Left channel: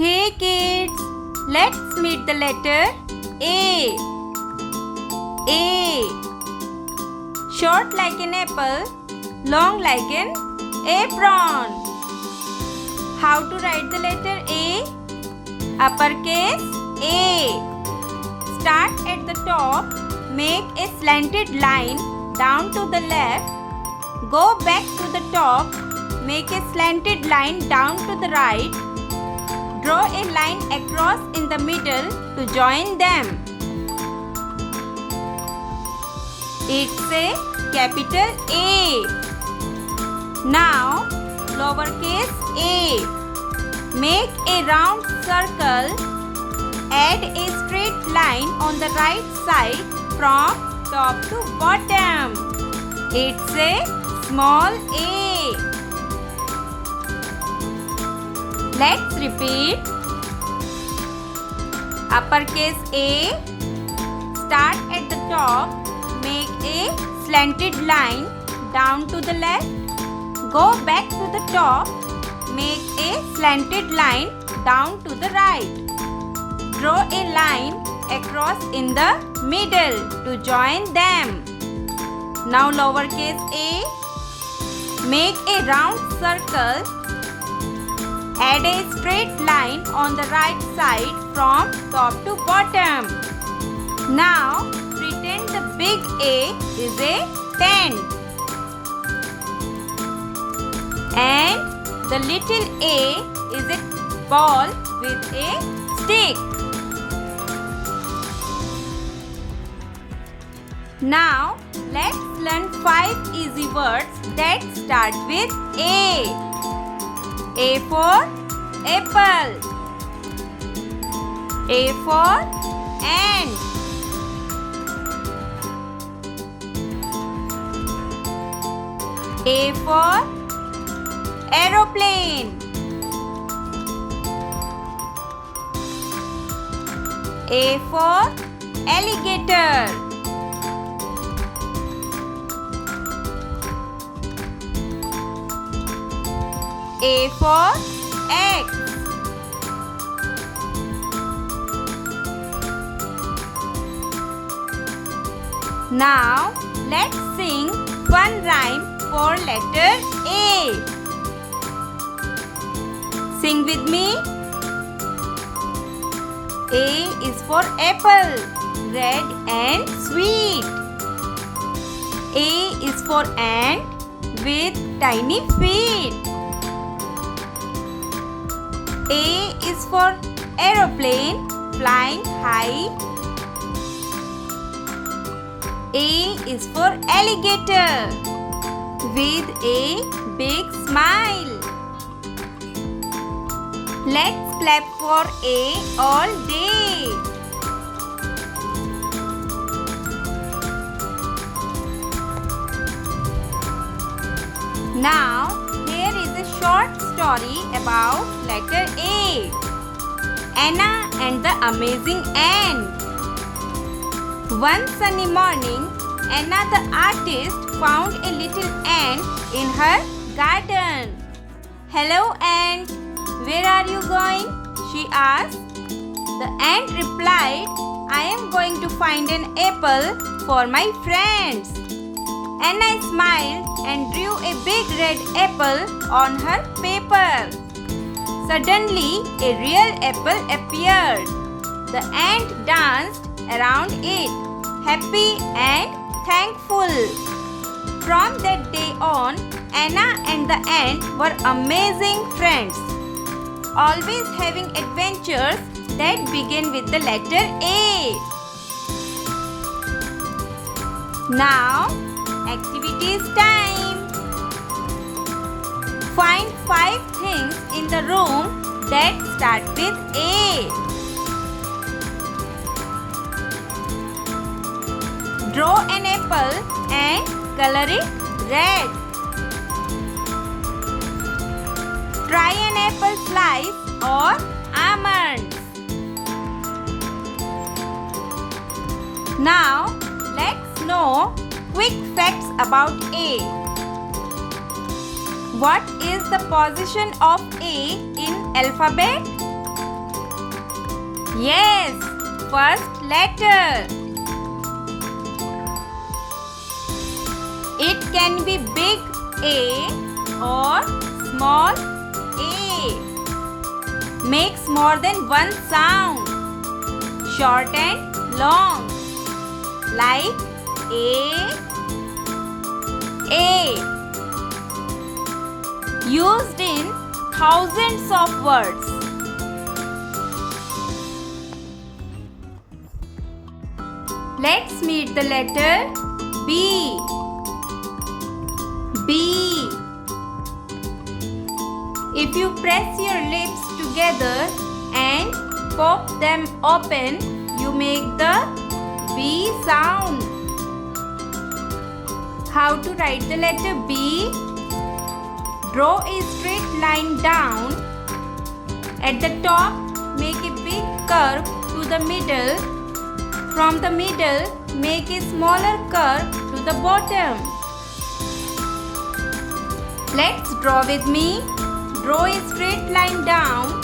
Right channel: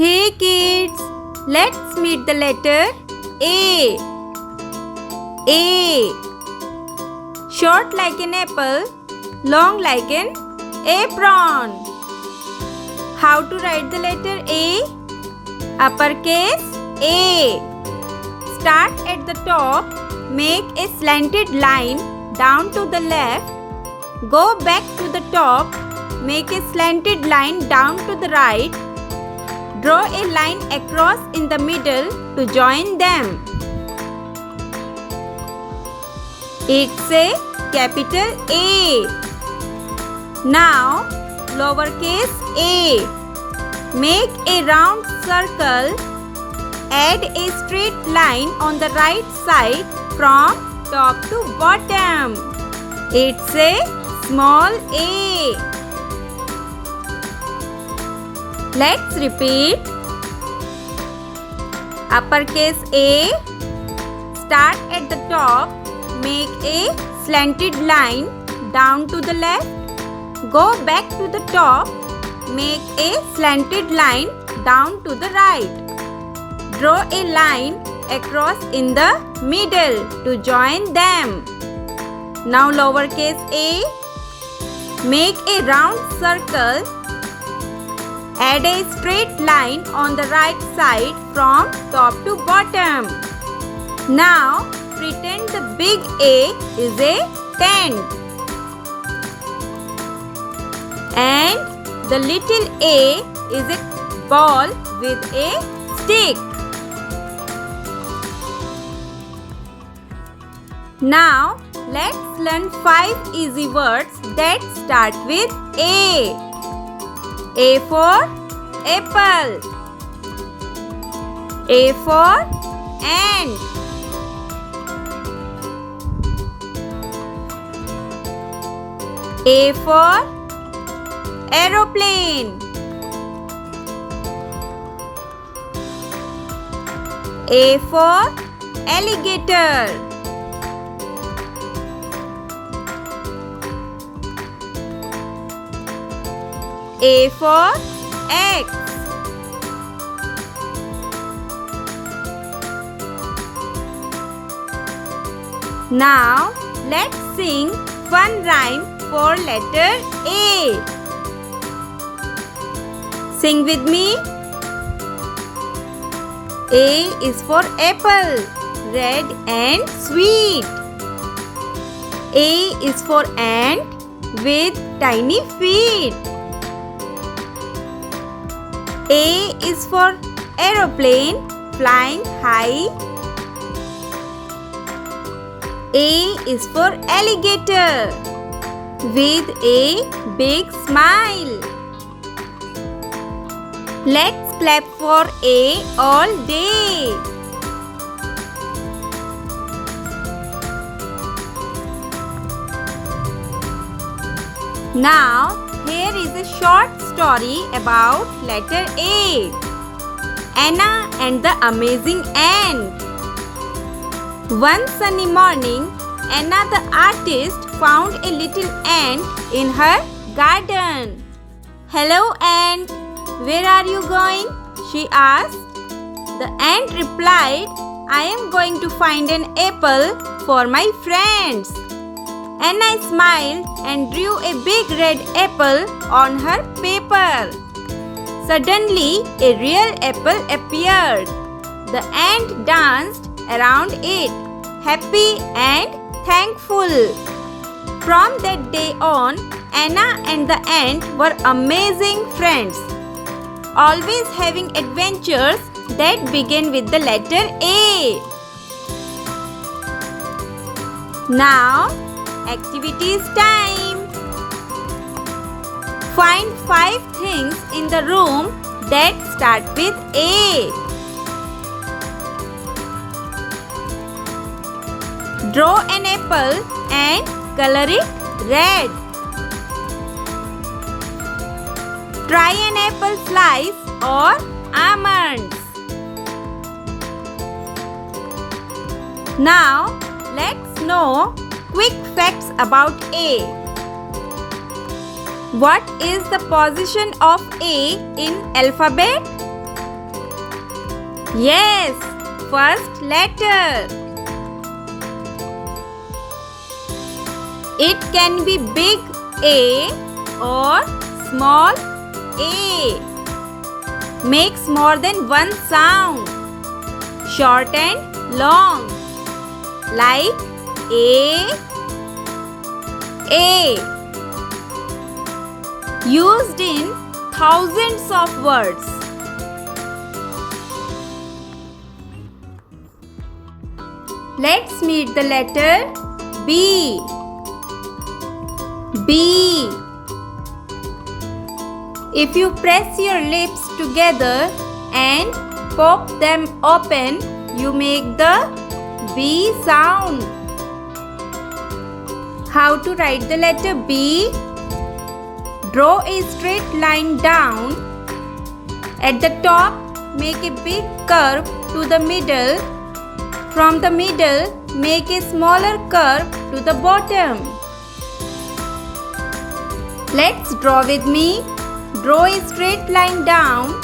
Hey kids, let's meet the letter A. A. Short like an apple, long like an apron. How to write the letter A? Uppercase A. Start at the top, make a slanted line down to the left. Go back to the top, make a slanted line down to the right. Draw a line across in the middle to join them. It's a capital A. Now, lowercase a. Make a round circle. Add a straight line on the right side from top to bottom. It's a small a. Let's repeat. Uppercase A. Start at the top. Make a slanted line down to the left. Go back to the top. Make a slanted line down to the right. Draw a line across in the middle to join them. Now lowercase a. Make a round circle. Add a straight line on the right side from top to bottom. Now pretend the big A is a tent and the little a is a ball with a stick. Now let's learn 5 easy words that start with A. A for apple. A for ant. A for aeroplane. A for alligator. A for X. Now let's sing fun rhyme for letter A. Sing with me. A is for apple, red and sweet. A is for ant with tiny feet. A is for aeroplane flying high. A is for alligator with a big smile. Let's clap for A all day. Now here is a short story about letter A. Anna and the amazing ant. One sunny morning, Anna the artist found a little ant in her garden. "Hello ant, where are you going?" she asked. The ant replied, "I am going to find an apple for my friends." Anna smiled and drew a big red apple on her paper. Suddenly, a real apple appeared. The ant danced around it, happy and thankful. From that day on, Anna and the ant were amazing friends, always having adventures that begin with the letter A. Now, activities time. Find 5 things in the room that start with A. Draw an apple and color it red. Try an apple slice or almonds. Now, let's know quick facts about A. What is the position of A in alphabet? Yes, first letter. It can be big A or small a. Makes more than one sound. Short and long. Like A. Used in thousands of words. Let's meet the letter B. B. If you press your lips together and pop them open, you make the B sound. How to write the letter B? Draw a straight line down. At the top, make a big curve to the middle. From the middle, make a smaller curve to the bottom. Let's draw with me. Draw a straight line down.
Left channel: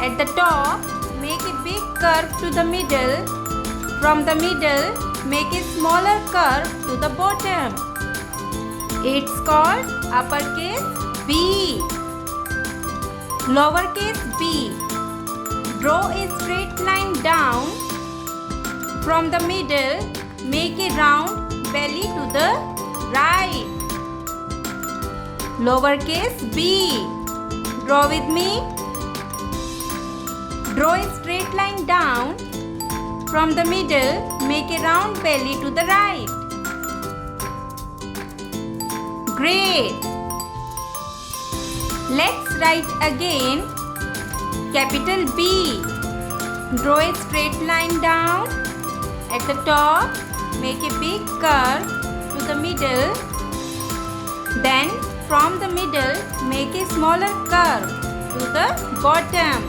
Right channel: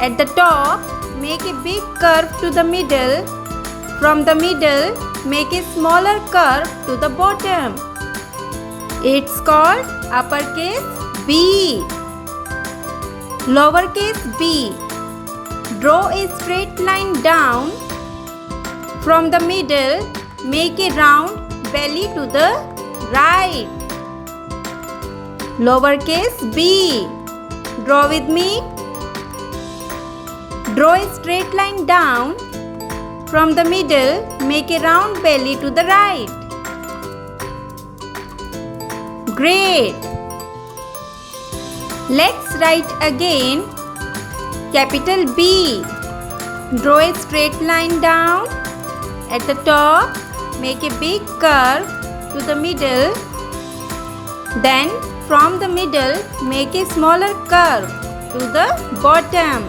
At the top, make a big curve to the middle. From the middle, make a smaller curve to the bottom. It's called uppercase B. Lowercase b. Draw a straight line down. From the middle, make a round belly to the right. Lowercase b. Draw with me. Draw a straight line down. From the middle, make a round belly to the right. Great! Let's write again. Capital B. Draw a straight line down. At the top, make a big curve to the middle. Then, from the middle, make a smaller curve to the bottom.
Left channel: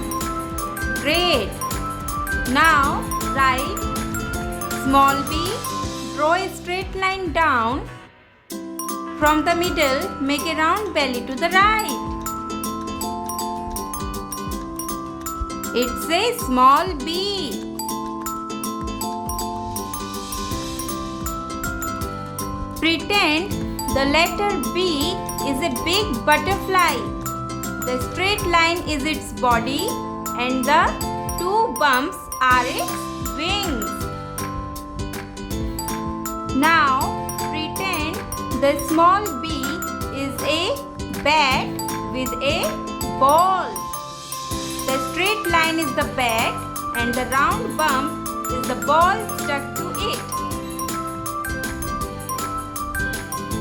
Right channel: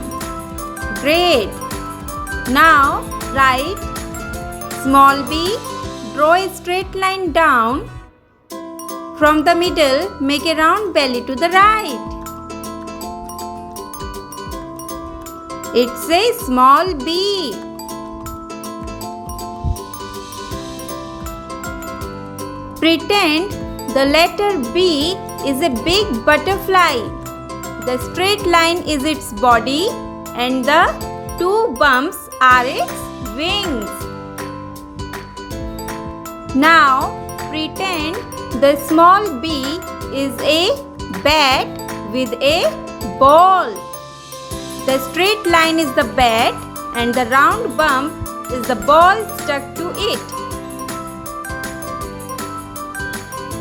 Great! Now, write small b. Draw a straight line down. From the middle, make a round belly to the right. It's a small b. Pretend the letter B is a big butterfly. The straight line is its body and the two bumps are its wings. Now pretend the small b is a bat with a ball. The straight line is the bat and the round bump is the ball stuck to it.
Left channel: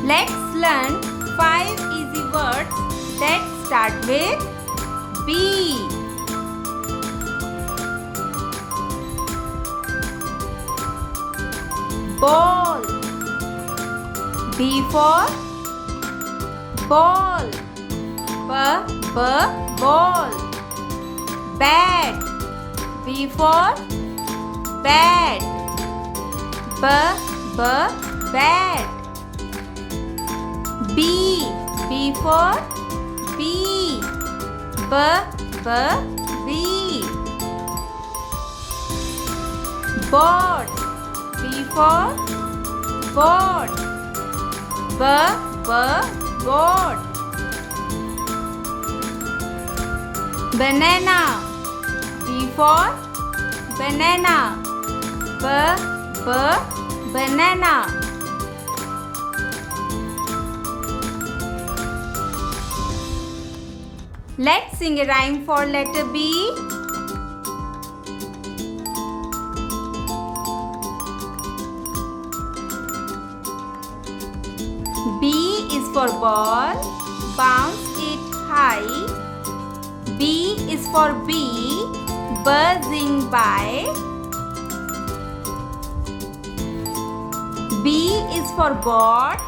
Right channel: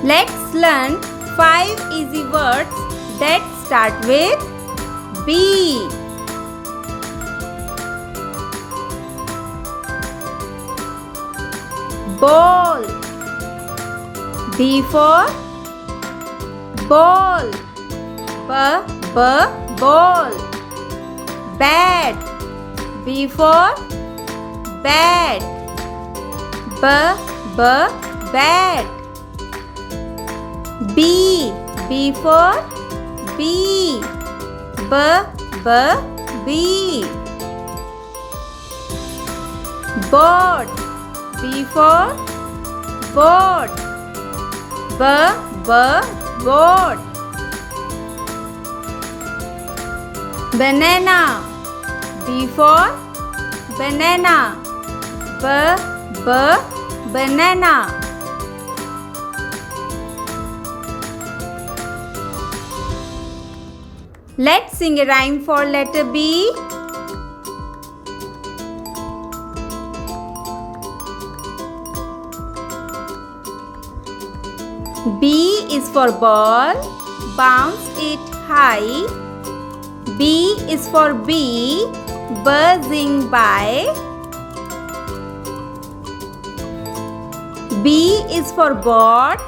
Let's learn 5 easy words that start with B. Ball. B for ball. Ball. Bat. B for bat. Bat. B for bee. Bee. Board. B for board. Board. Banana. B for banana. Banana. Let's sing a rhyme for letter B. B is for ball, bounce it high. B is for bee, buzzing by. B is for boat,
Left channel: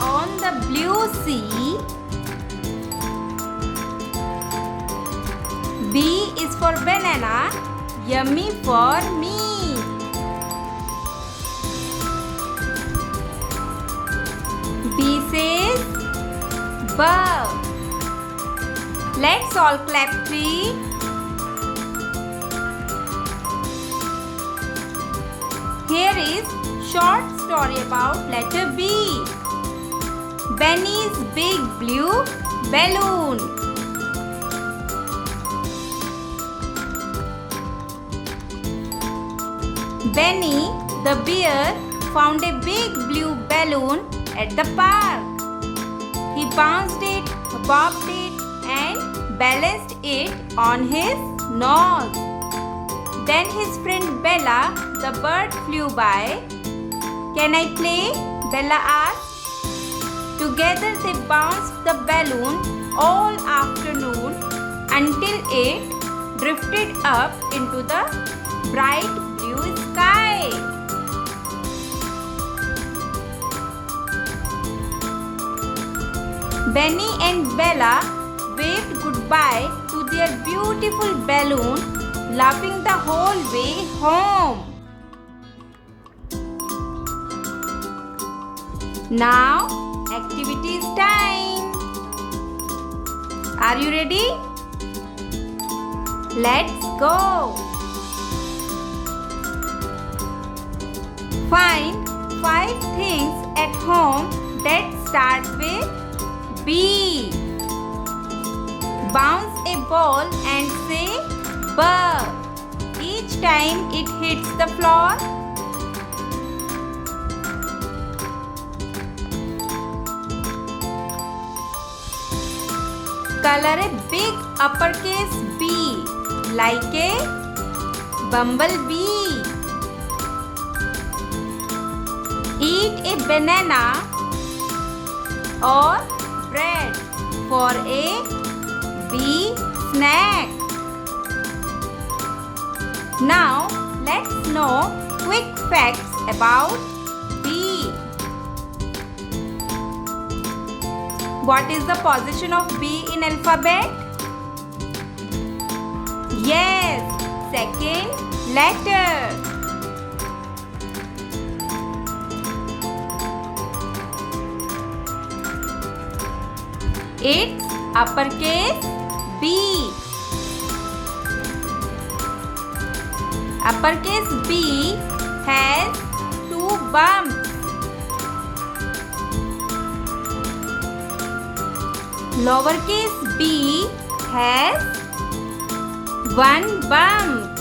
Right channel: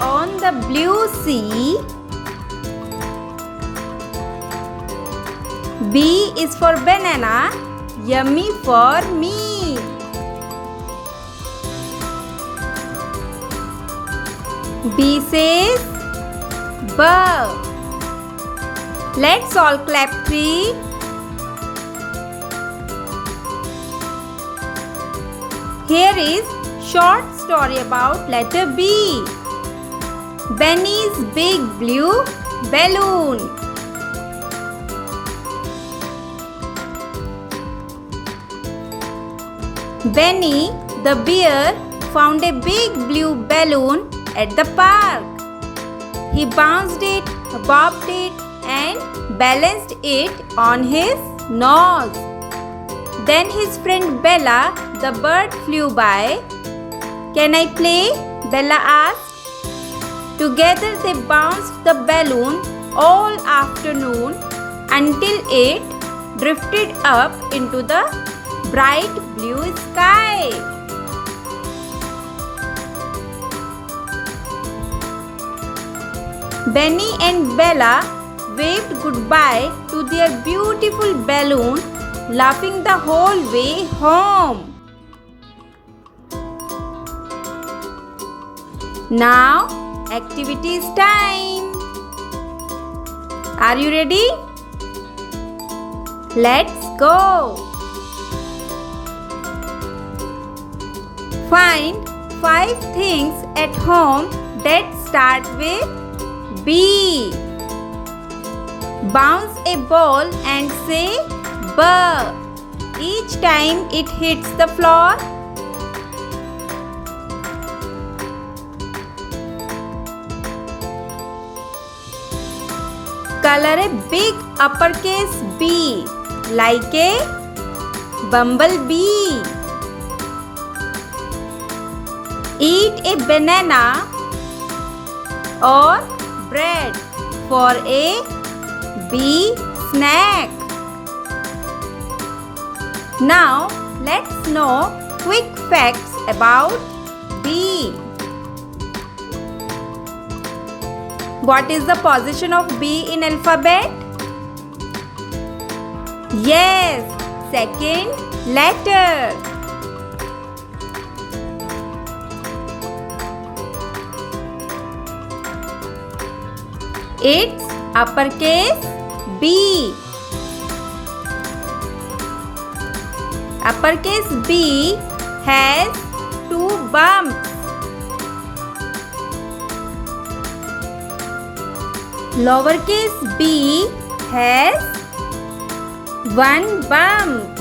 on the blue sea. B is for banana, yummy for me. B says bow. Let's all clap 3. Here is short story about letter B. Benny's big blue balloon. Benny the bear found a big blue balloon at the park. He bounced it, bobbed it, and balanced it on his nose. Then his friend Bella the bird flew by. "Can I play?" Bella asked. Together they bounced the balloon all afternoon until it drifted up into the bright blue sky. Benny and Bella waved goodbye to their beautiful balloon, laughing the whole way home. Now, activities time. Are you ready? Let's go. Find 5 things at home that start with B. Bounce a ball and say B each time it hits the floor. Color a big uppercase B like a bumblebee. Eat a banana or bread for a bee snack. Now let's know quick facts about B. What is the position of B in alphabet? Yes, second letter. It's uppercase B. Uppercase B has 2 bumps. Lowercase b has 1 bump.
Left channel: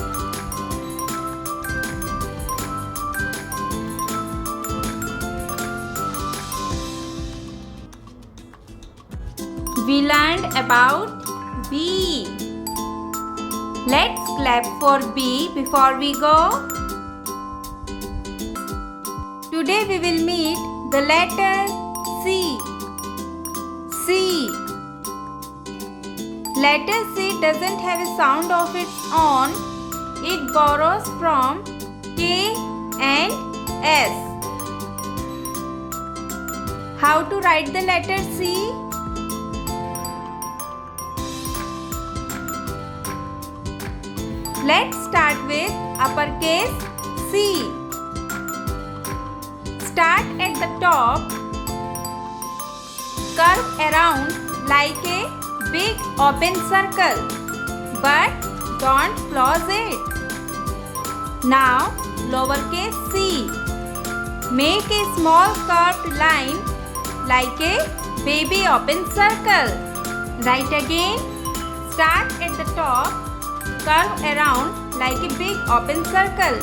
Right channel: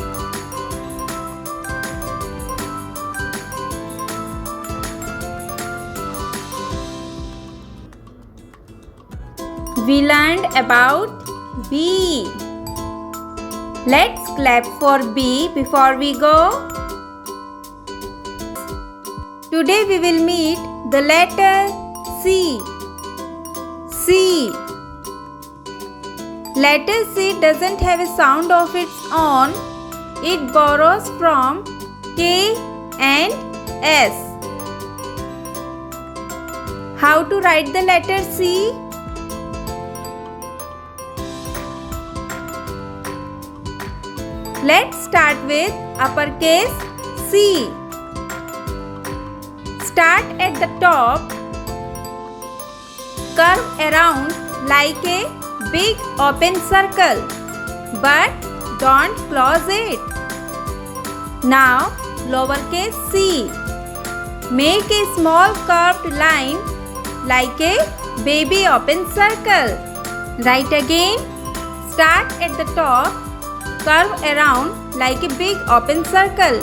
We learned about B. Let's clap for B before we go. Today we will meet the letter C. C. Letter C doesn't have a sound of its own. It borrows from K and S. How to write the letter C? Let's start with uppercase C. Start at the top. Curve around like a big open circle, but don't close it. Now lowercase c. Make a small curved line like a baby open circle. Right again. Start at the top. Curve around like a big open circle,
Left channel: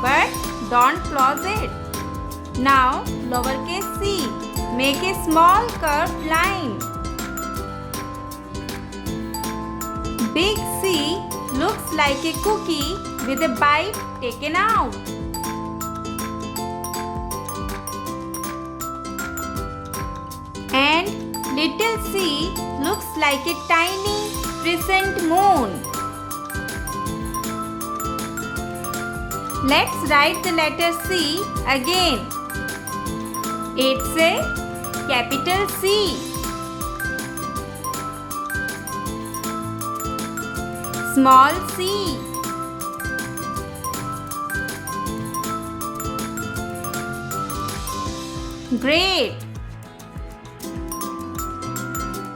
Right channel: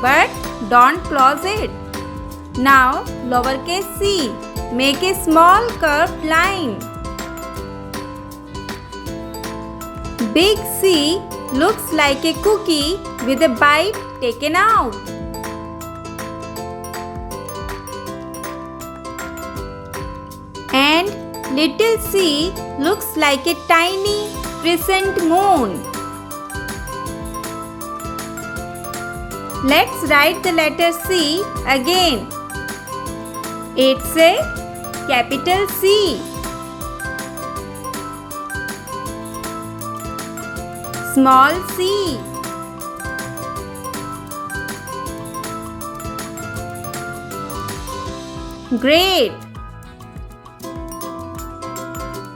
but don't close it. Now lowercase c. Make a small curved line. Big C looks like a cookie with a bite taken out. And little c looks like a tiny crescent moon. Let's write the letter C again. It's a capital C. Small c. Great.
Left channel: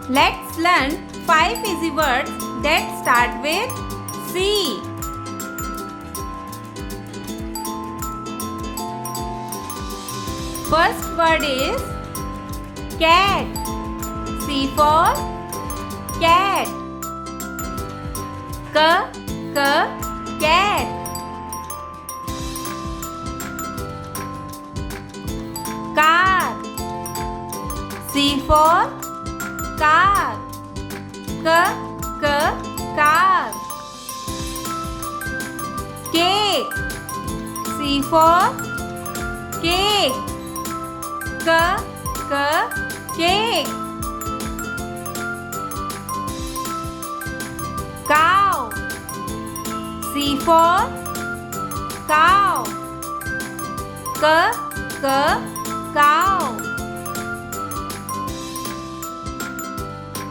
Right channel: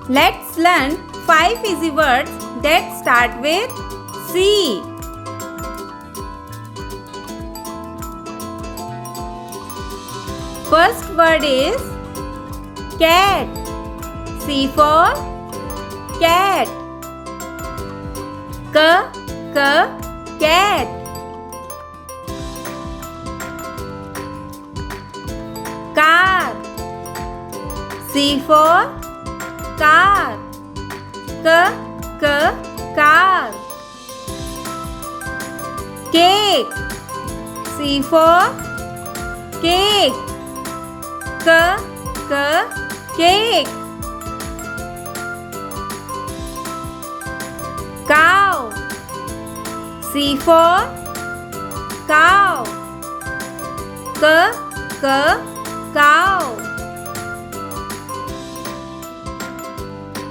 Let's learn 5 easy words that start with C. First word is cat. C for cat. Cat. Car. C for car. Car. Cake. C for cake. Cake. Cow. C for cow. Cow.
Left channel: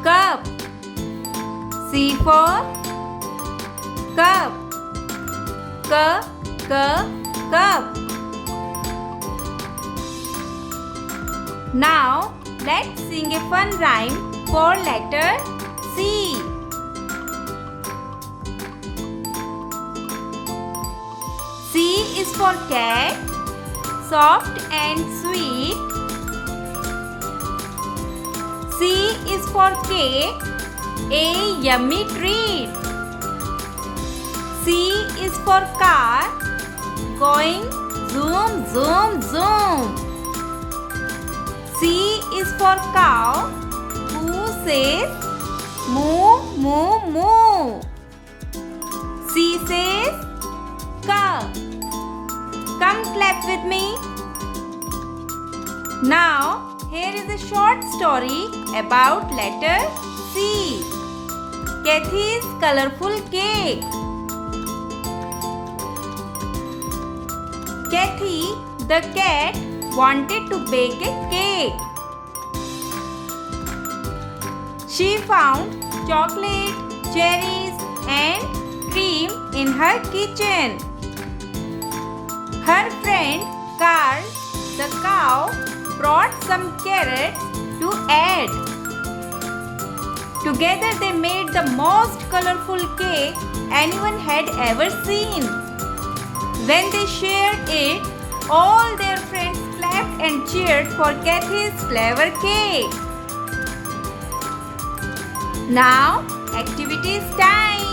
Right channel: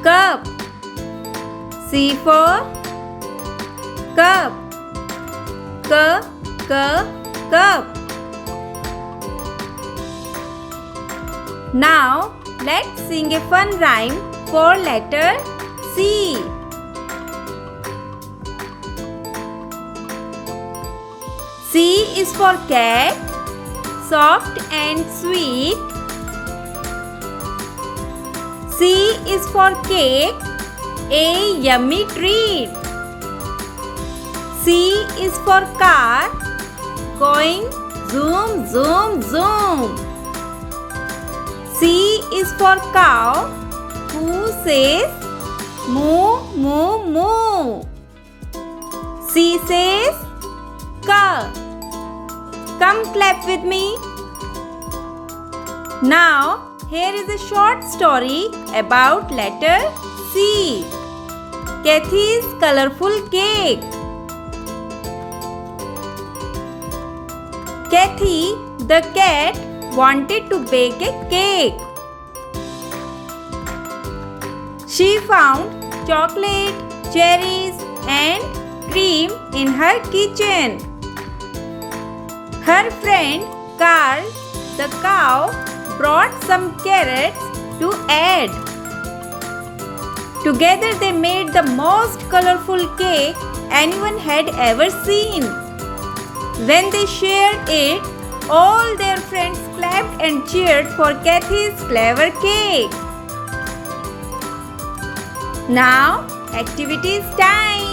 Cup. C for cup. Cup. Now let's sing a fun rhyme for letter C. C is for cat, soft and sweet. C is for cake, a yummy treat. C is for car, going zoom, zoom, zoom. C is for cow, who says moo, moo, moo. C says ka. Come clap with me. Now, here is a short story about letter C. Kathy's colorful cake. Kathy, the cat, wanted to bake a cake. She found chocolate, cherries, and cream in her kitchen. Her friend Carl, the cow, brought some carrots to add. Together they made the most colorful cake anyone had ever seen. When they shared it, all their friends clapped and cheered for Kathy's clever cake. Now, activities time.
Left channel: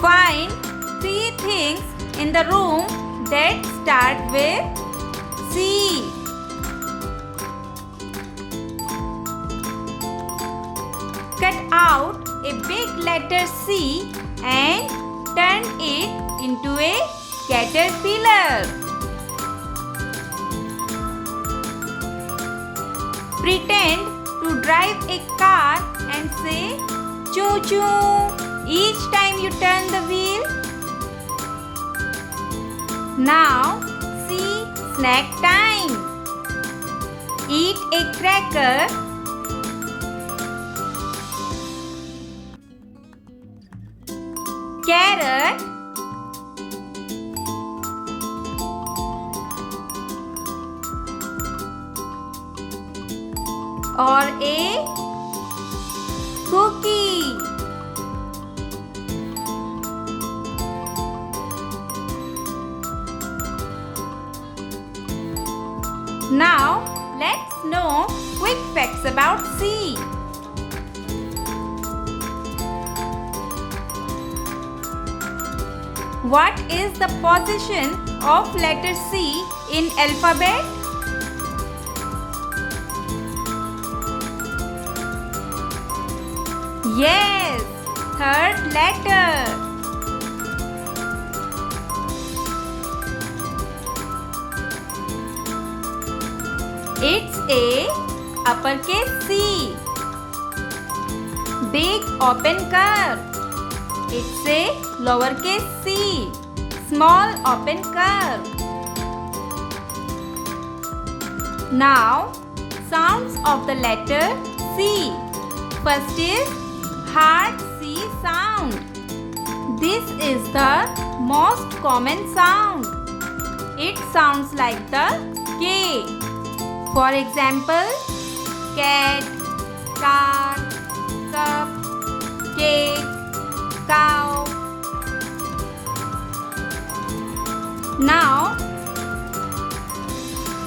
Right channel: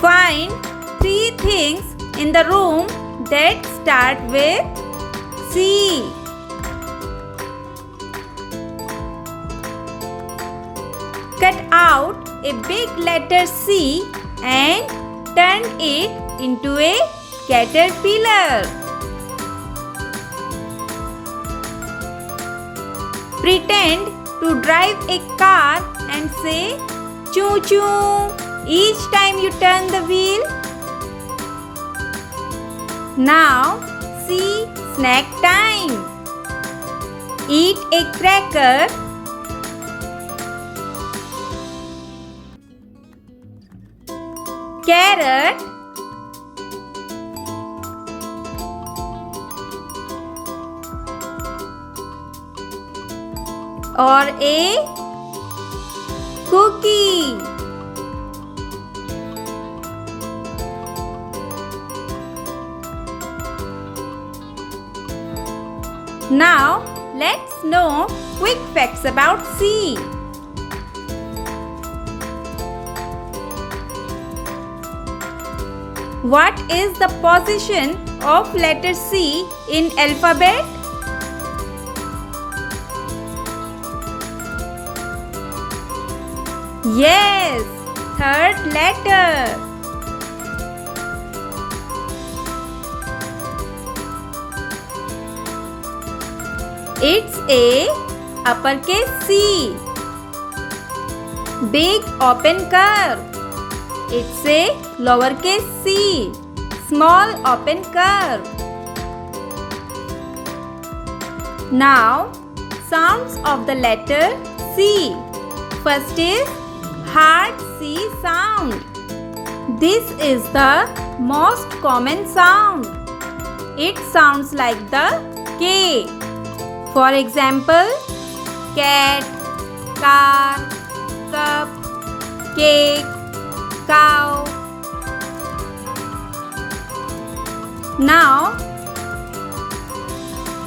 Find 3 things in the room that start with C. Cut out a big letter C and turn it into a caterpillar. Pretend to drive a car and say choo choo each time you turn the wheel. Now, see snack time. Eat a cracker. Carrot. Or a cookie. Now, let's know quick facts about C. What is the position of letter C in alphabet? Yes, third letter. It's a uppercase C. Big open curve. It's a lowercase c. Small open curve. Now, sounds of the letter C. First is hard C sound. This is the most common sound. It sounds like the K. For example, cat, car, cup, cake, cow, Now,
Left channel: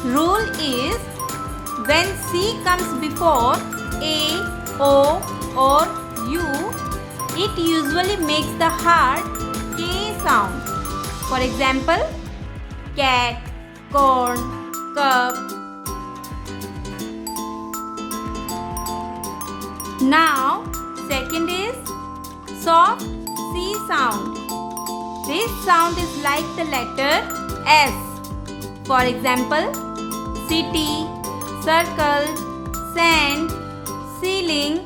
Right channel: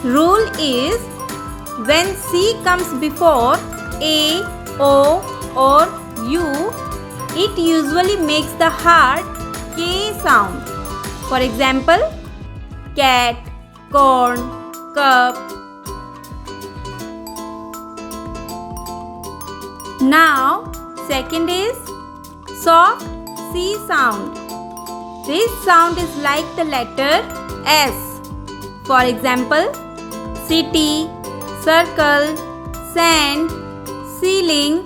rule is when C comes before A, O or U, it usually makes the hard K sound. For example, cat, corn, cup. Now, second is soft C sound. This sound is like the letter S. For example, city, circle, sand, ceiling.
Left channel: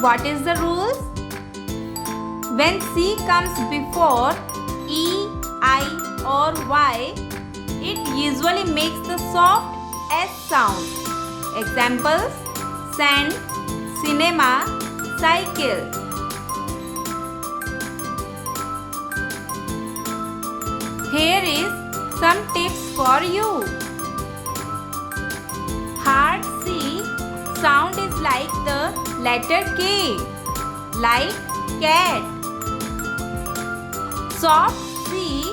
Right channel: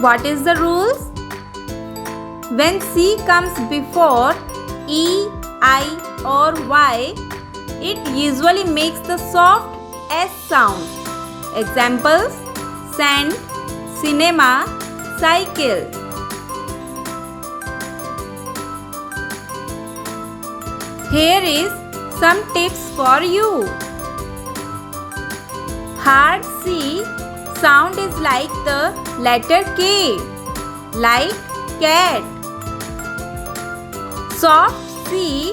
What is the rules? When C comes before E, I or Y, it usually makes the soft S sound. Examples: sand, cinema, cycle. Here is some tips for you. Hard C sound is like the letter K, like cat. Soft C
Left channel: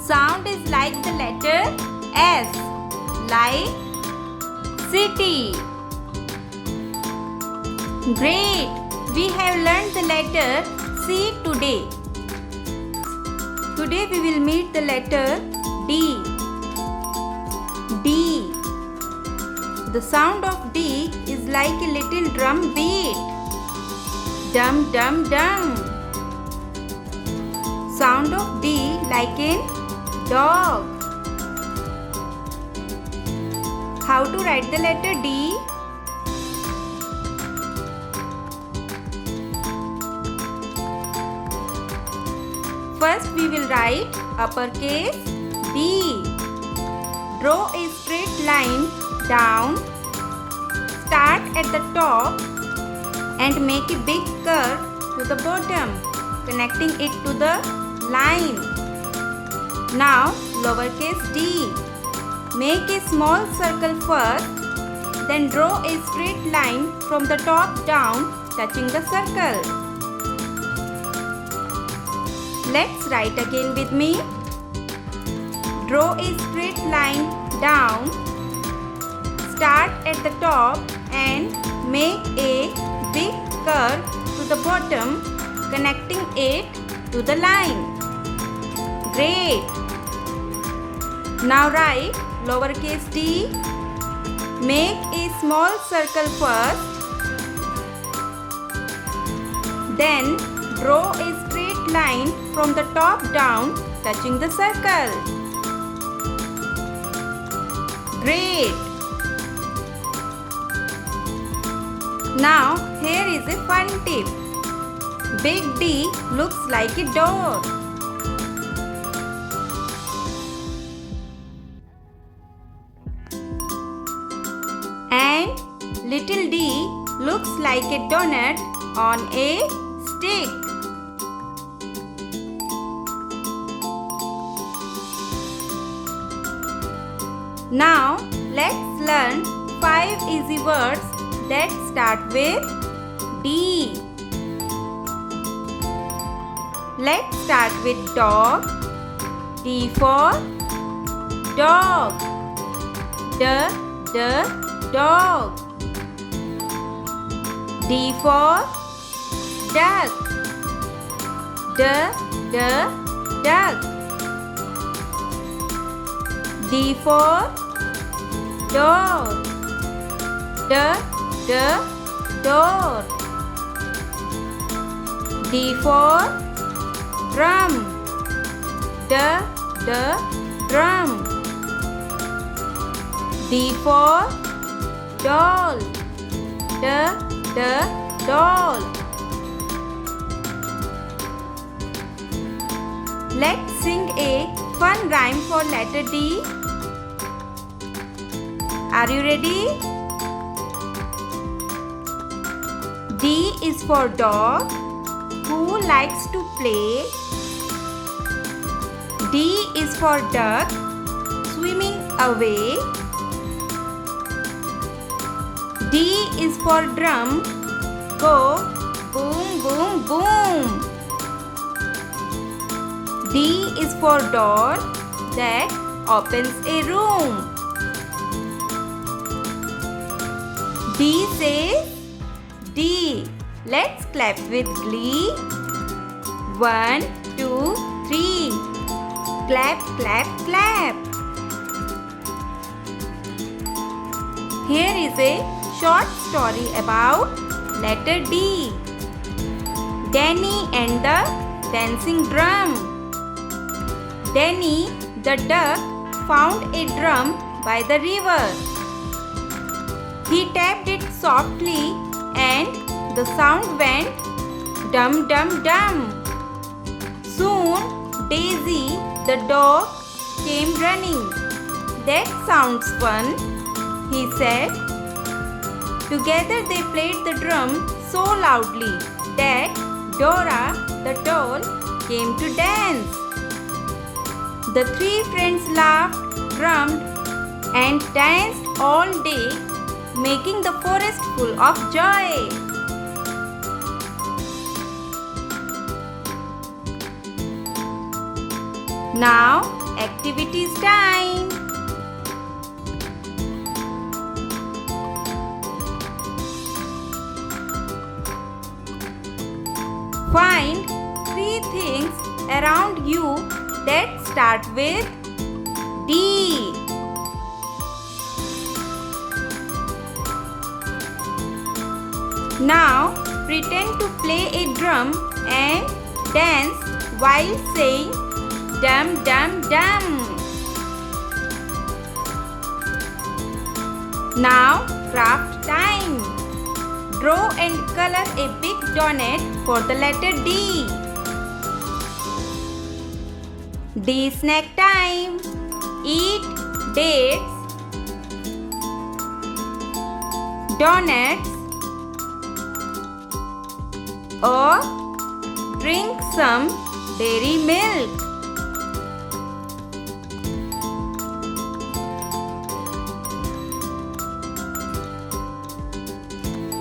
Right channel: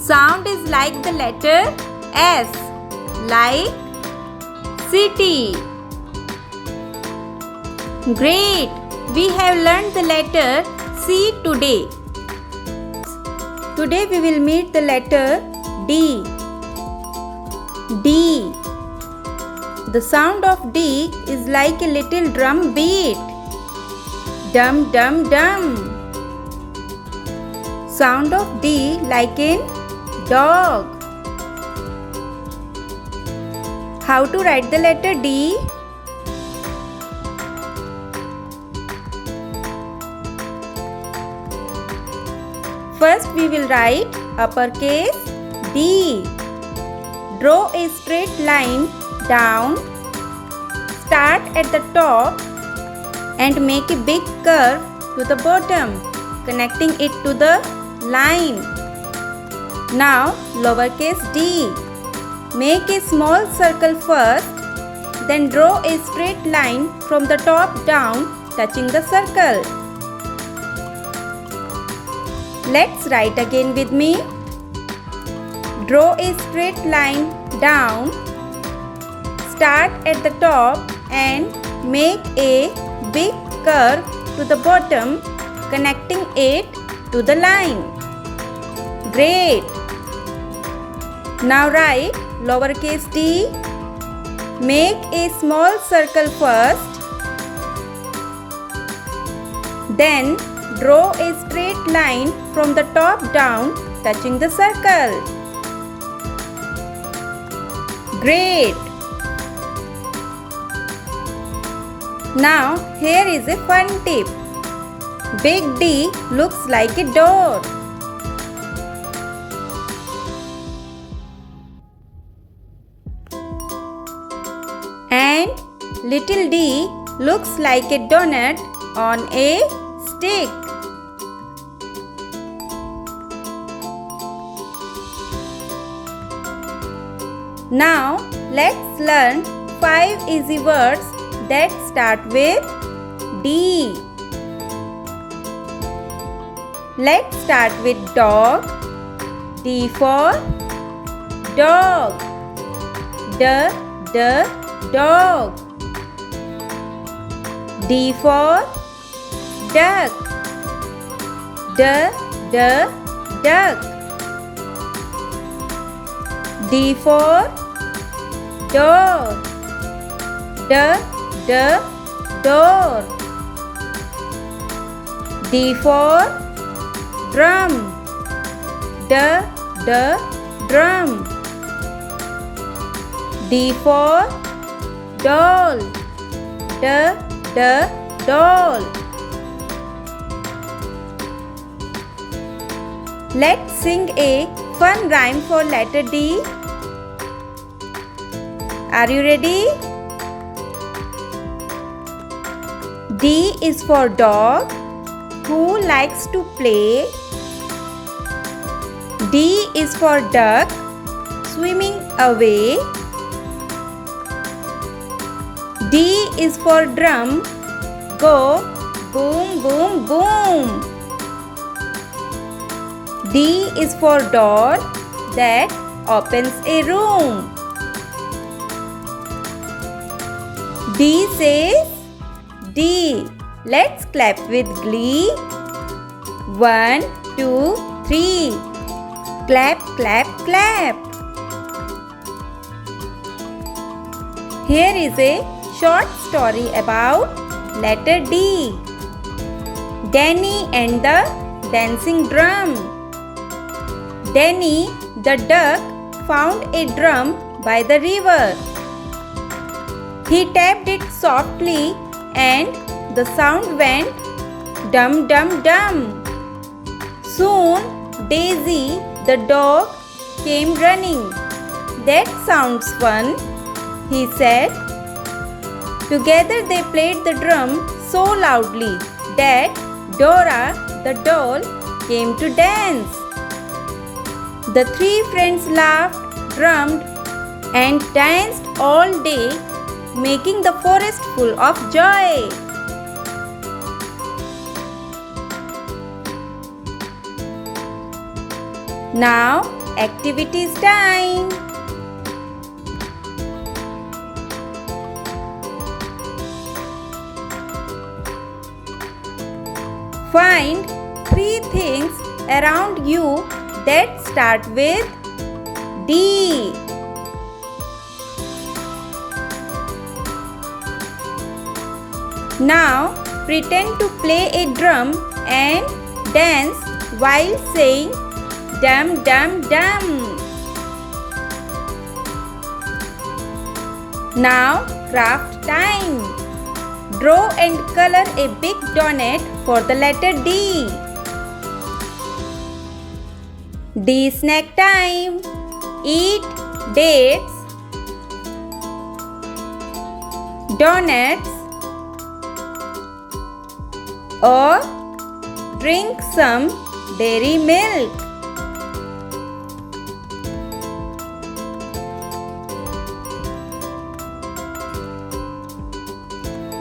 sound is like the letter S, like city. Great! We have learned the letter C today. Today we will meet the letter D. D. The sound of D is like a little drum beat. Dum dum dum. Sound of D like in dog. How to write the letter D? First we will write uppercase D. Draw a straight line down. Start at the top and make a big curve to the bottom, connecting it to the line. Now lowercase d. Make a small circle first, then draw a straight line from the top down, touching the circle. Let's write again with me. Draw a straight line down. Start at the top and make a big curve to the bottom, connecting it to the line. Great! Now write lowercase d. Make a small circle first. Then draw a straight line from the top down, touching the circle. Great! Now here is a fun tip. Big D looks like a door. And little d looks like a donut on a stick. Now let's learn 5 easy words that start with D. Let's start with dog. D for dog. Dog. D for duck. Duck. D for door. Door. D for drum. Drum. D for doll. Doll. Let's sing a fun rhyme for letter D. Are you ready? D is for dog who likes to play. D is for duck swimming away. D is for drum, go boom, boom, boom. D is for door that opens a room. D says D. Let's clap with glee. 1, 2, 3. Clap, clap, clap. Here is a short story about letter D. Danny and the dancing drum. Danny the duck found a drum by the river. He tapped it softly and the sound went dum dum dum. Soon Daisy the dog came running. That sounds fun, he said. Together they played the drum so loudly that Dora the doll came to dance. The three friends laughed, drummed, and danced all day, making the forest full of joy. Now, activities time. Find 3 things around you that start with D. Now, pretend to play a drum and dance while saying dum dum dum. Now, craft time. Draw and color a big donut for the letter D. D snack time. Eat dates, donuts, or drink some dairy milk.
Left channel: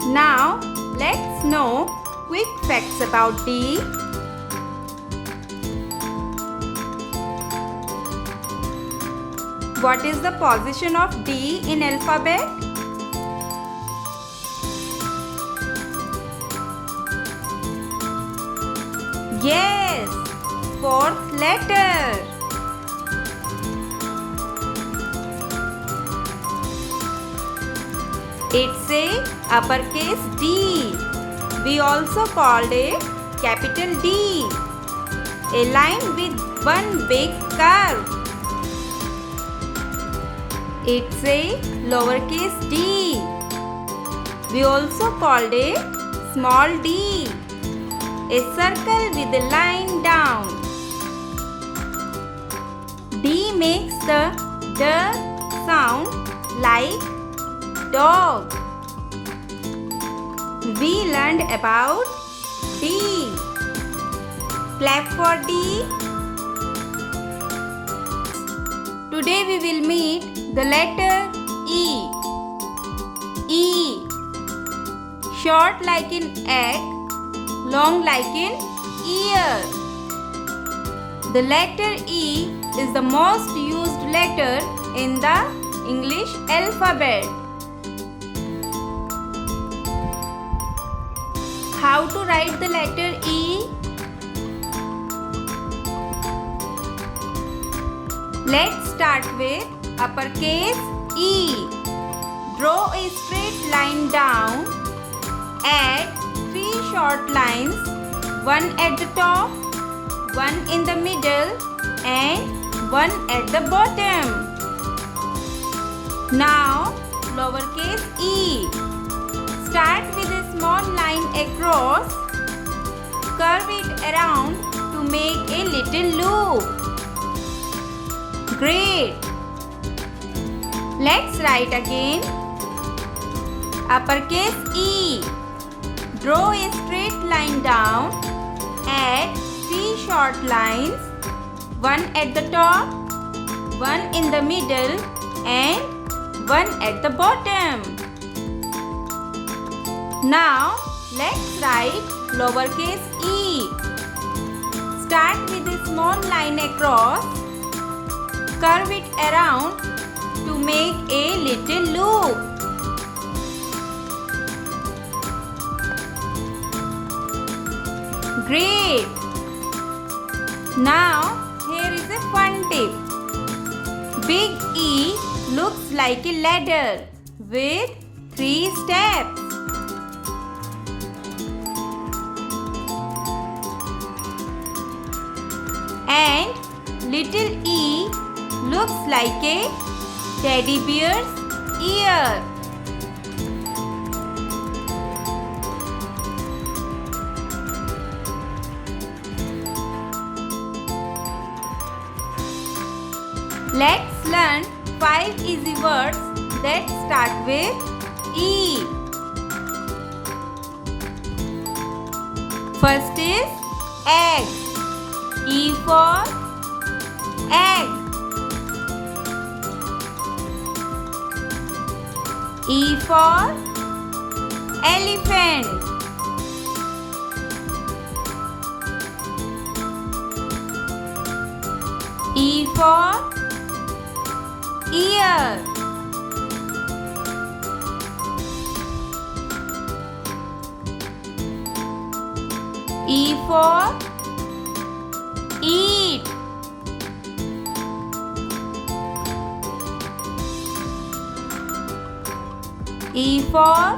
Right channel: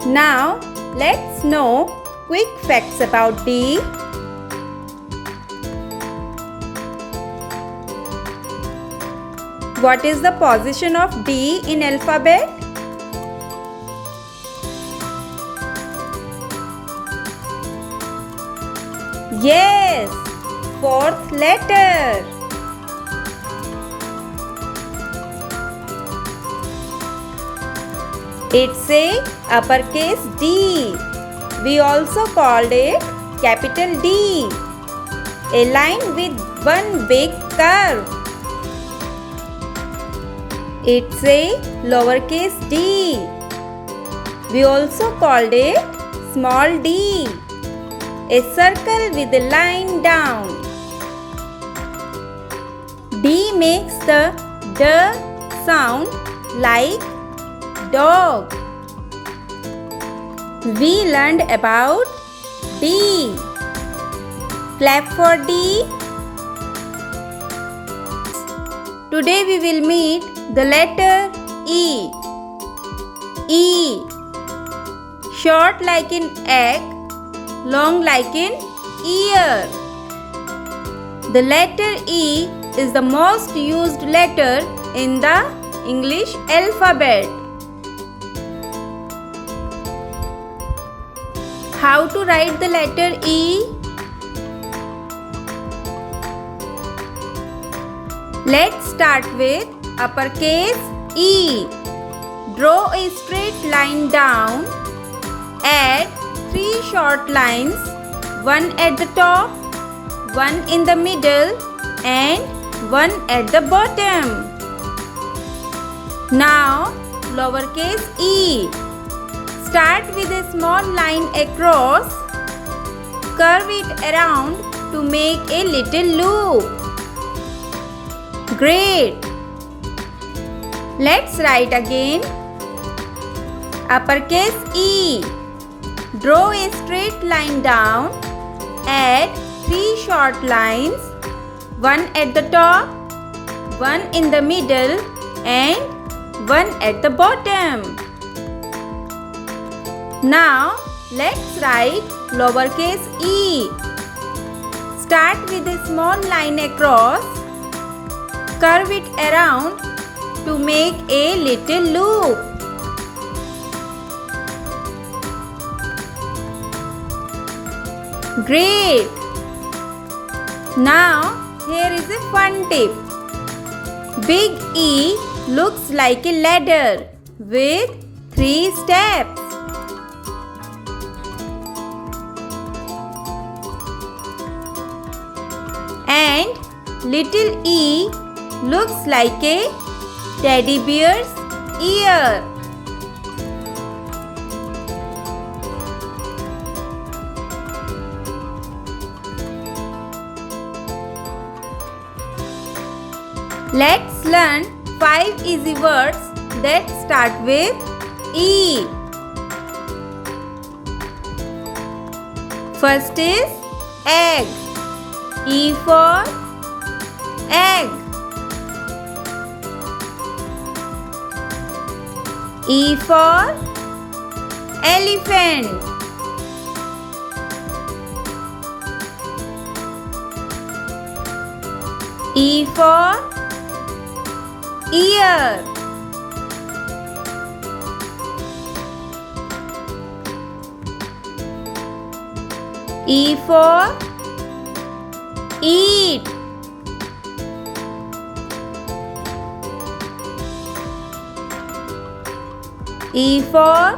Now, let's know quick facts about D. What is the position of D in alphabet? Yes, 4th letter. It's a uppercase D. We also called it capital D. A line with one big curve. It's a lowercase d. We also called it small d. A circle with a line down. D makes the D sound like dog. We learned about D. Clap for D. Today we will meet the letter E. E. Short like an egg, long like an ear. The letter E is the most used letter in the English alphabet. How to write the letter E? Let's start with uppercase E. Draw a straight line down. Add 3 short lines, one at the top, one in the middle, and one at the bottom. Now, lowercase e. Start with a small line across. Curve it around to make a little loop. Great! Let's write again. Uppercase E. Draw a straight line down. Add 3 short lines, one at the top, one in the middle, and one at the bottom. Now, let's write lowercase e. Start with a small line across. Curve it around to make a little loop. Great! Now here is a fun tip. Big E looks like a ladder with 3 steps. And little e looks like a teddy bear's ear. Let's learn 5 easy words that start with E. First is egg. E for egg. E for elephant. E for ear. E for eat. E for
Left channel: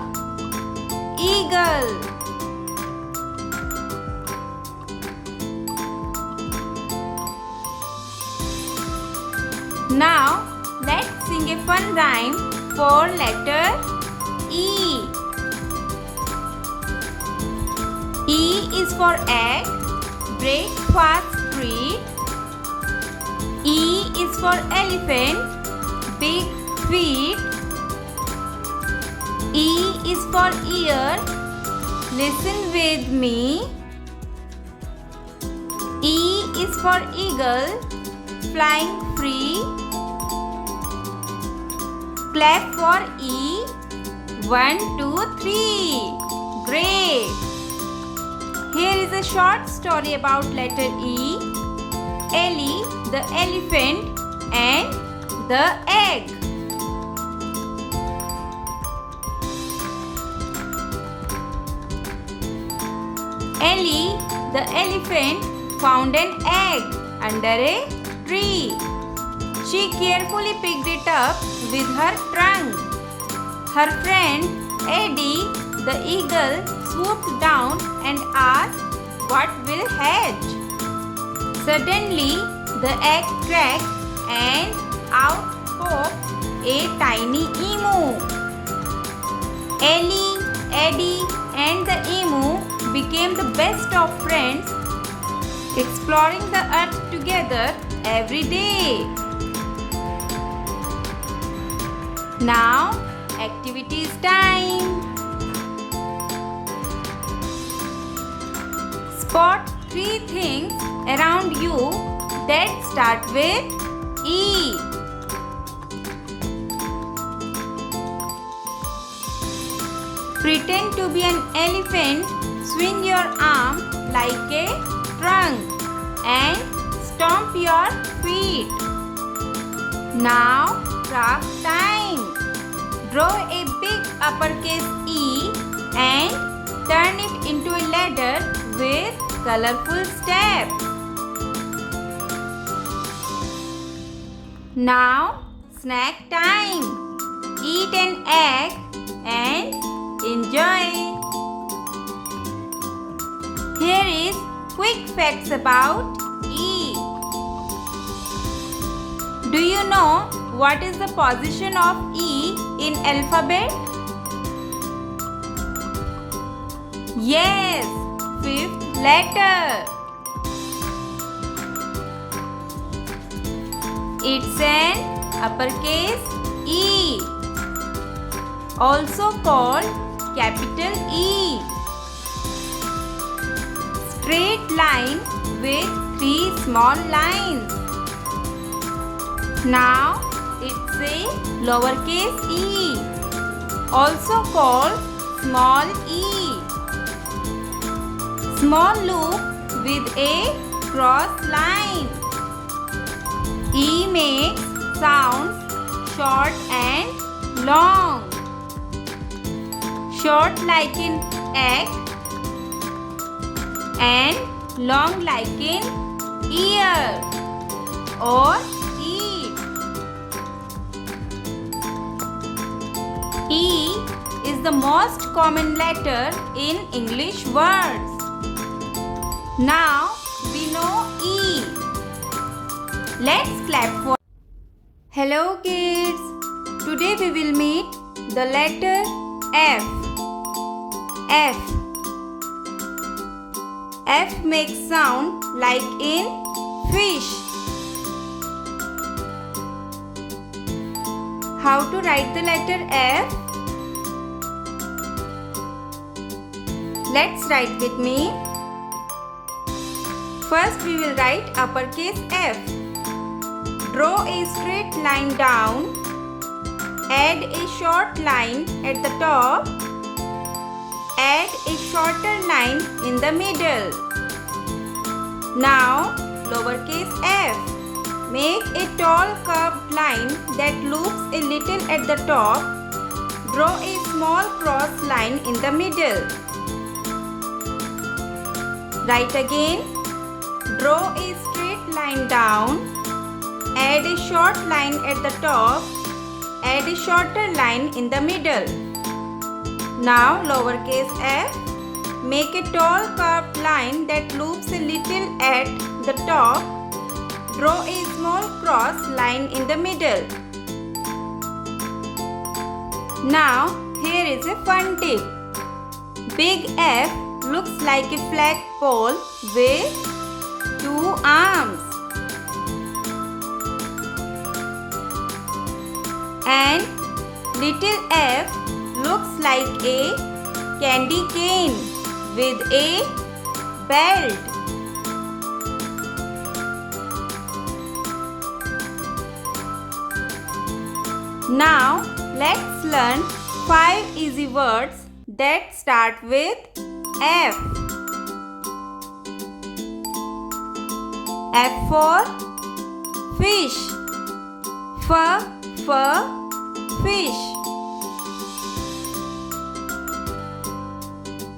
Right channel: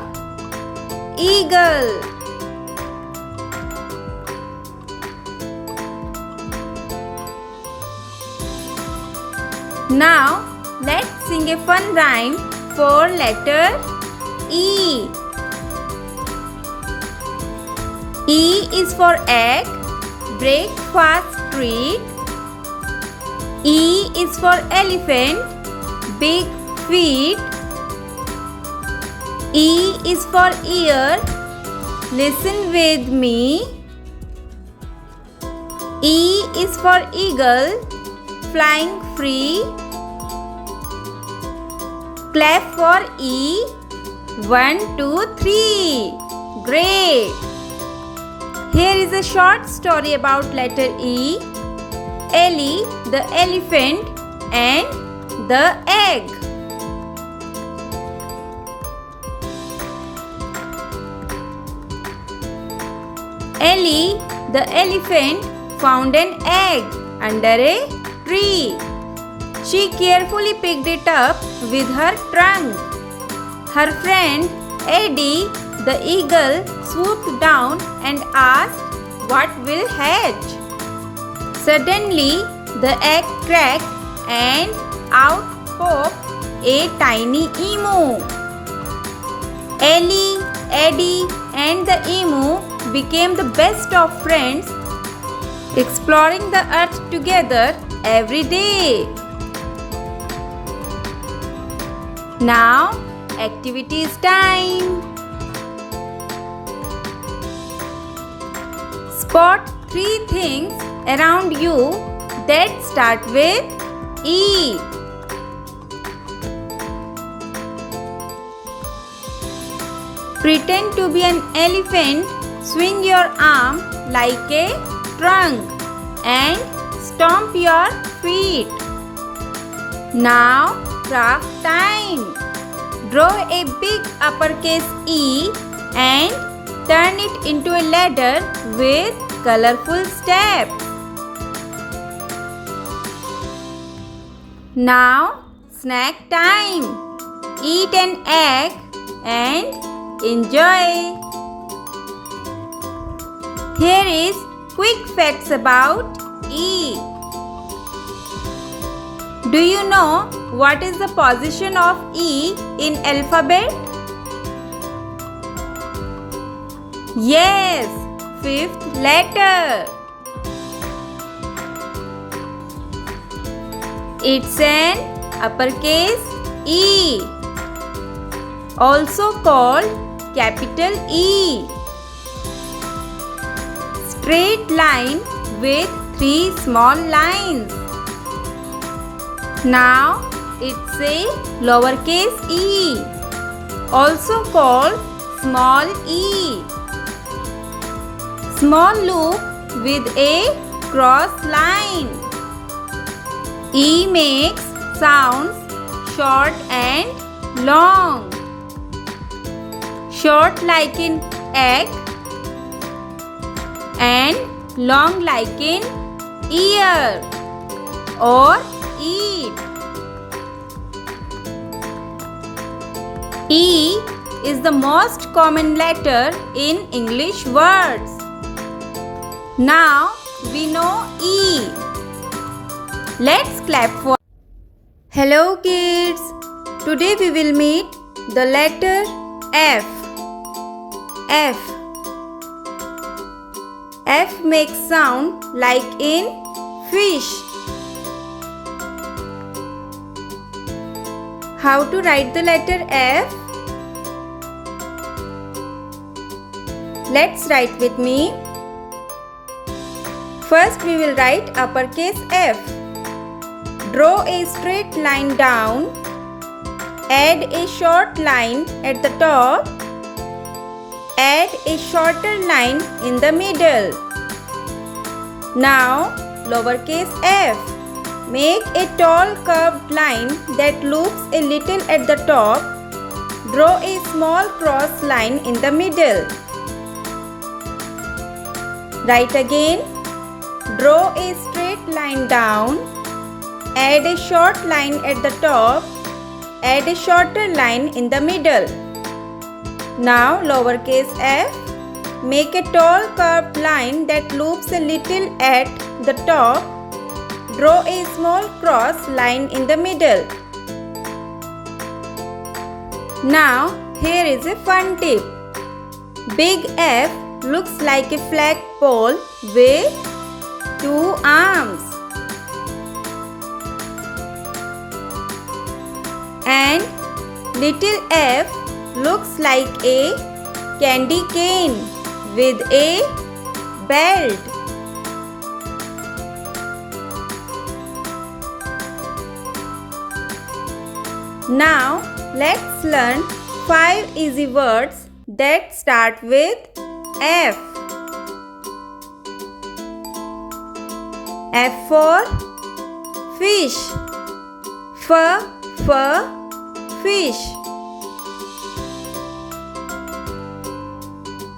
eagle. Now let's sing a fun rhyme for letter E. E is for egg, breakfast treat. E is for elephant, big feet. E is for ear, listen with me. E is for eagle, flying free. Clap for E. 1, 2, 3. Great! Here is a short story about letter E. Ellie, the elephant, and the egg. Ellie, the elephant, found an egg under a tree. She carefully picked it up with her trunk. Her friend Eddie, the eagle, swooped down and asked, "What will hatch?" Suddenly, the egg cracked and out popped a tiny emu. Ellie, Eddie, and the emu became the best of friends, exploring the earth together every day. Now, activities time. Spot 3 things around you that start with E. Pretend to be an elephant, swing your arm like a trunk and stomp your feet. Now, craft time. Draw a big uppercase E and turn it into a ladder with colorful steps. Now, snack time. Eat an egg and enjoy. Here is quick facts about E. Do you know what is the position of E in alphabet? Yes, 5th letter. It's an uppercase E, also called capital E. Straight line with 3 small lines. Now it's a lowercase e, also called small e. Small loop with a cross line. E makes sounds short and long. Short like in egg and long like in ear or eat. E is the most common letter in English words. Now we know E. Let's clap for. Hello kids. Today we will meet the letter F. F. F makes sound like in fish. How to write the letter F? Let's write with me. First we will write uppercase F. Draw a straight line down. Add a short line at the top. Add a shorter line in the middle. Now lowercase f. Make a tall curved line that loops a little at the top. Draw a small cross line in the middle. Write again. Draw a straight line down. Add a short line at the top. Add a shorter line in the middle. Now lowercase f. Make a tall curved line that loops a little at the top. Draw a small cross line in the middle. Now here is a fun tip. Big F looks like a flagpole with two arms. And little f looks like a candy cane with a belt. Now let's learn 5 easy words that start with F. F for fish. Fish.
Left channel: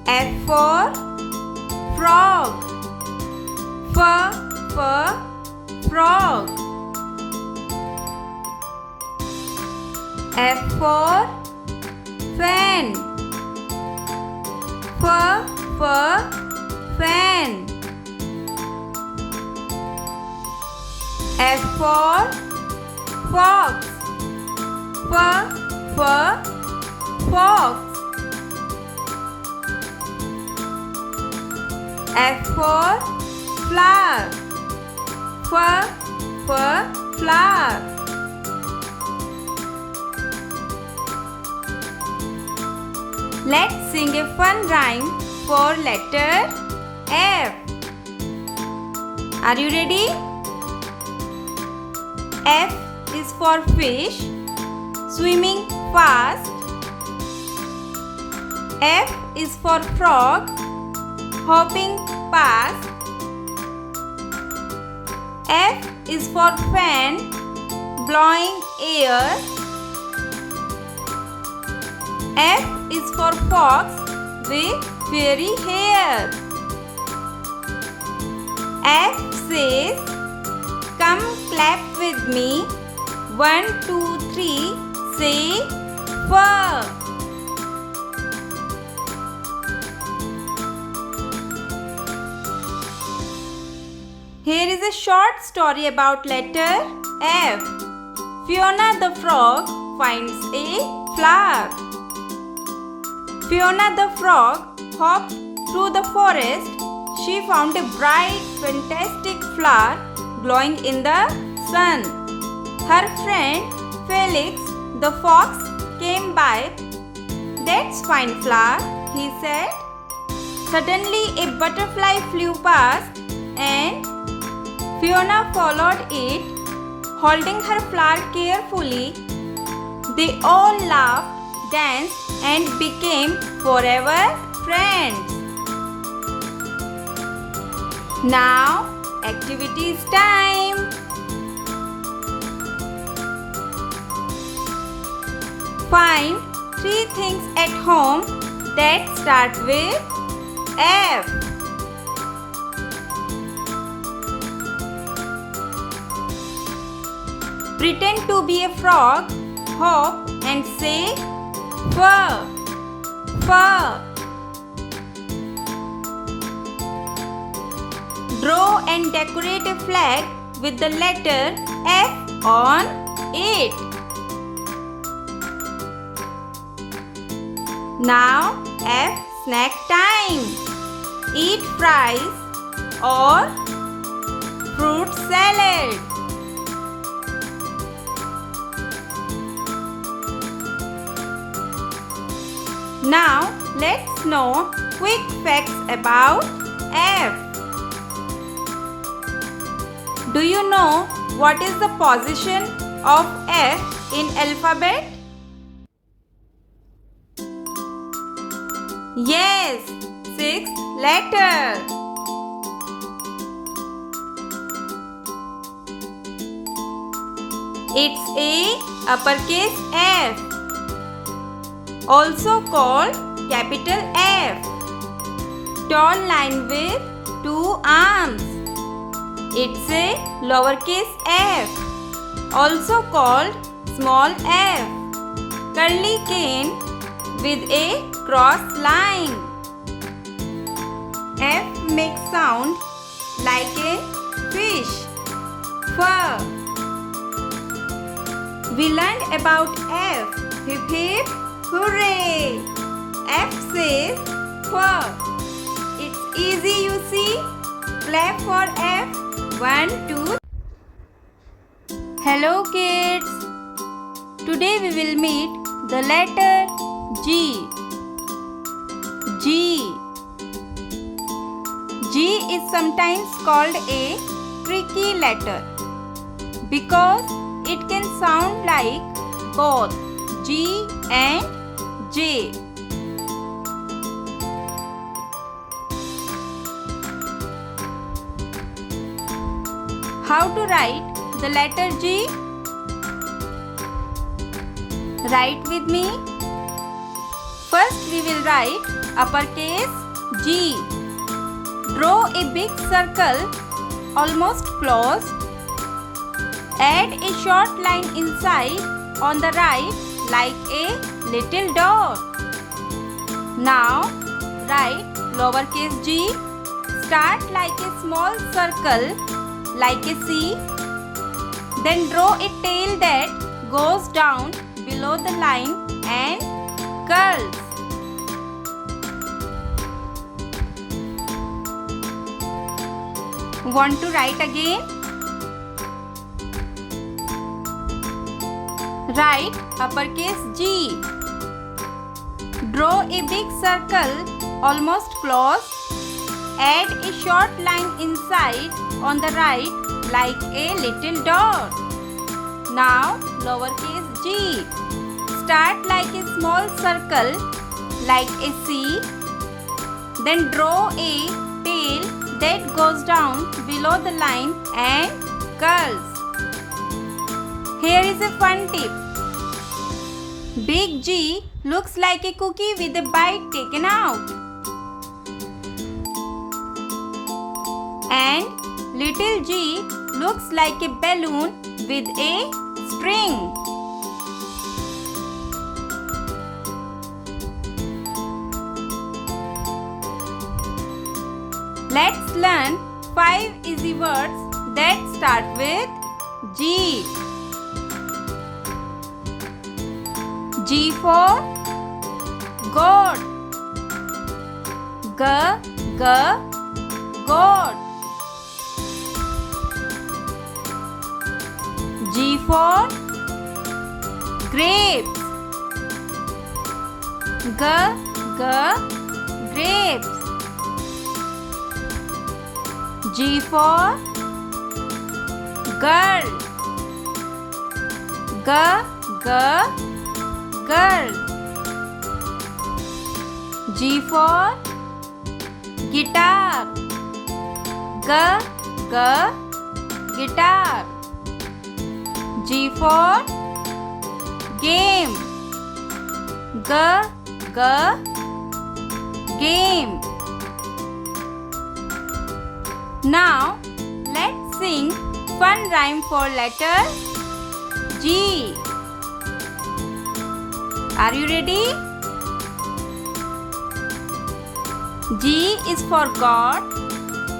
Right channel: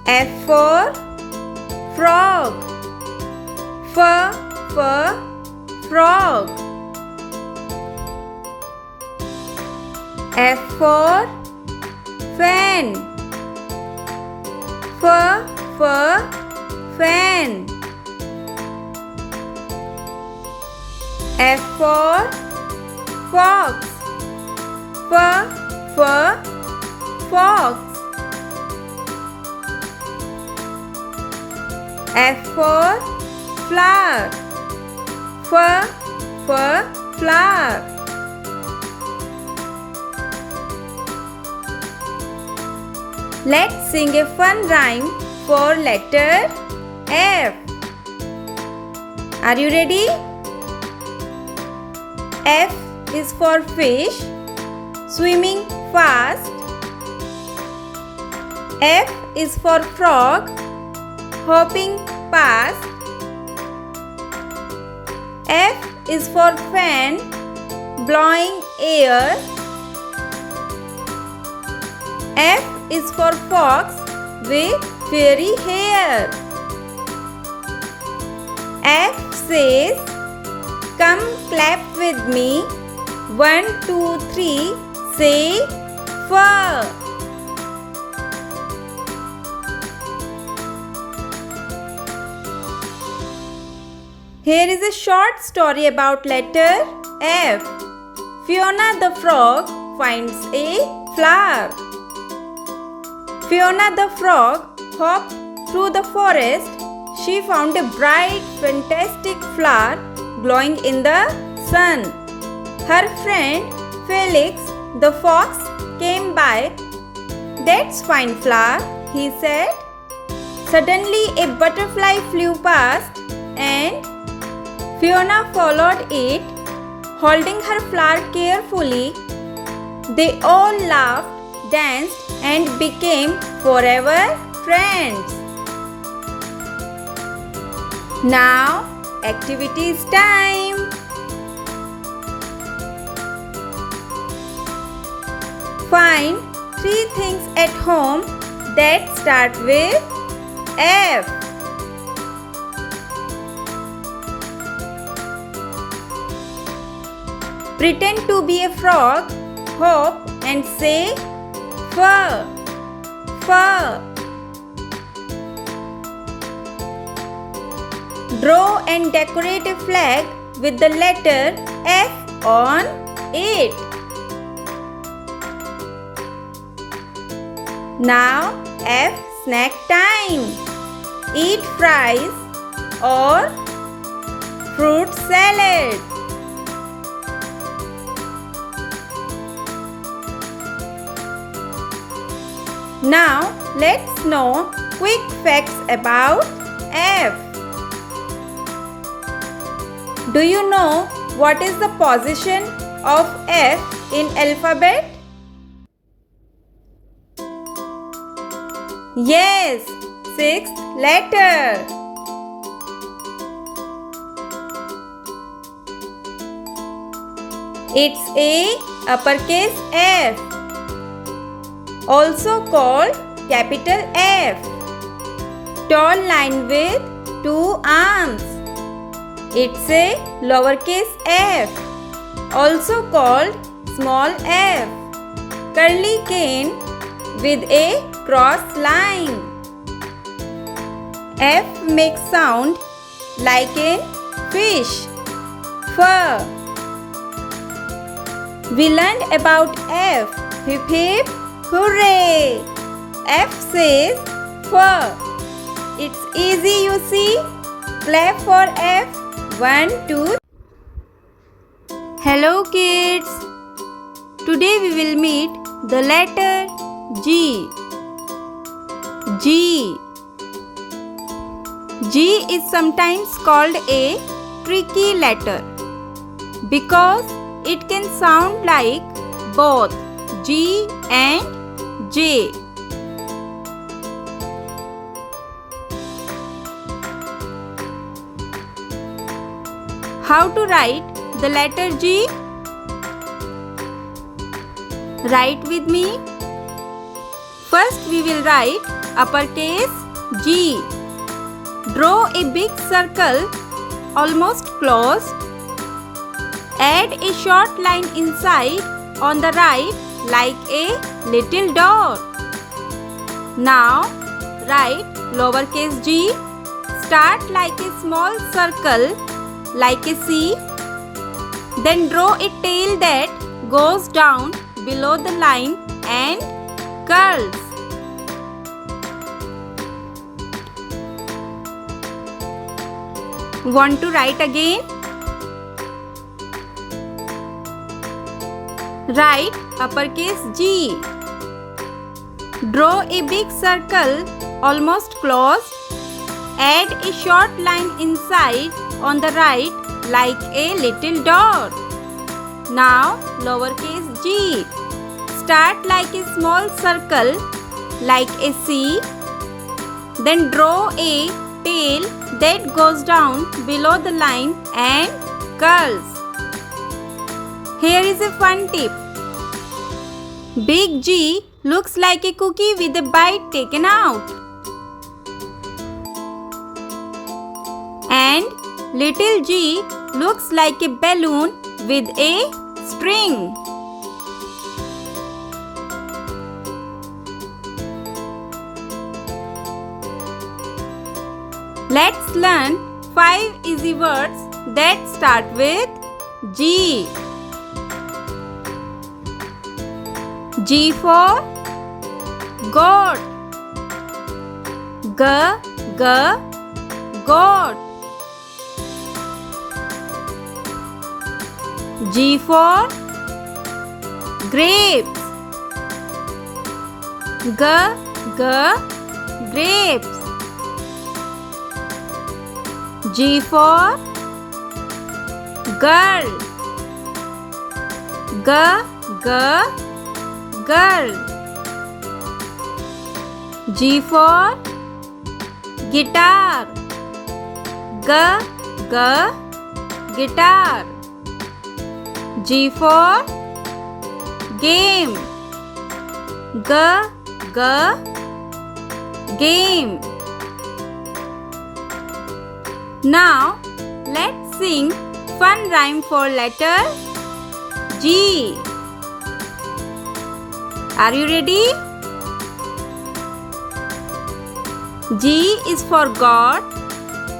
F for frog. Frog. F for fan. Fan. F for fox. Fox. F for flower. Flower. Let's sing a fun rhyme for letter F. Are you ready? F is for fish, swimming fast. F is for frog, hopping past. F is for fan, blowing air. F is for fox with fairy hair. F says, come clap with me. 1, 2, 3, say fur. Here is a short story about letter F. Fiona the frog finds a flower. Fiona the frog hopped through the forest. She found a bright, fantastic flower glowing in the sun. Her friend Felix the fox came by. That's fine flower, he said. Suddenly a butterfly flew past and Fiona followed it, holding her flower carefully. They all laughed, danced and became forever friends. Now, activities time. Find 3 things at home that start with F. Pretend to be a frog, hop and say fur, fur. Draw and decorate a flag with the letter F on it. Now F snack time. Eat fries or fruit salad. Now let's know quick facts about F. Do you know what is the position of F in alphabet? Yes, 6th letter. It's a uppercase F, also called capital F. Tall line with 2 arms. It's a lowercase f, also called small f. Curly cane with a cross line. F makes sound like a fish, fur. We learned about F. Hip hip, hooray! F says fur. It's easy, you see. Clap for F. 1, 2. Hello kids. Today we will meet the letter G. G. G is sometimes called a tricky letter because it can sound like both G and J. How to write the letter G? Write with me. First we will write uppercase G. Draw a big circle almost closed. Add a short line inside on the right like a little dot. Now write lowercase g. Start like a small circle like a C. Then draw a tail that goes down below the line and curls. Want to write again? Write uppercase G. Draw a big circle almost closed. Add a short line inside on the right like a little dot. Now lowercase g. Start like a small circle like a C. Then draw a tail that goes down below the line and curls. Here is a fun tip. Big G looks like a cookie with a bite taken out. And little g looks like a balloon with a string. Let's learn 5 easy words that start with G. G for goat. G, goat. G for grapes. Grapes. G for girl. Girl. G for guitar. G, guitar. G for game. G, game. Now let's sing fun rhyme for letter G. Are you ready? G is for God,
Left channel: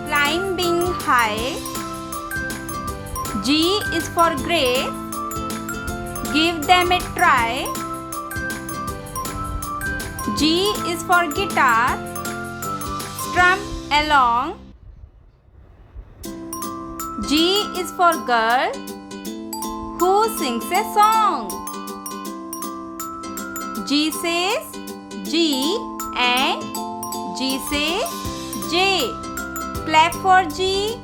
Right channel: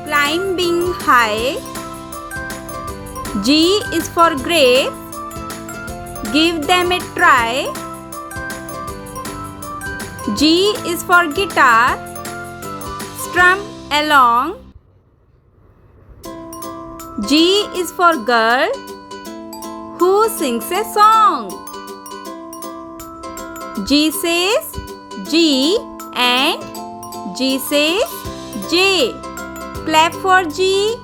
climbing high. G is for grapes, give them a try. G is for guitar, strum along. G is for girl who sings a song. G says G and G says J. Clap for G.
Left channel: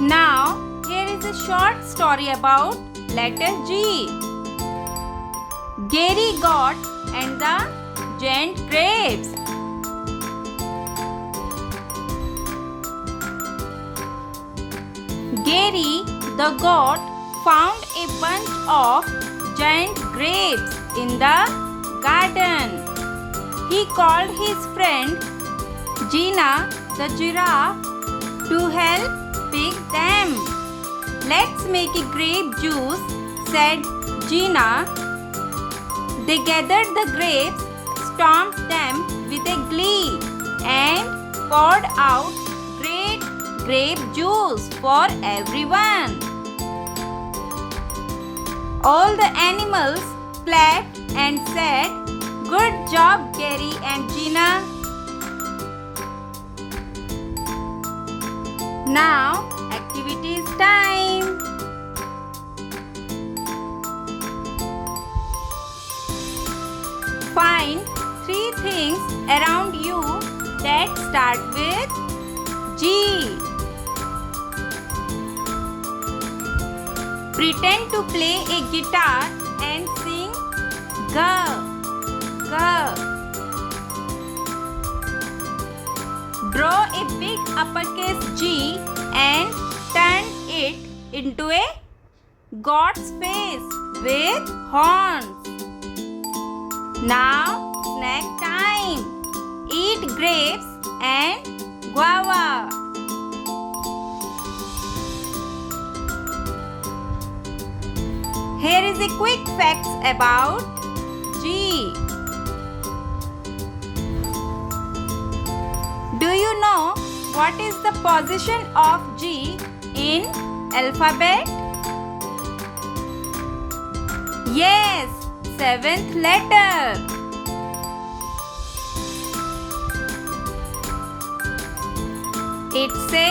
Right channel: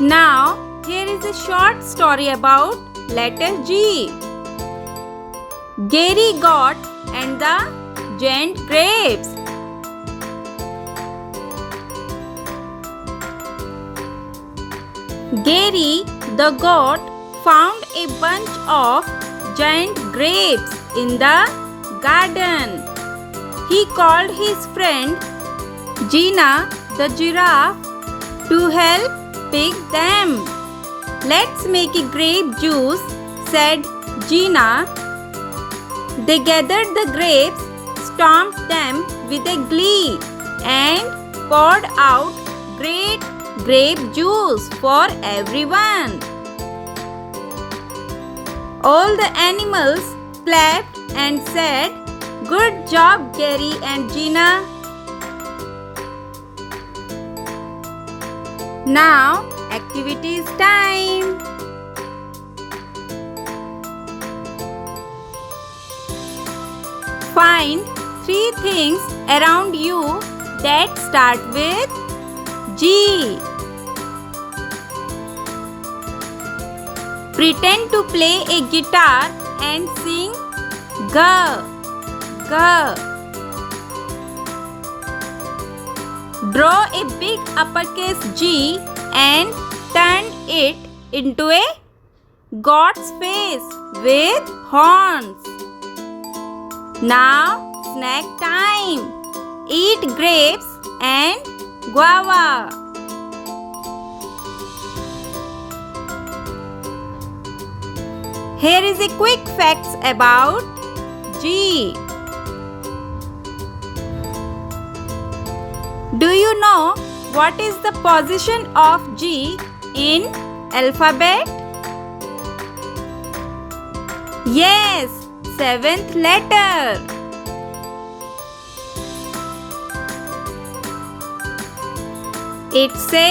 Now, here is a short story about letter G. Gary got and the giant grapes. Gary the goat found a bunch of giant grapes in the garden. He called his friend Gina the giraffe to help pick them. Let's make a grape juice, said Gina. They gathered the grapes, stomped them with a glee, and poured out great grape juice for everyone. All the animals clapped and said, "Good job, Gary and Gina." Now, activity is time. Find 3 things around you that start with G. Pretend to play a guitar and sing G, G. Draw a big uppercase G and turn it into a God's face with horns. Now, snack time. Eat grapes and guava. Here is a quick facts about G. Do you know what is the position of G in alphabet? Yes, 7th letter. It's a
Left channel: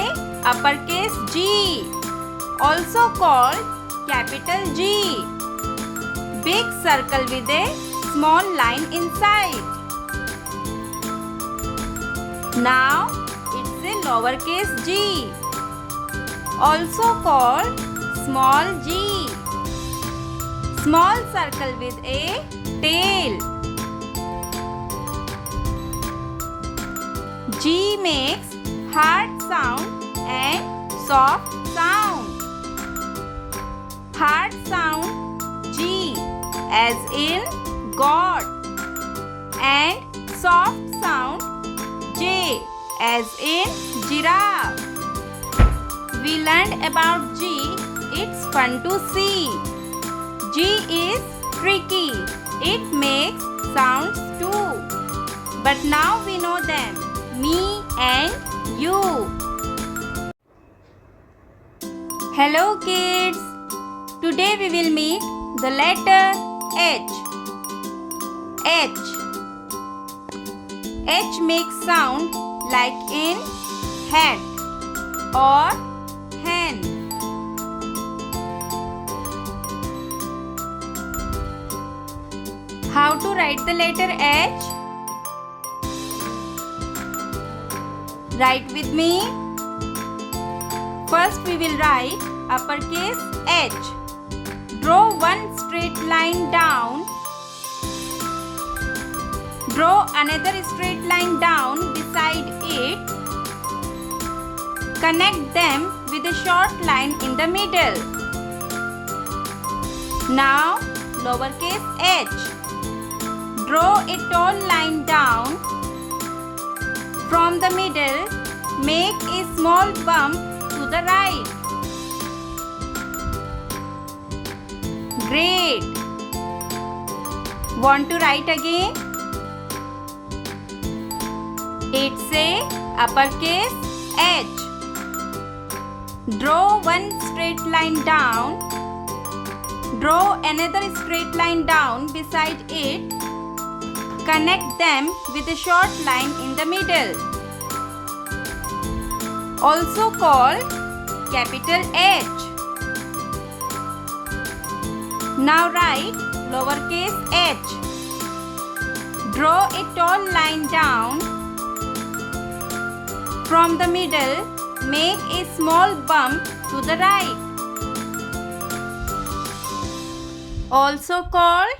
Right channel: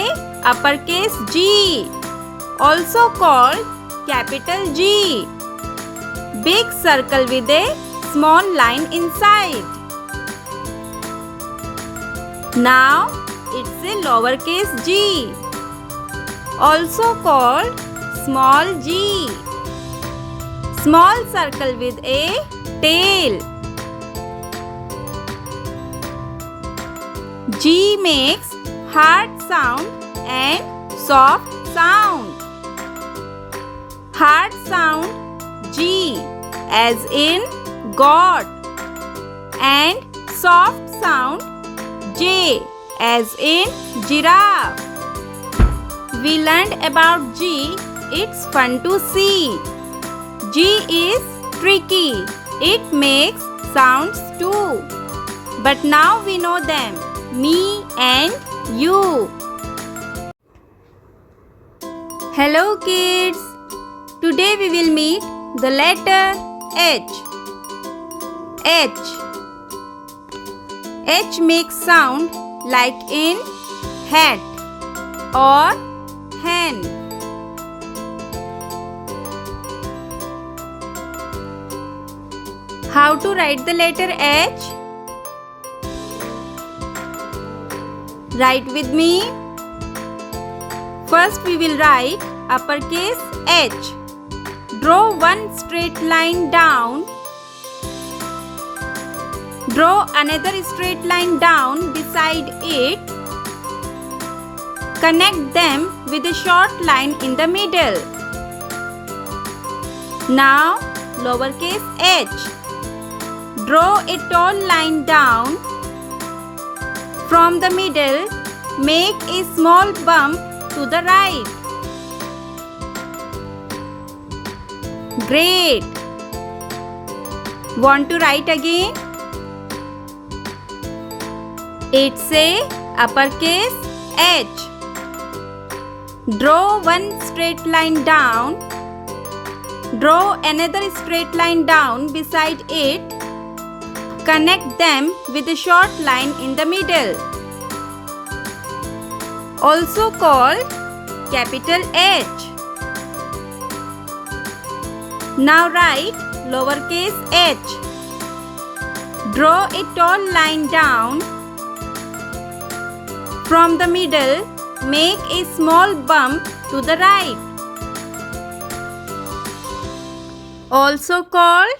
uppercase G, also called capital G. Big circle with a small line inside. Now it's a lowercase g, also called small g. Small circle with a tail. G makes hard sound and soft sound. Hard sound G as in God, and soft sound J as in giraffe. We learned about G. It's fun to see. G is tricky. It makes sounds too. But now we know them. Me and you. Hello kids. Today we will meet the letter H. H. H makes sound like in hat or hen. How to write the letter H? Write with me. First we will write uppercase H. Draw one straight line down. Draw another straight line down beside it Connect them with a short line in the middle. Now, lowercase h. Draw a tall line down. From the middle, make a small bump to the right. Great! Want to write again? It's a uppercase H. Draw one straight line down. Draw another straight line down beside it. Connect them with a short line in the middle. Also called capital H. Now write lowercase h. Draw a tall line down. From the middle, make a small bump to the right. Also called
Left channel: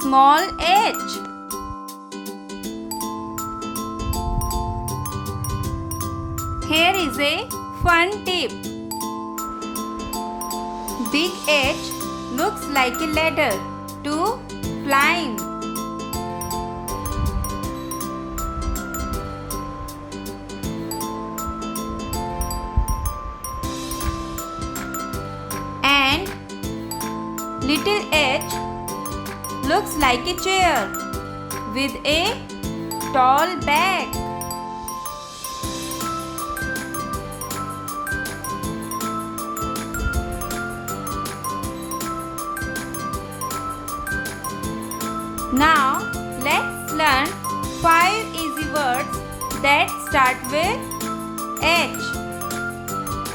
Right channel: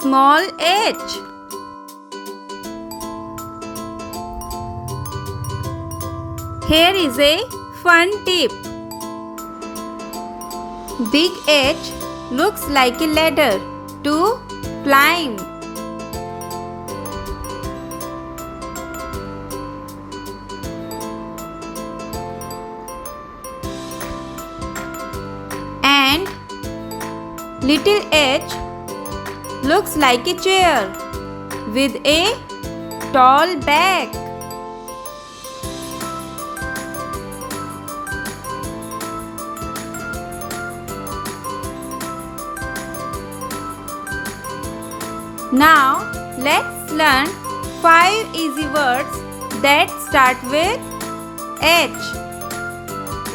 small h. Here is a fun tip. Big H looks like a ladder to climb. And little h looks like a chair with a tall back. Now let's learn 5 easy words that start with H.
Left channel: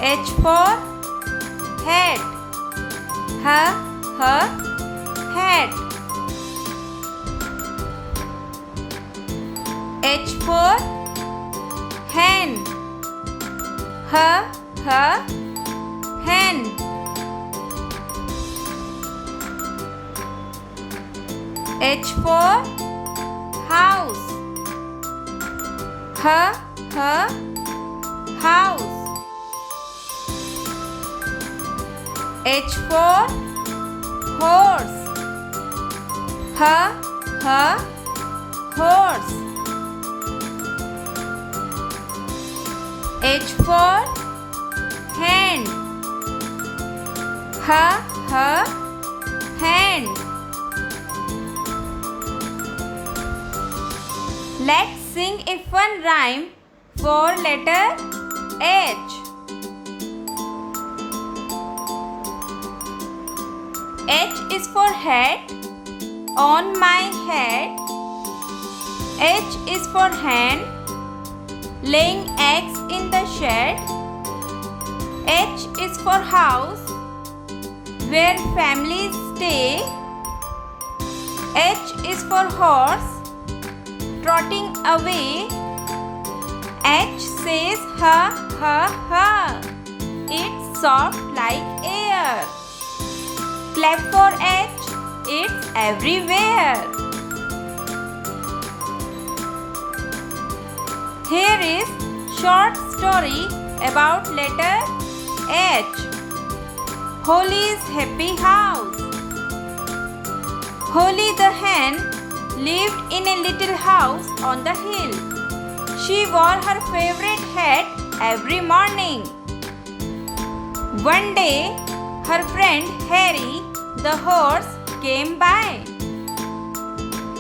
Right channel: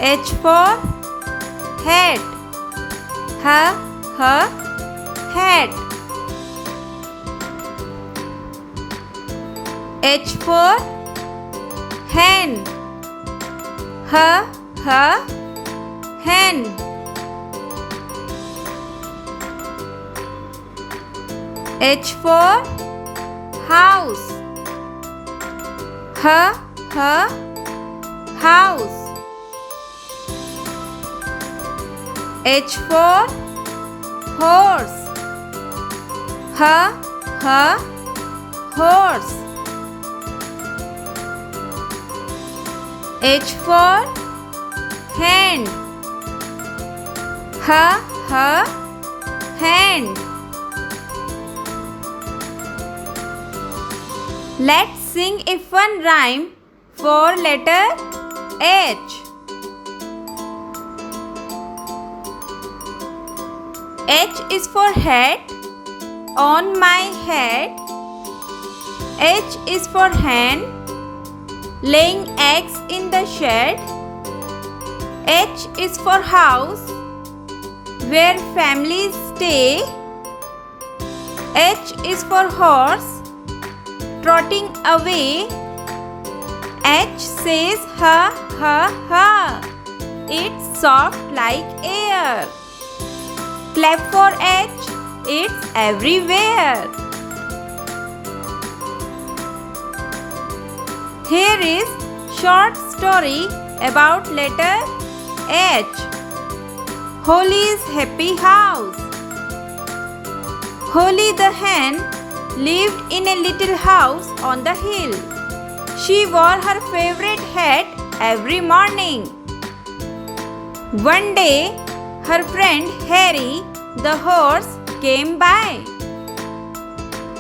H for hat. Hat. H for hen. Hen. H for house. House. H for horse. Horse. H for hand. Hand. Let's sing a fun rhyme for letter H. H is for hat. On my head. H is for hen. Laying eggs in the shed. H is for house, where families stay. H is for horse, trotting away. H says ha. It's soft like air. Clap for H, it's everywhere. Here is short story about letter H. Holly's happy house. Holly the hen lived in a little house on the hill. She wore her favorite hat every morning. One day, her friend Harry the horse came by.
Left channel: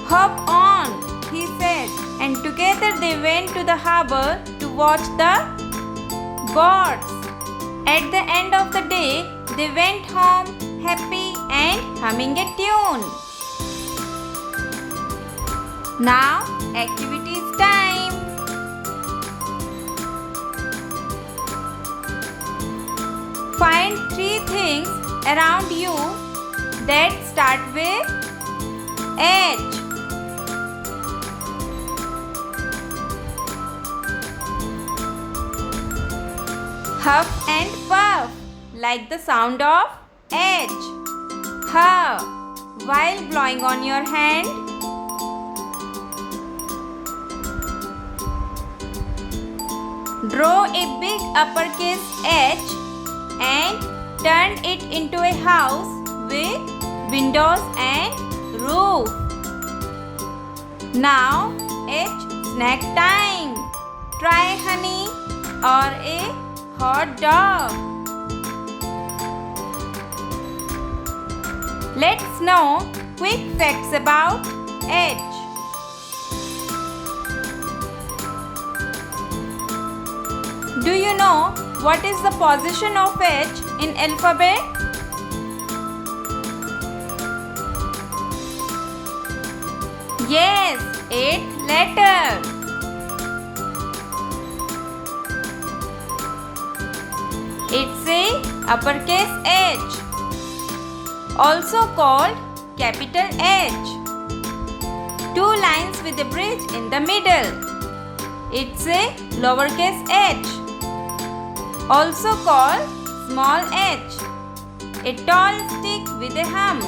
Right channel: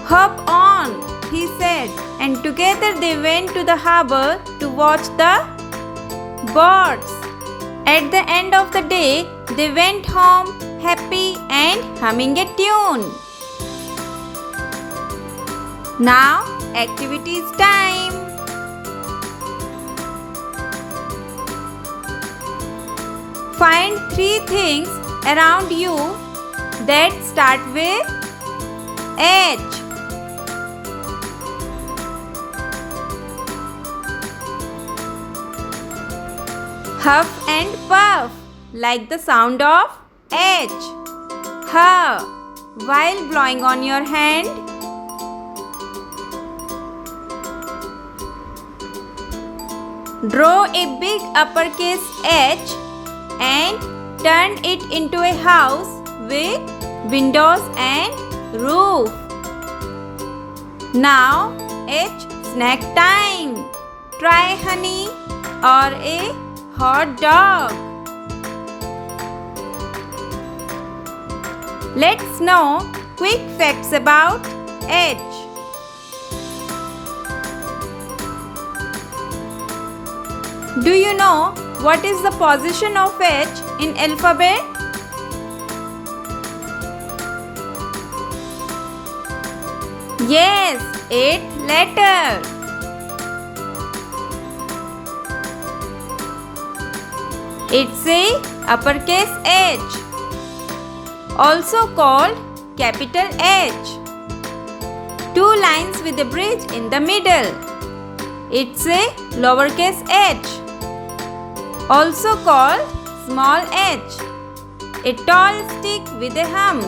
Hop on, he said, and together they went to the harbor to watch the birds. At the end of the day, they went home happy and humming a tune. Now, activities time. Find 3 things around you that start with H. Huff and puff, like the sound of H. Huff, while blowing on your hand. Draw a big uppercase H and turn it into a house with windows and roof. Now H snack time. Try honey or a hot dog. Let's know quick facts about H. Do you know what is the position of H in alphabet? Yes, 8 letters. It's a uppercase H, also called capital H. 2 lines with a bridge in the middle. It's a lowercase h, also called small h. A tall stick with a hump.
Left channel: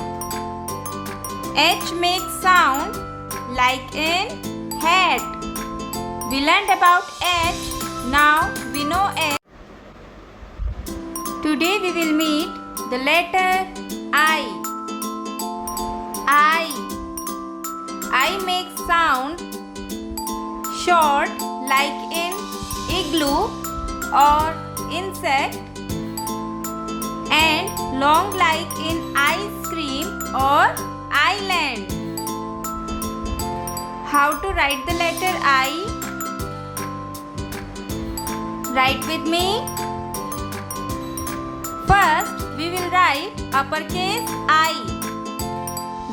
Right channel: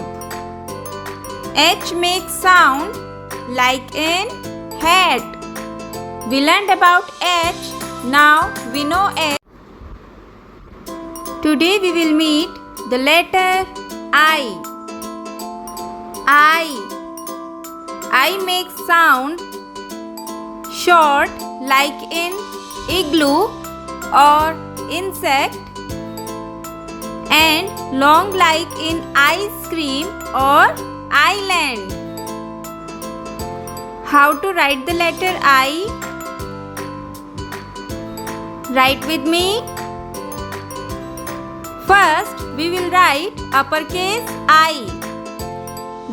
H makes sound like an hat. We learned about H. Now we know H. Today we will meet the letter I. I makes sound short like in igloo or insect and long like in ice cream or island. How to write the letter I? Write with me. First, we will write uppercase I.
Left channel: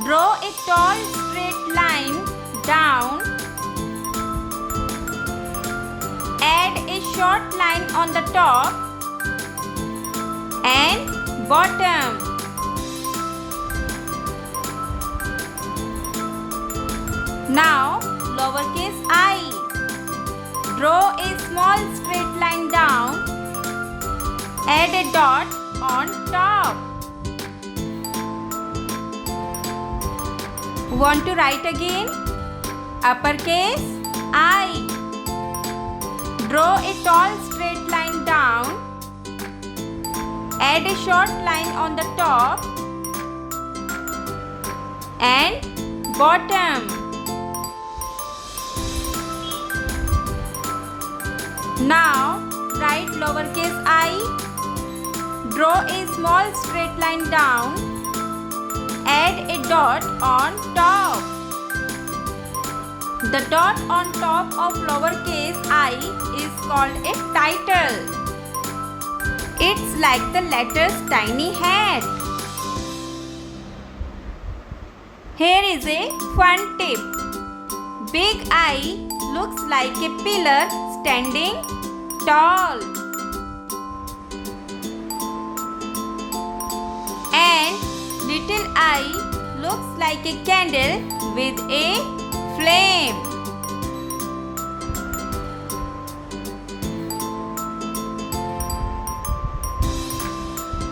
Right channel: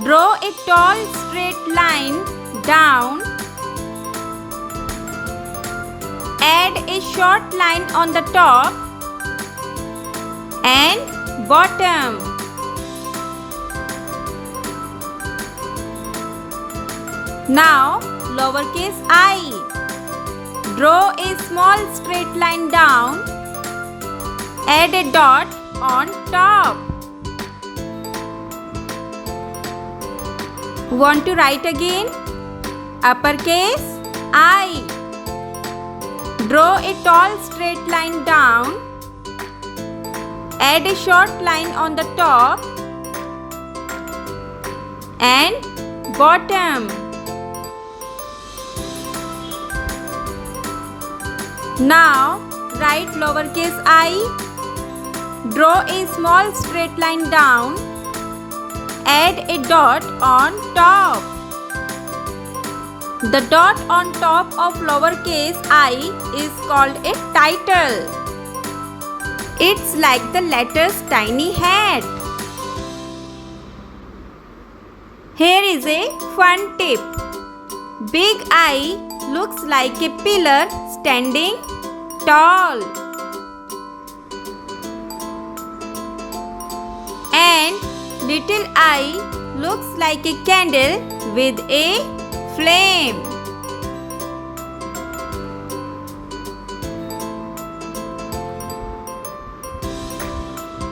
Draw a tall straight line down. Add a short line on the top and bottom. Now, lowercase I. Draw a small straight line down. Add a dot on top. Want to write again? Uppercase I. Draw a tall straight line down. Add a short line on the top and bottom. Now write lowercase I. Draw a small straight line down. Add a dot on top. The dot on top of lowercase I is called a title. It's like the letter's tiny hat. Here is a fun tip. Big I looks like a pillar standing tall. And little I looks like a candle with a flame.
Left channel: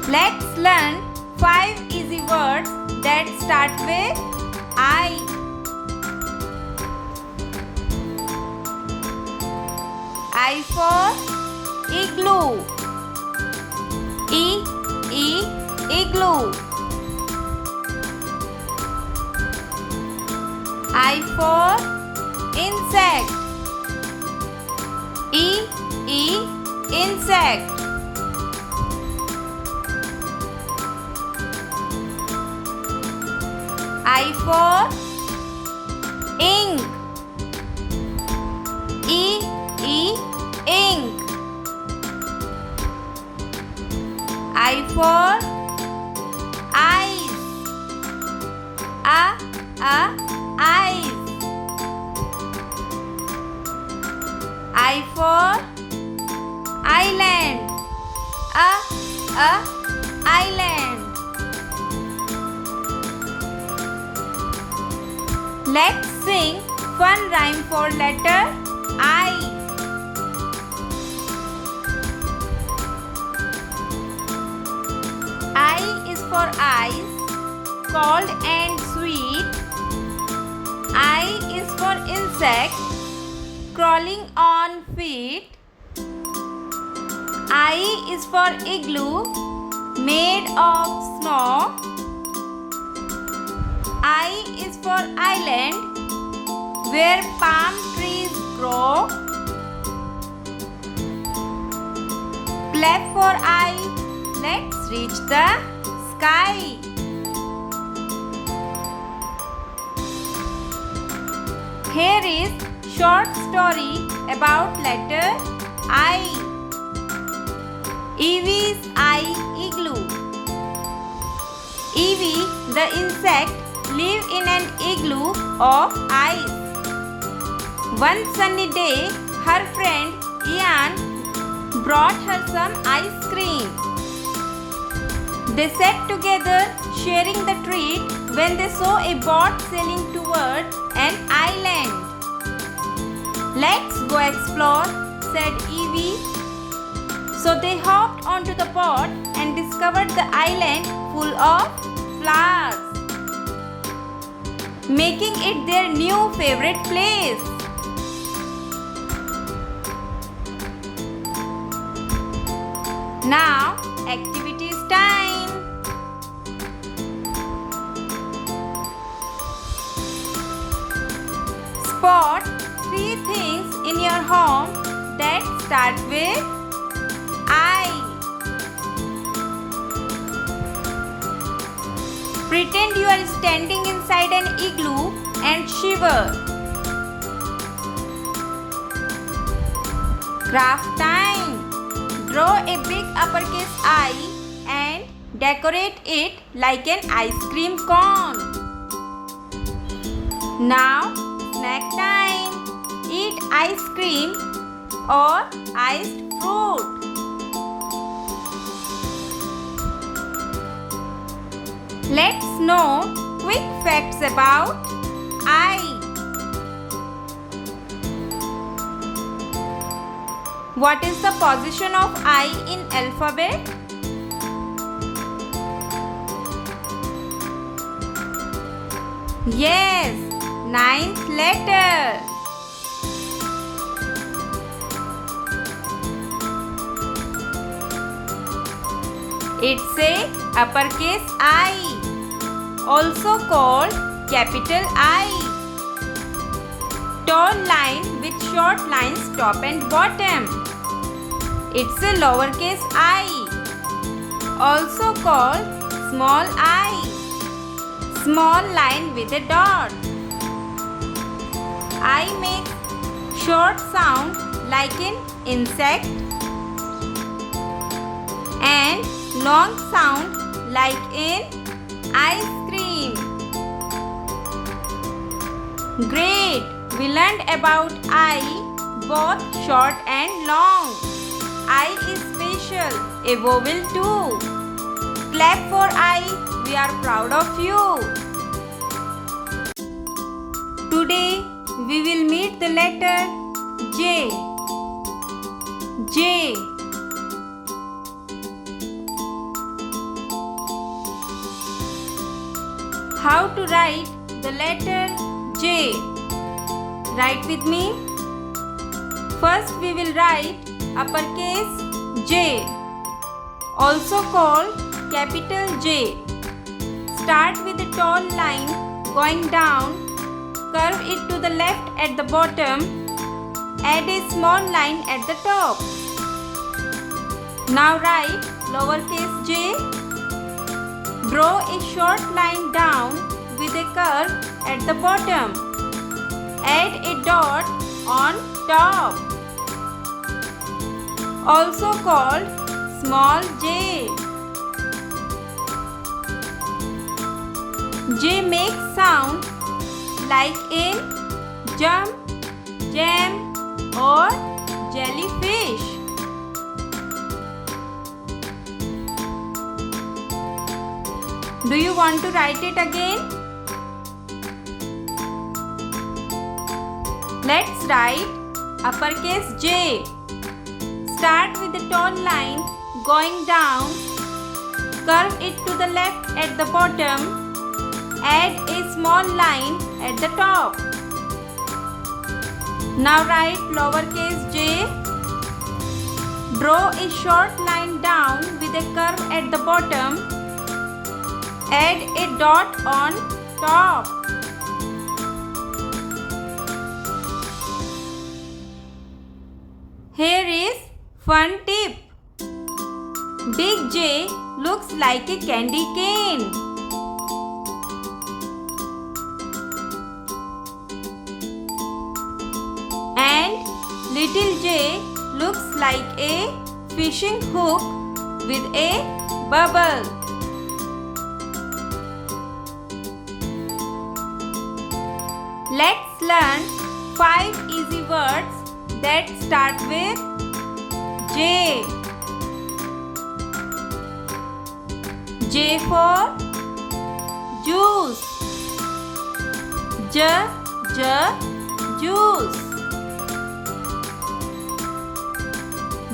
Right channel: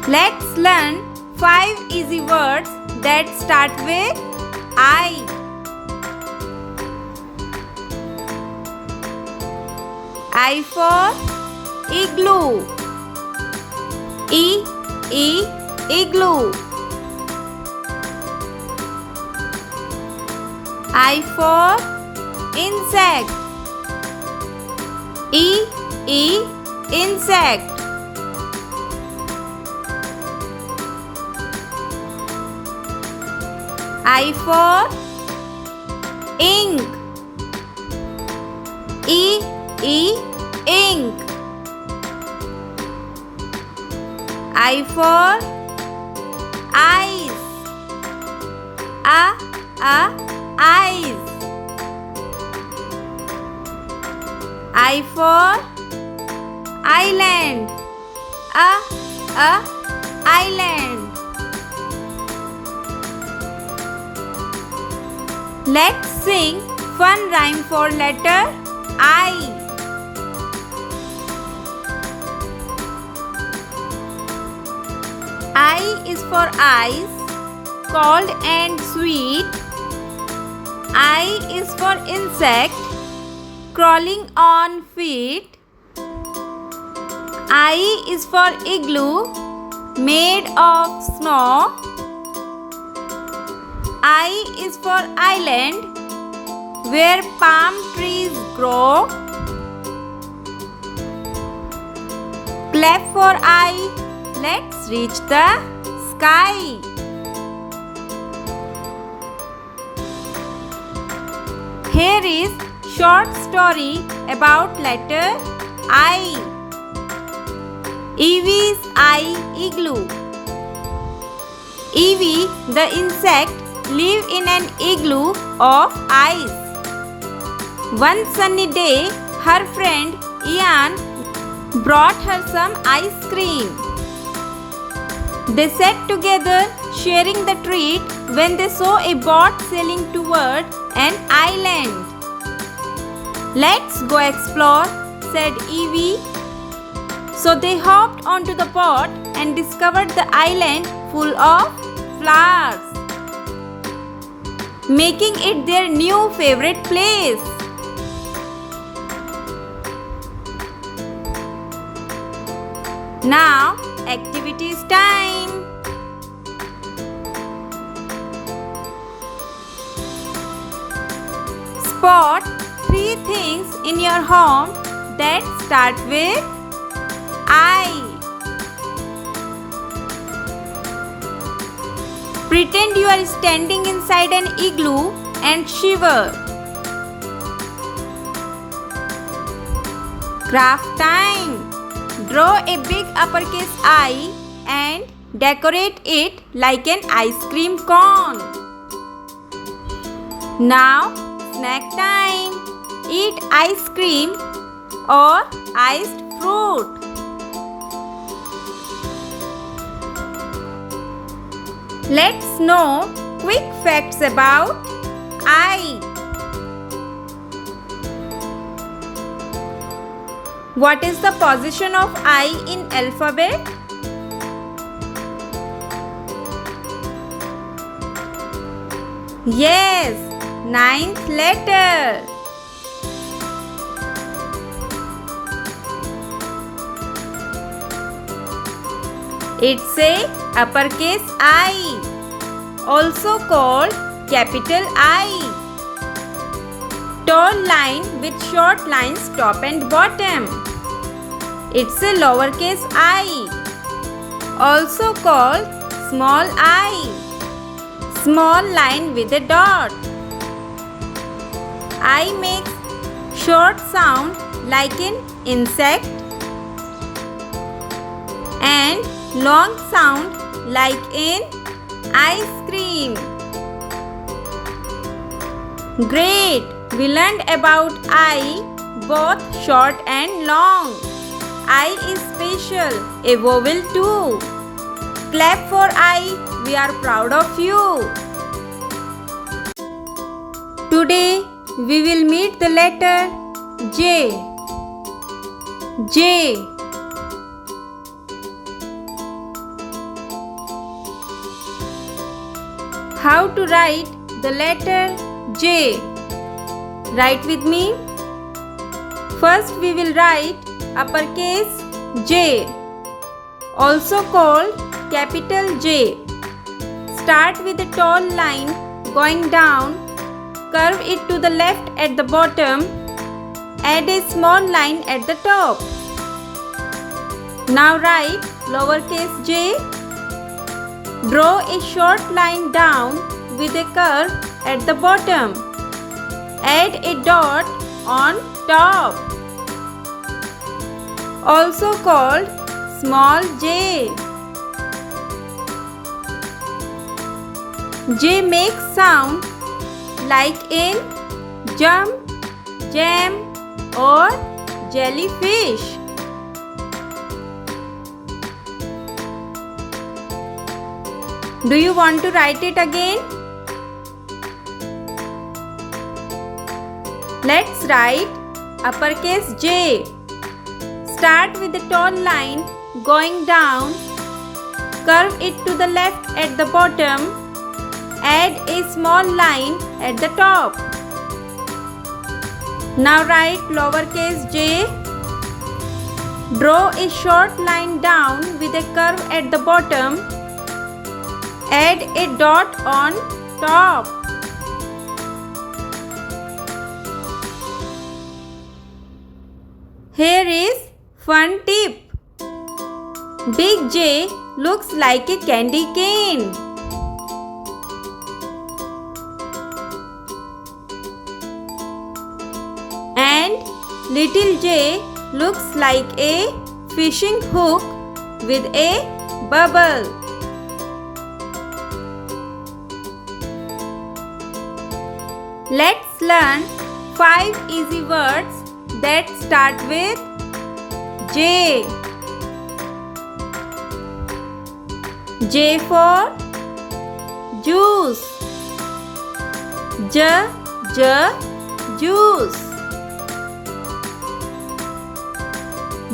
Let's learn 5 easy words that start with I. I for igloo. Igloo. I for insect. Insect. I for ink. Ink. I for eyes. Eyes. I for island. Island. Let's sing fun rhyme for letter I. I is for eyes, cold and sweet. I is for insect, crawling on feet. I is for igloo, made of snow. I is for island, where palm trees grow. Clap for I, let's reach the sky. Here is short story about letter I. Evie's eye igloo. Evie, the insect, live in an igloo of ice. One sunny day, her friend Ian brought her some ice cream. They sat together sharing the treat when they saw a boat sailing toward an island. Let's go explore, said Evie. So they hopped onto the boat and discovered the island full of flowers, making it their new favorite place. Now, activities time. Spot 3 things in your home that start with I. Pretend you are standing inside an igloo and shiver. Craft time. Draw a big uppercase I and decorate it like an ice cream cone. Now, snack time. Eat ice cream or iced fruit. Let's know quick facts about I. What is the position of I in alphabet? Yes, 9th letter. It's a uppercase I, also called capital I. Tall line with short lines top and bottom. It's a lowercase I, also called small I. Small line with a dot. I makes short sound like an insect and long sound like in ice cream. Great! We learned about I, both short and long. I is special, a vowel too. Clap for I, we are proud of you. Today we will meet the letter J. J. How to write the letter J? Write with me. First we will write uppercase J, also called capital J. Start with a tall line going down, curve it to the left at the bottom, add a small line at the top. Now write lowercase j. Draw a short line down with a curve at the bottom. Add a dot on top, also called small j. J makes sound like in jump, jam or jellyfish. Do you want to write it again? Let's write uppercase J. Start with a tall line going down, curve it to the left at the bottom, add a small line at the top. Now write lowercase j. Draw a short line down with a curve at the bottom. Add a dot on top. Here is fun tip. Big J looks like a candy cane. And little J looks like a fishing hook with a bubble. Let's learn 5 easy words that start with J. J for juice. J, juice.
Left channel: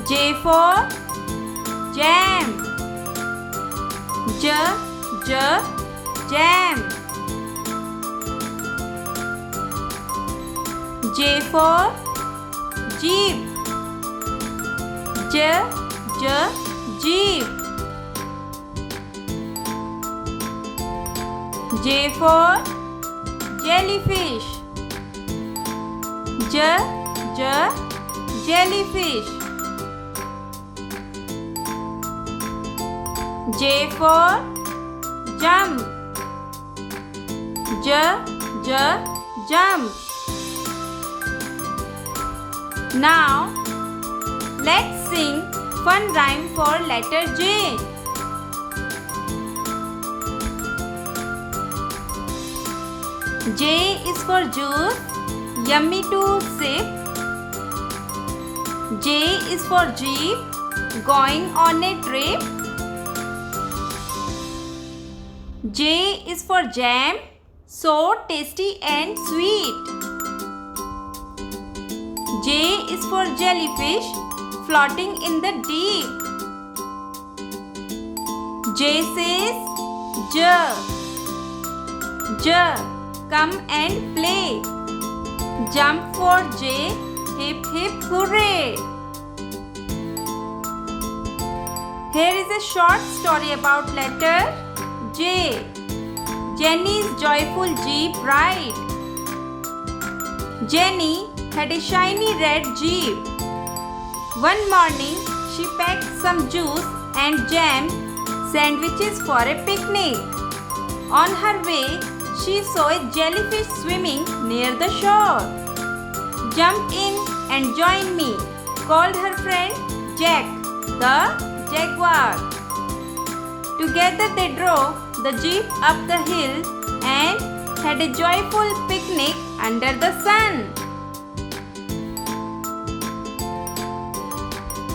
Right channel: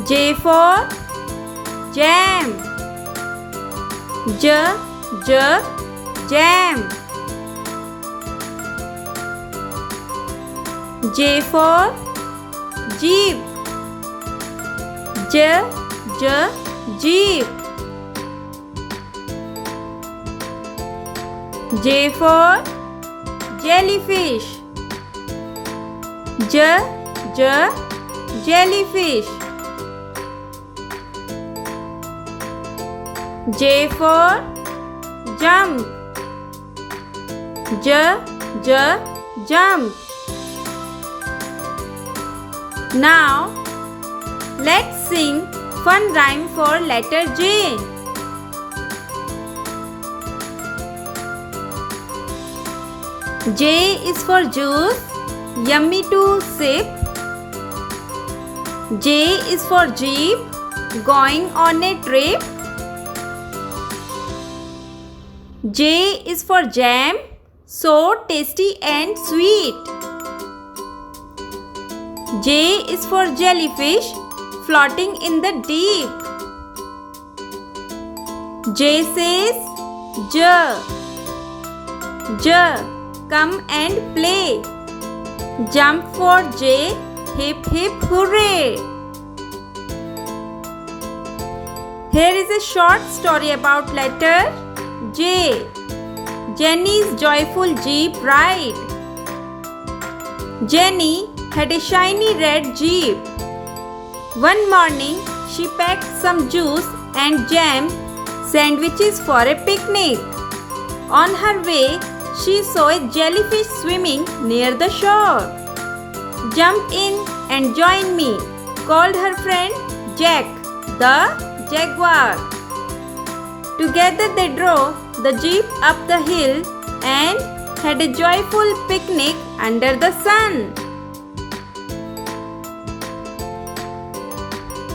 J for jam. J, jam. J for jeep. J, jeep. J for jellyfish. J, jellyfish. J for jump. J, jump. Now, let's sing fun rhyme for letter J. J is for juice, yummy to sip. J is for jeep, going on a trip. J is for jam, so tasty and sweet. J is for jellyfish, floating in the deep. J says J, come and play. Jump for J, hip hip hooray. Here is a short story about letter J. Jenny's joyful jeep ride. Jenny had a shiny red jeep. One morning, she packed some juice and jam sandwiches for a picnic. On her way, she saw a jellyfish swimming near the shore. Jump in and join me, called her friend Jack, the jaguar. Together they drove the jeep up the hill and had a joyful picnic under the sun.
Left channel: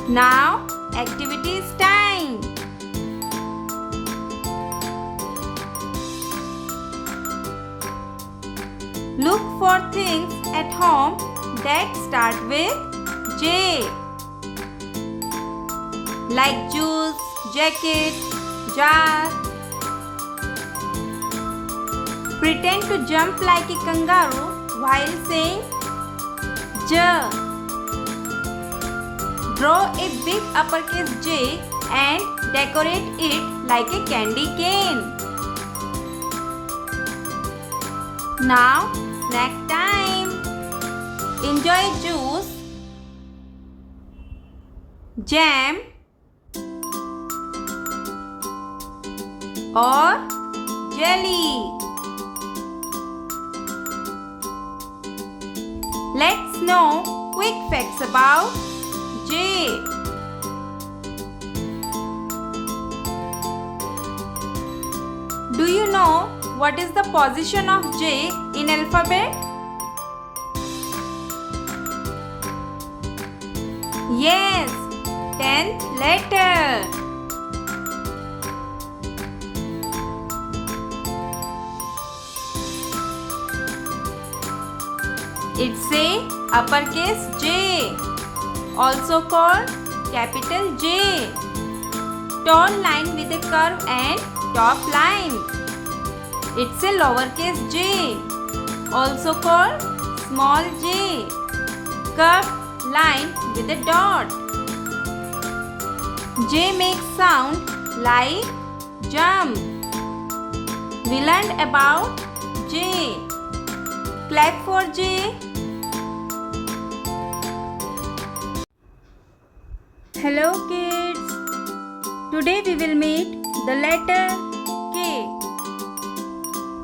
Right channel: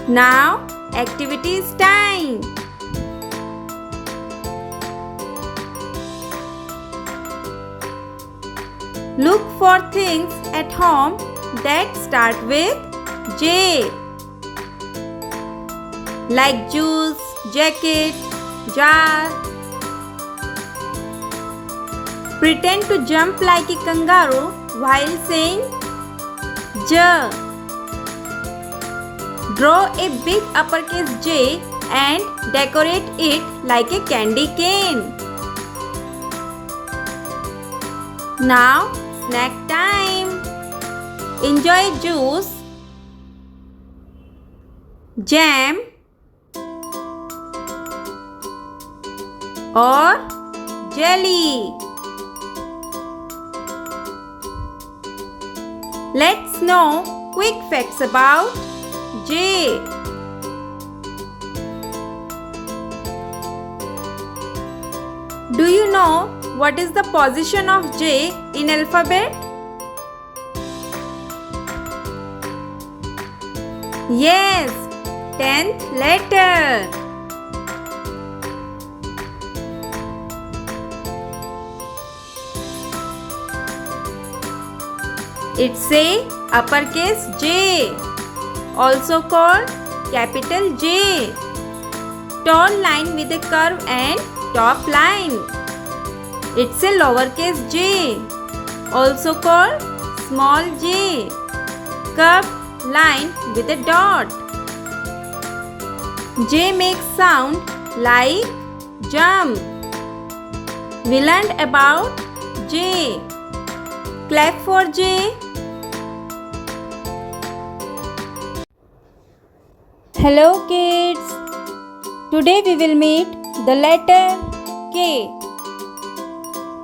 Now, activities time. Look for things at home that start with J, like juice, jacket, jar. Pretend to jump like a kangaroo while saying J. Draw a big uppercase J and decorate it like a candy cane. Now, snack time. Enjoy juice, jam, or jelly. Let's know quick facts about J. Do you know what is the position of J in alphabet? Yes, 10th letter. It's a uppercase J, also called capital J. Tall line with a curve and top line. It's a lowercase j, also called small j. Curved line with a dot. J makes sound like jump. We learned about J. Clap for J. Hello kids. Today we will meet the letter K.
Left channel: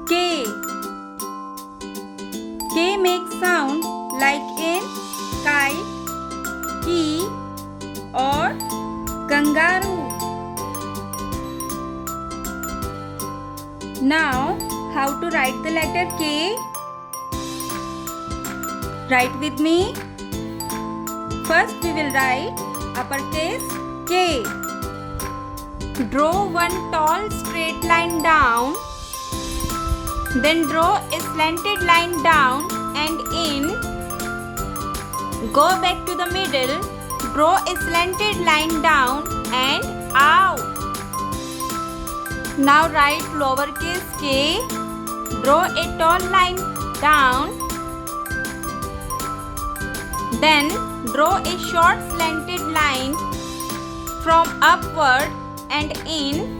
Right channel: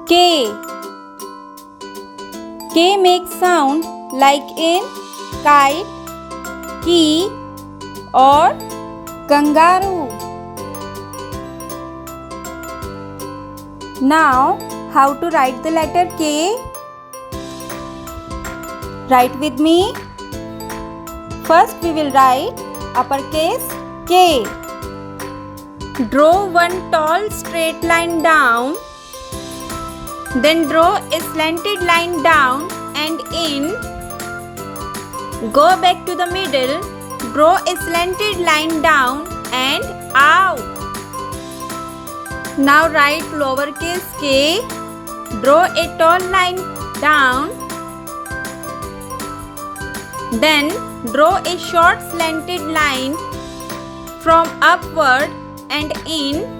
K. K makes sound like in kite, key or kangaroo. Now, how to write the letter K? Write with me. First we will write uppercase K. Draw one tall straight line down. Then draw a slanted line down and in. Go back to the middle. Draw a slanted line down and out. Now write lowercase k. Draw a tall line down. Then draw a short slanted line from upward and in.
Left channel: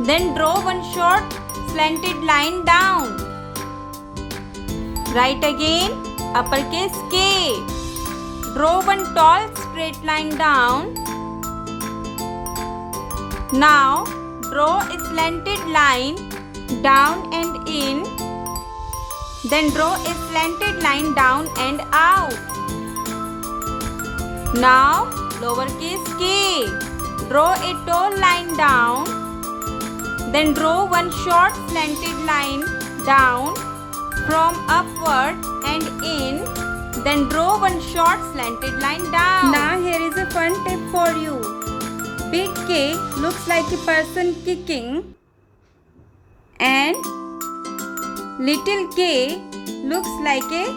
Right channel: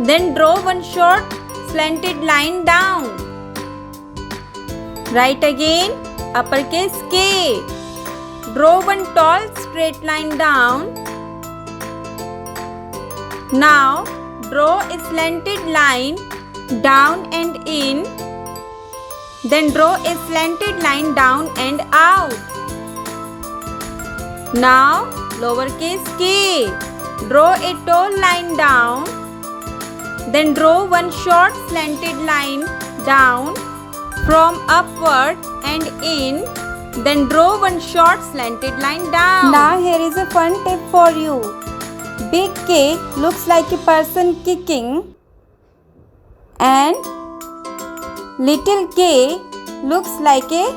Then draw one short slanted line down. Write again uppercase K. Draw one tall straight line down. Now draw a slanted line down and in. Then draw a slanted line down and out. Now lowercase k. Draw a tall line down. Then draw one short slanted line down from upward and in. Then draw one short slanted line down. Now here is a fun tip for you. Big K looks like a person kicking and little k looks like a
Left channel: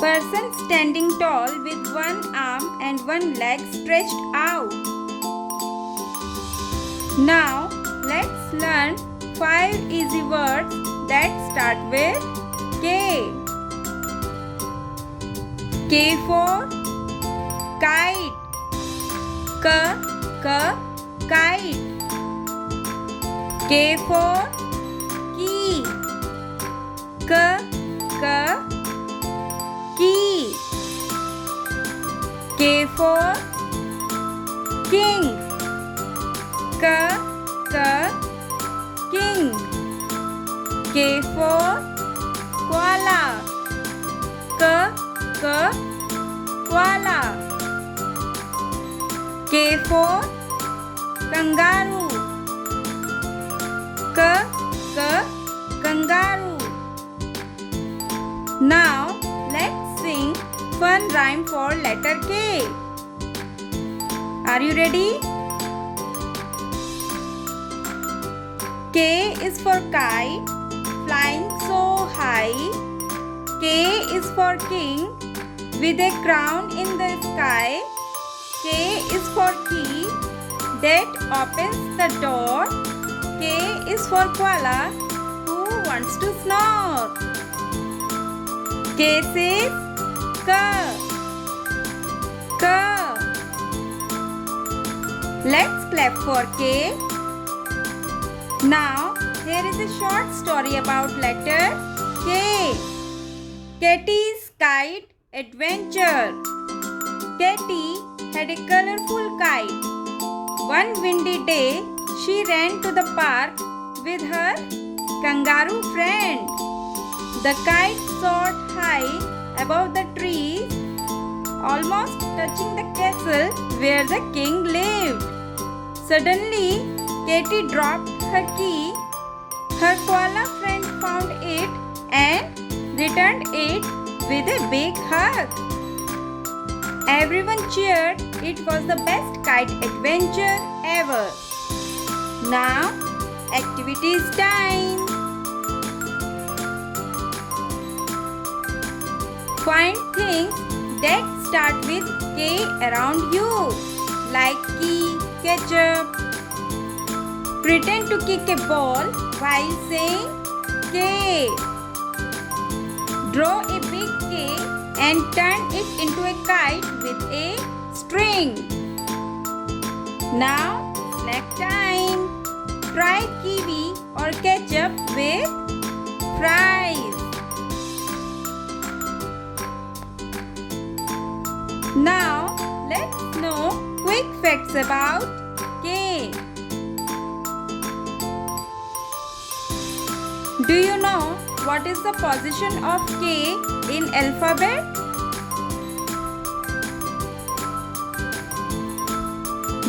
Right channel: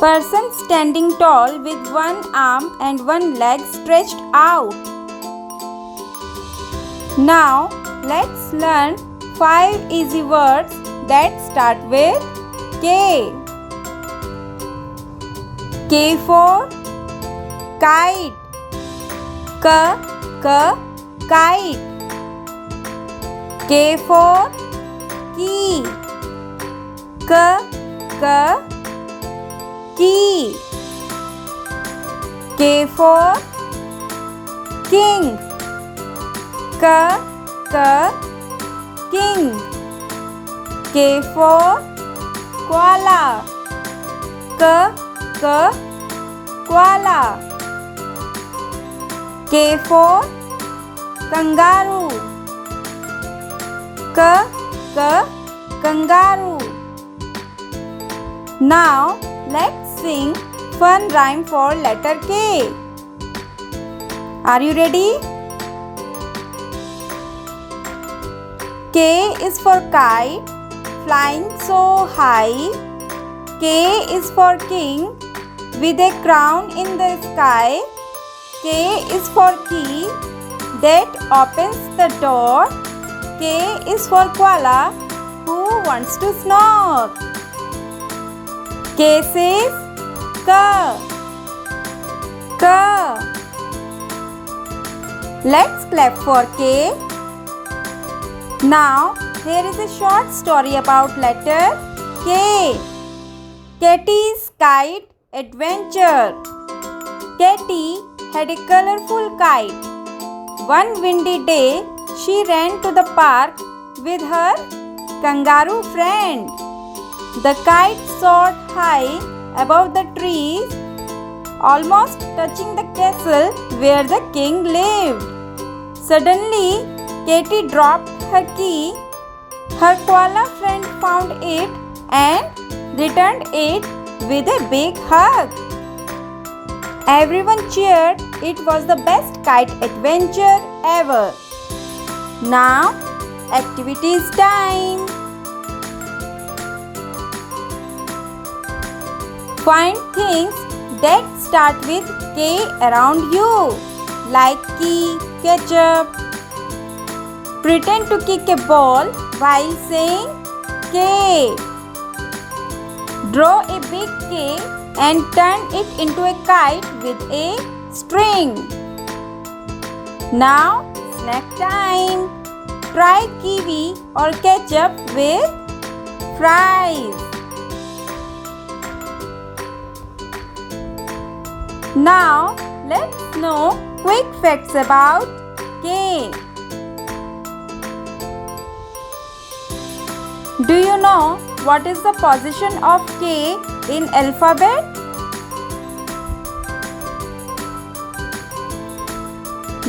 person standing tall with one arm and one leg stretched out. Now let's learn 5 easy words that start with K. K for kite. Kite. K for key. Key. K for king. King. K for koala. Koala. K for kangaroo. Kangaroo. Now let's sing fun rhyme for letter K. Are you ready? K is for kite, flying so high. K is for king, with a crown in the sky. K is for key, that opens the door. K is for koala, who wants to snore. K says ka. Let's clap for K. Now, here is a short story about letter K. Katie's Kite Adventure. Katie had a colorful kite. One windy day, she ran to the park with her kangaroo friend. The kite soared high above the trees, almost touching the castle where the king lived. Suddenly, Katie dropped her key. Her koala friend found it and returned it with a big hug. Everyone cheered. It was the best kite adventure ever. Now, activities time. Find things that start with K around you, like key, ketchup. Pretend to kick a ball while saying K. Draw a big K and turn it into a kite with a string. Now snack time. Try kiwi or ketchup with fries. Now let's know quick facts about K. Do you know what is the position of K in alphabet?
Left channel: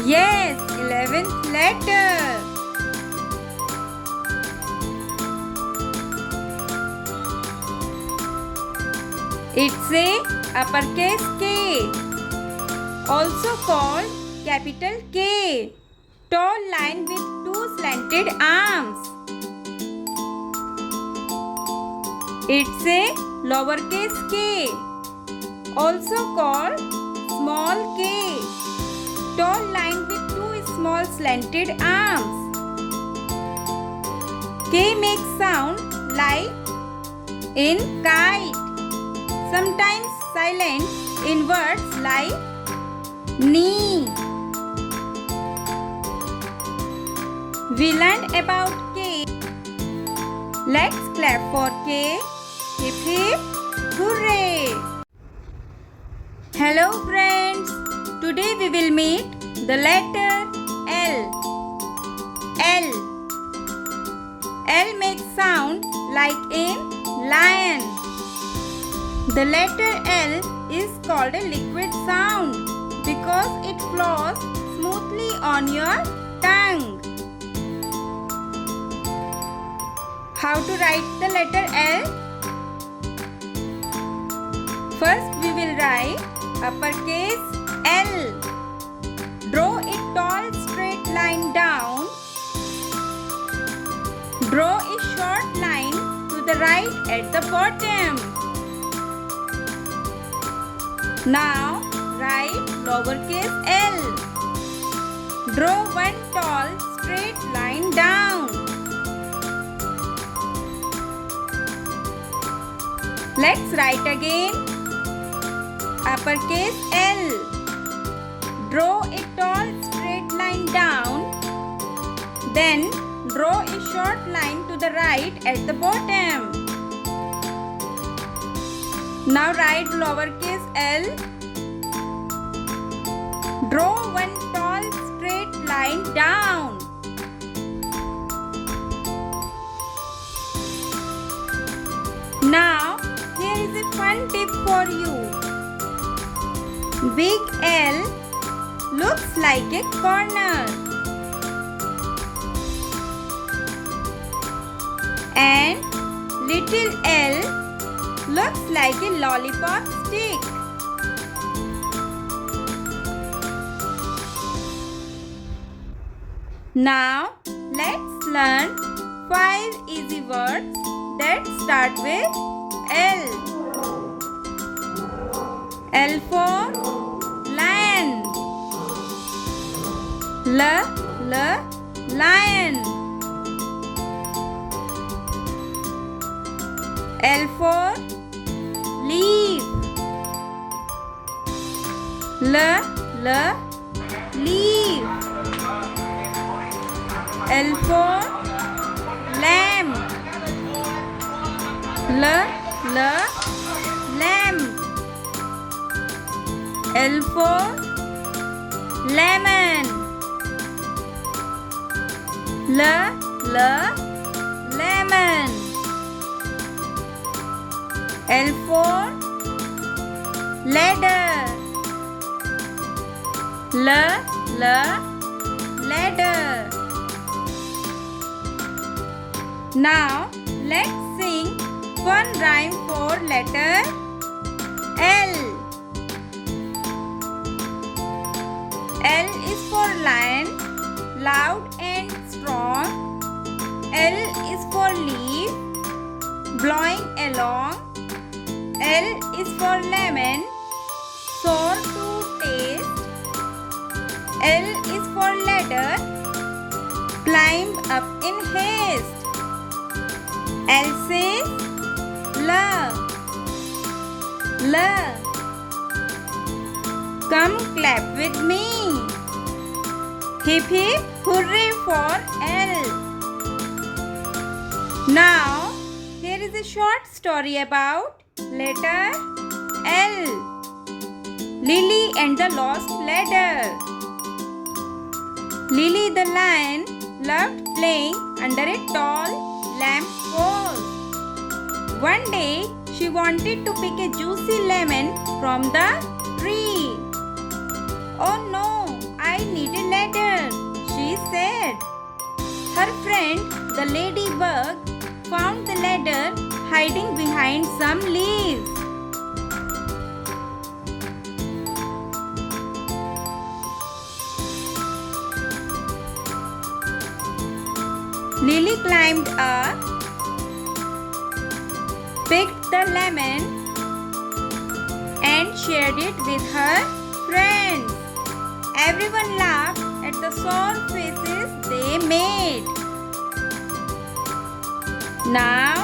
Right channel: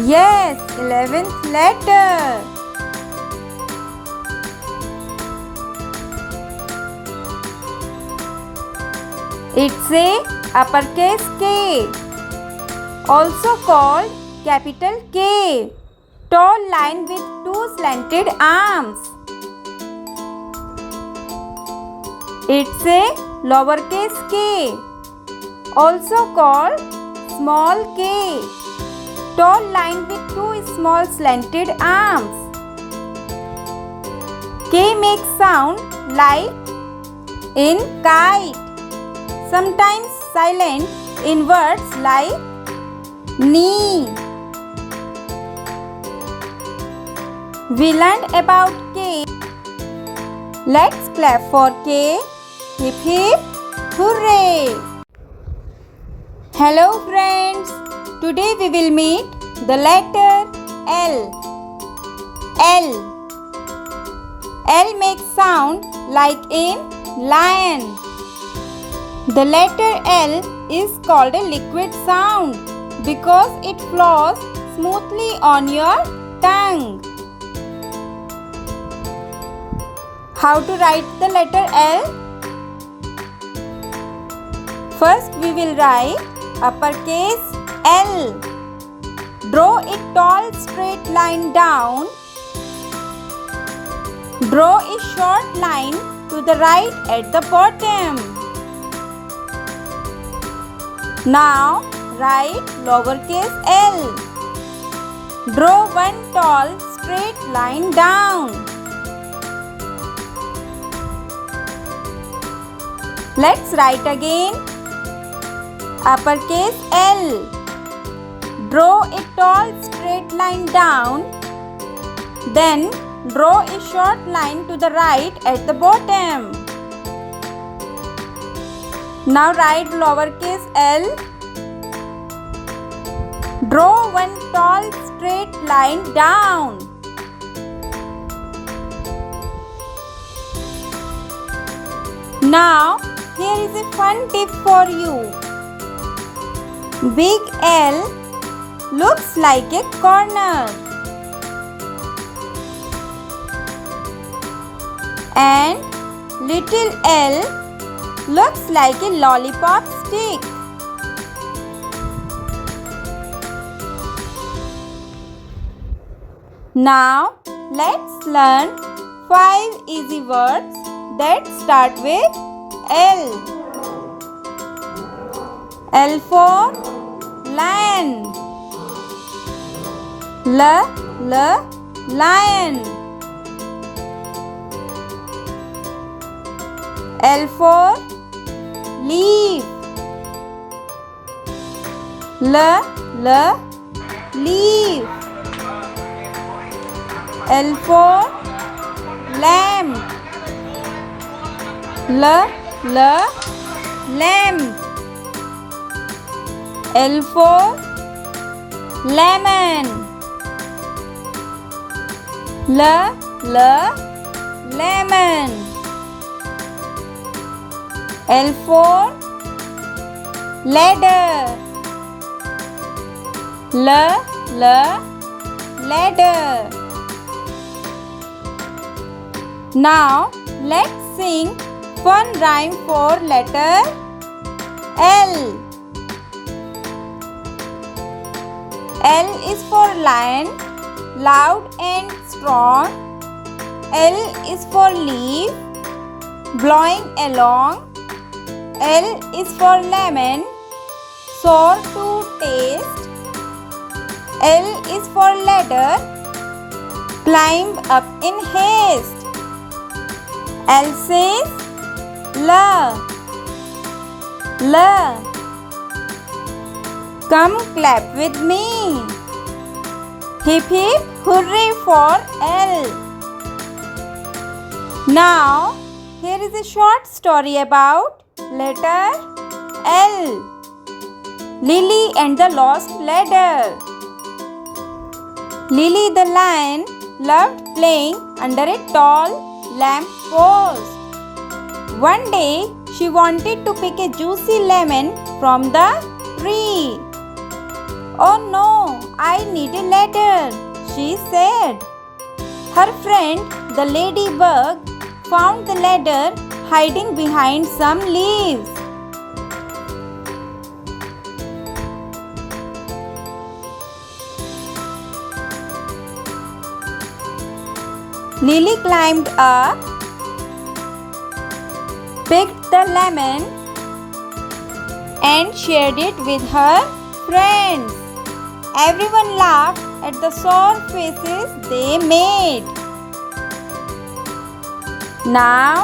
Yes, 11th letter. It's a uppercase K, also called capital K, tall line with two slanted arms. It's a lowercase k, also called small k, tall line with two small slanted arms. K makes sound like in kite, sometimes silent in words like knee. We learned about K. Let's clap for K. Hip hip hooray! Hello friends. Today we will meet the letter L. L. L makes sound like in lion. The letter L is called a liquid sound because it flows smoothly on your tongue. How to write the letter L? First we will write uppercase L. Draw a tall straight line down. Draw a short line to the right at the bottom. Now write lowercase l. Draw one tall straight line down. Let's write again. Uppercase L. Draw a tall straight line down. Then draw a short line to the right at the bottom. Now write lowercase l. Draw one tall straight line down. Now here is a fun tip for you. Big L looks like a corner and little l looks like a lollipop stick. Now let's learn 5 easy words that start with L. L for lion. Lion. L for leaf. Leaf. L for lamb. Lamb. L for lemon. Lemon. L for ladder. Ladder. Now let's sing fun rhyme for letter L. L is for lion, loud and strong. L is for leaf, blowing along. L is for lemon, sour to taste. L is for ladder, climb up in haste. L says la. Come clap with me. Hip hip hooray for L. Now, here is a short story about letter L. Lily and the Lost Ladder. Lily the lion loved playing under a tall lamp post. One day, she wanted to pick a juicy lemon from the tree. "Oh no, I need a ladder," she said. Her friend, the ladybug, found the ladder hiding behind some leaves. Lily climbed up, picked the lemon, and shared it with her friends. Everyone laughed at the sour faces they made. Now,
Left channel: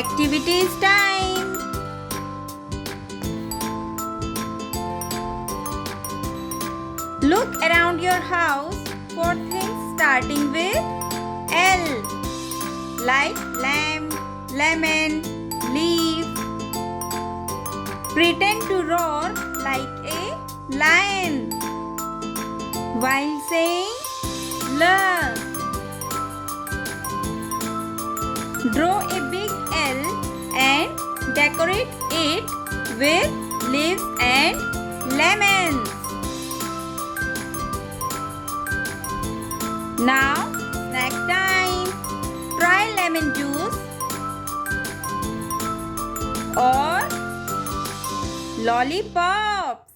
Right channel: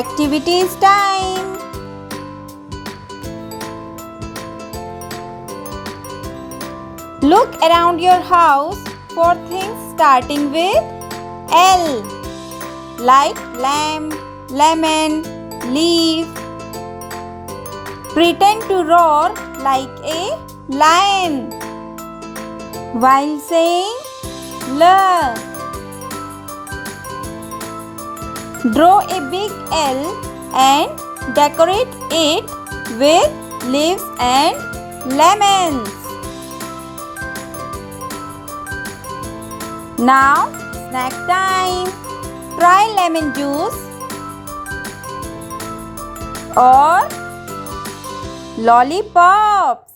activities time. Look around your house for things starting with L, like lamp, lemon, leaf. Pretend to roar like a lion while saying L. Draw a big L and decorate it with leaves and lemons. Now, snack time. Try lemon juice or lollipops.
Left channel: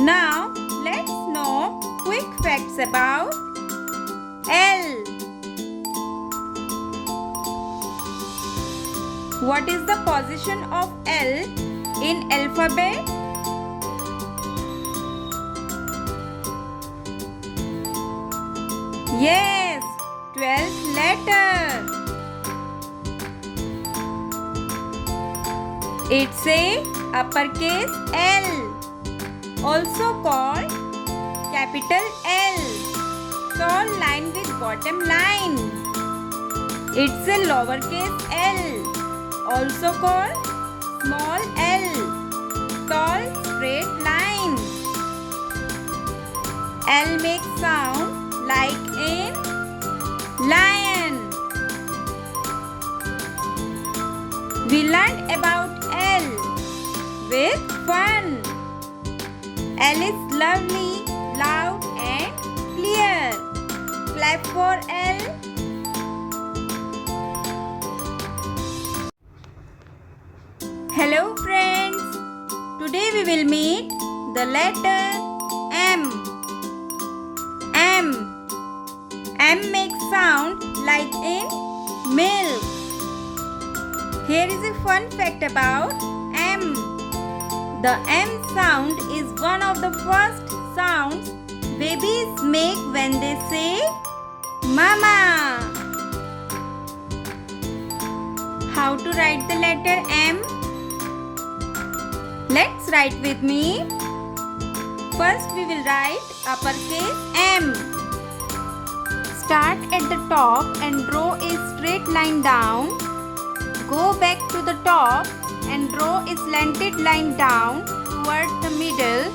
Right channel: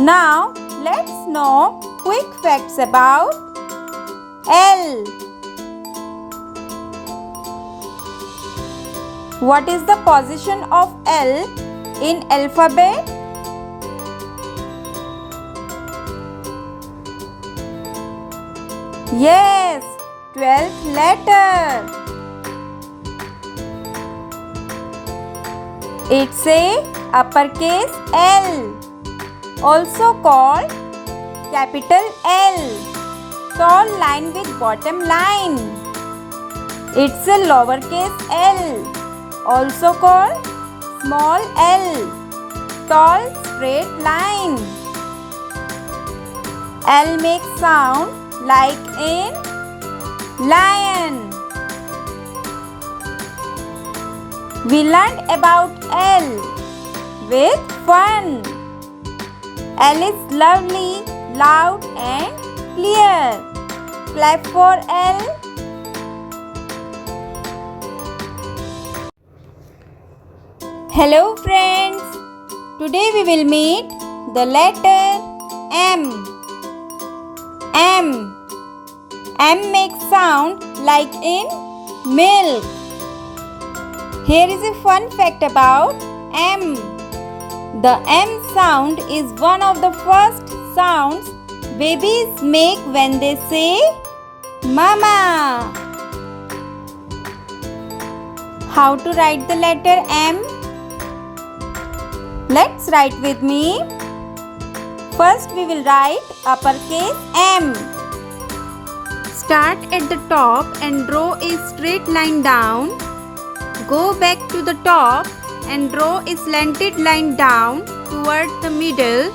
Now, let's know quick facts about L. What is the position of L in alphabet? Yes, 12th letter. It's a uppercase L, also called capital L, tall line with bottom line. It's a lowercase L, also called small L, tall straight line. L makes sound like in lion. We learned about L with fun. L is lovely, loud and clear. Clap for L. Hello friends. Today we will meet the letter M. M makes sound like in milk. Here is a fun fact about M. The M sound is one of the first sounds babies make when they say Mama. How to write the letter M? Let's write with me. First we will write uppercase M. Start at the top and draw a straight line down. Go back to the top and draw a slanted line down toward the middle.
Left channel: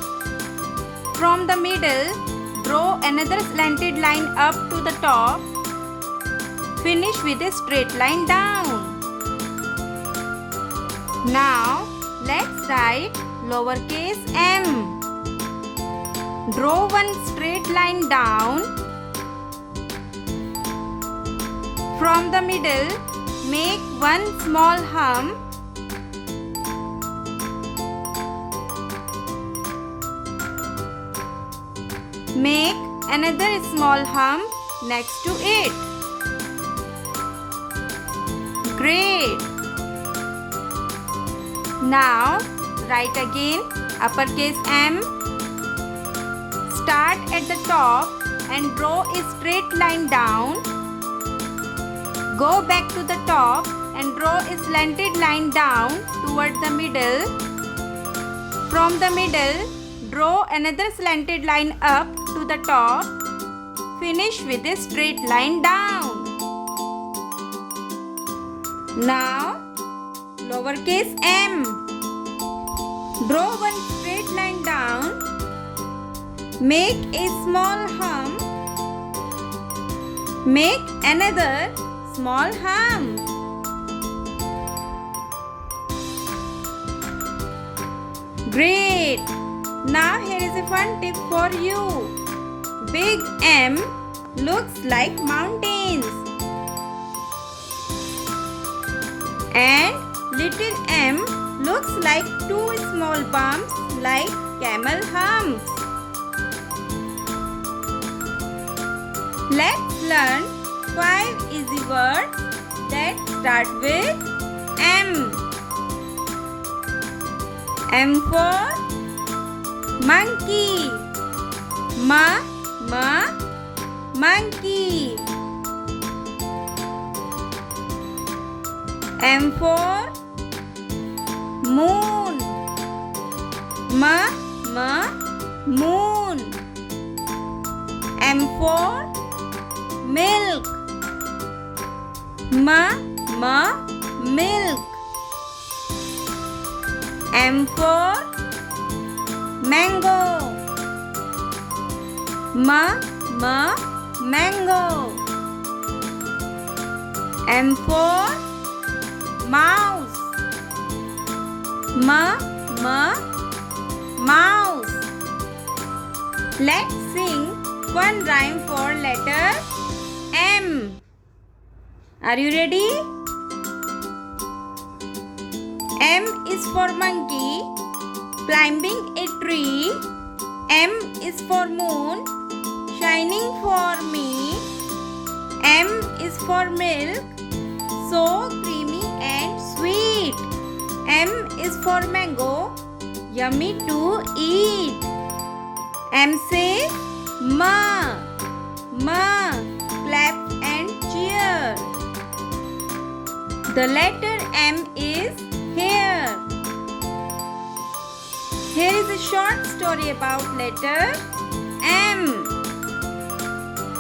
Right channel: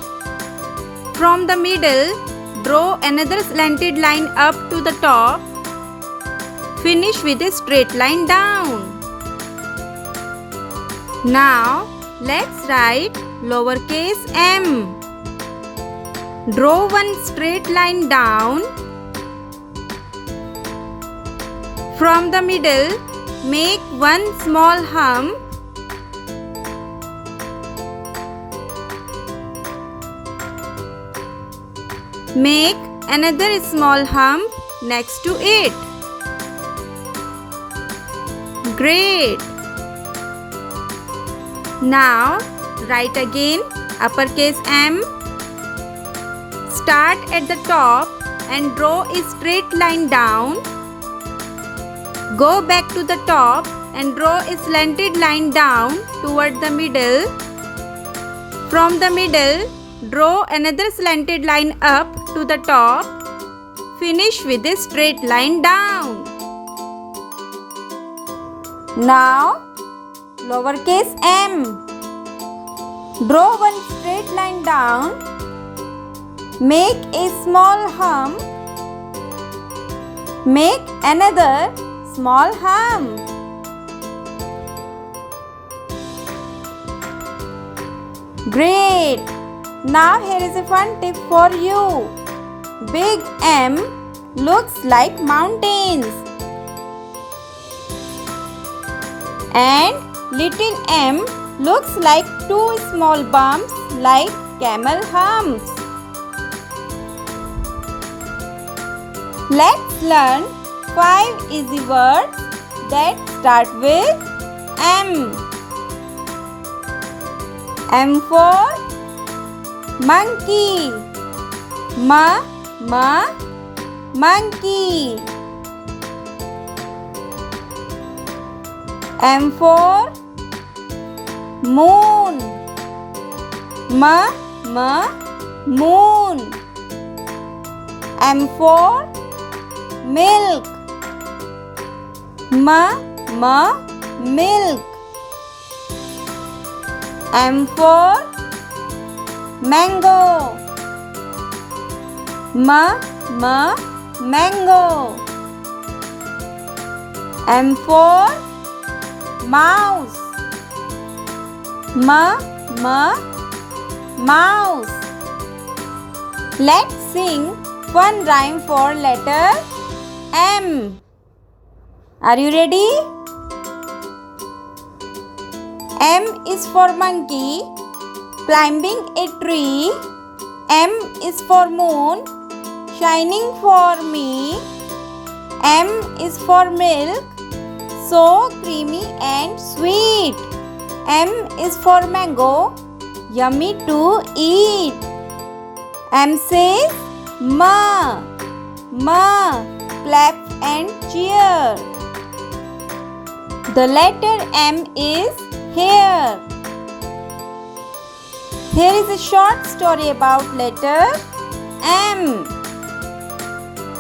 From the middle, draw another slanted line up to the top. Finish with a straight line down. Now, let's write lowercase m. Draw one straight line down. From the middle, make one small hump. Make another small hump next to it. Great! Now, write again uppercase M. Start at the top and draw a straight line down. Go back to the top and draw a slanted line down toward the middle. From the middle, draw another slanted line up to the top. Finish with a straight line down. Now, lowercase m. Draw one straight line down. Make a small hump. Make another small hump. Great! Now here is a fun tip for you. Big M looks like mountains and little m looks like two small bumps like camel humps. Let's learn 5 easy words that start with M. M for monkey. Monkey. M for moon. Moon. M for milk. Milk. M for mango. Mango. M for mouse. Mouse. Let's sing one rhyme for letter M. Are you ready? M is for monkey, climbing a tree. M is for moon, shining for me. M is for milk, so creamy and sweet. M is for mango, yummy to eat. M says ma, clap and cheer. The letter M is here. Here is a short story about letter M.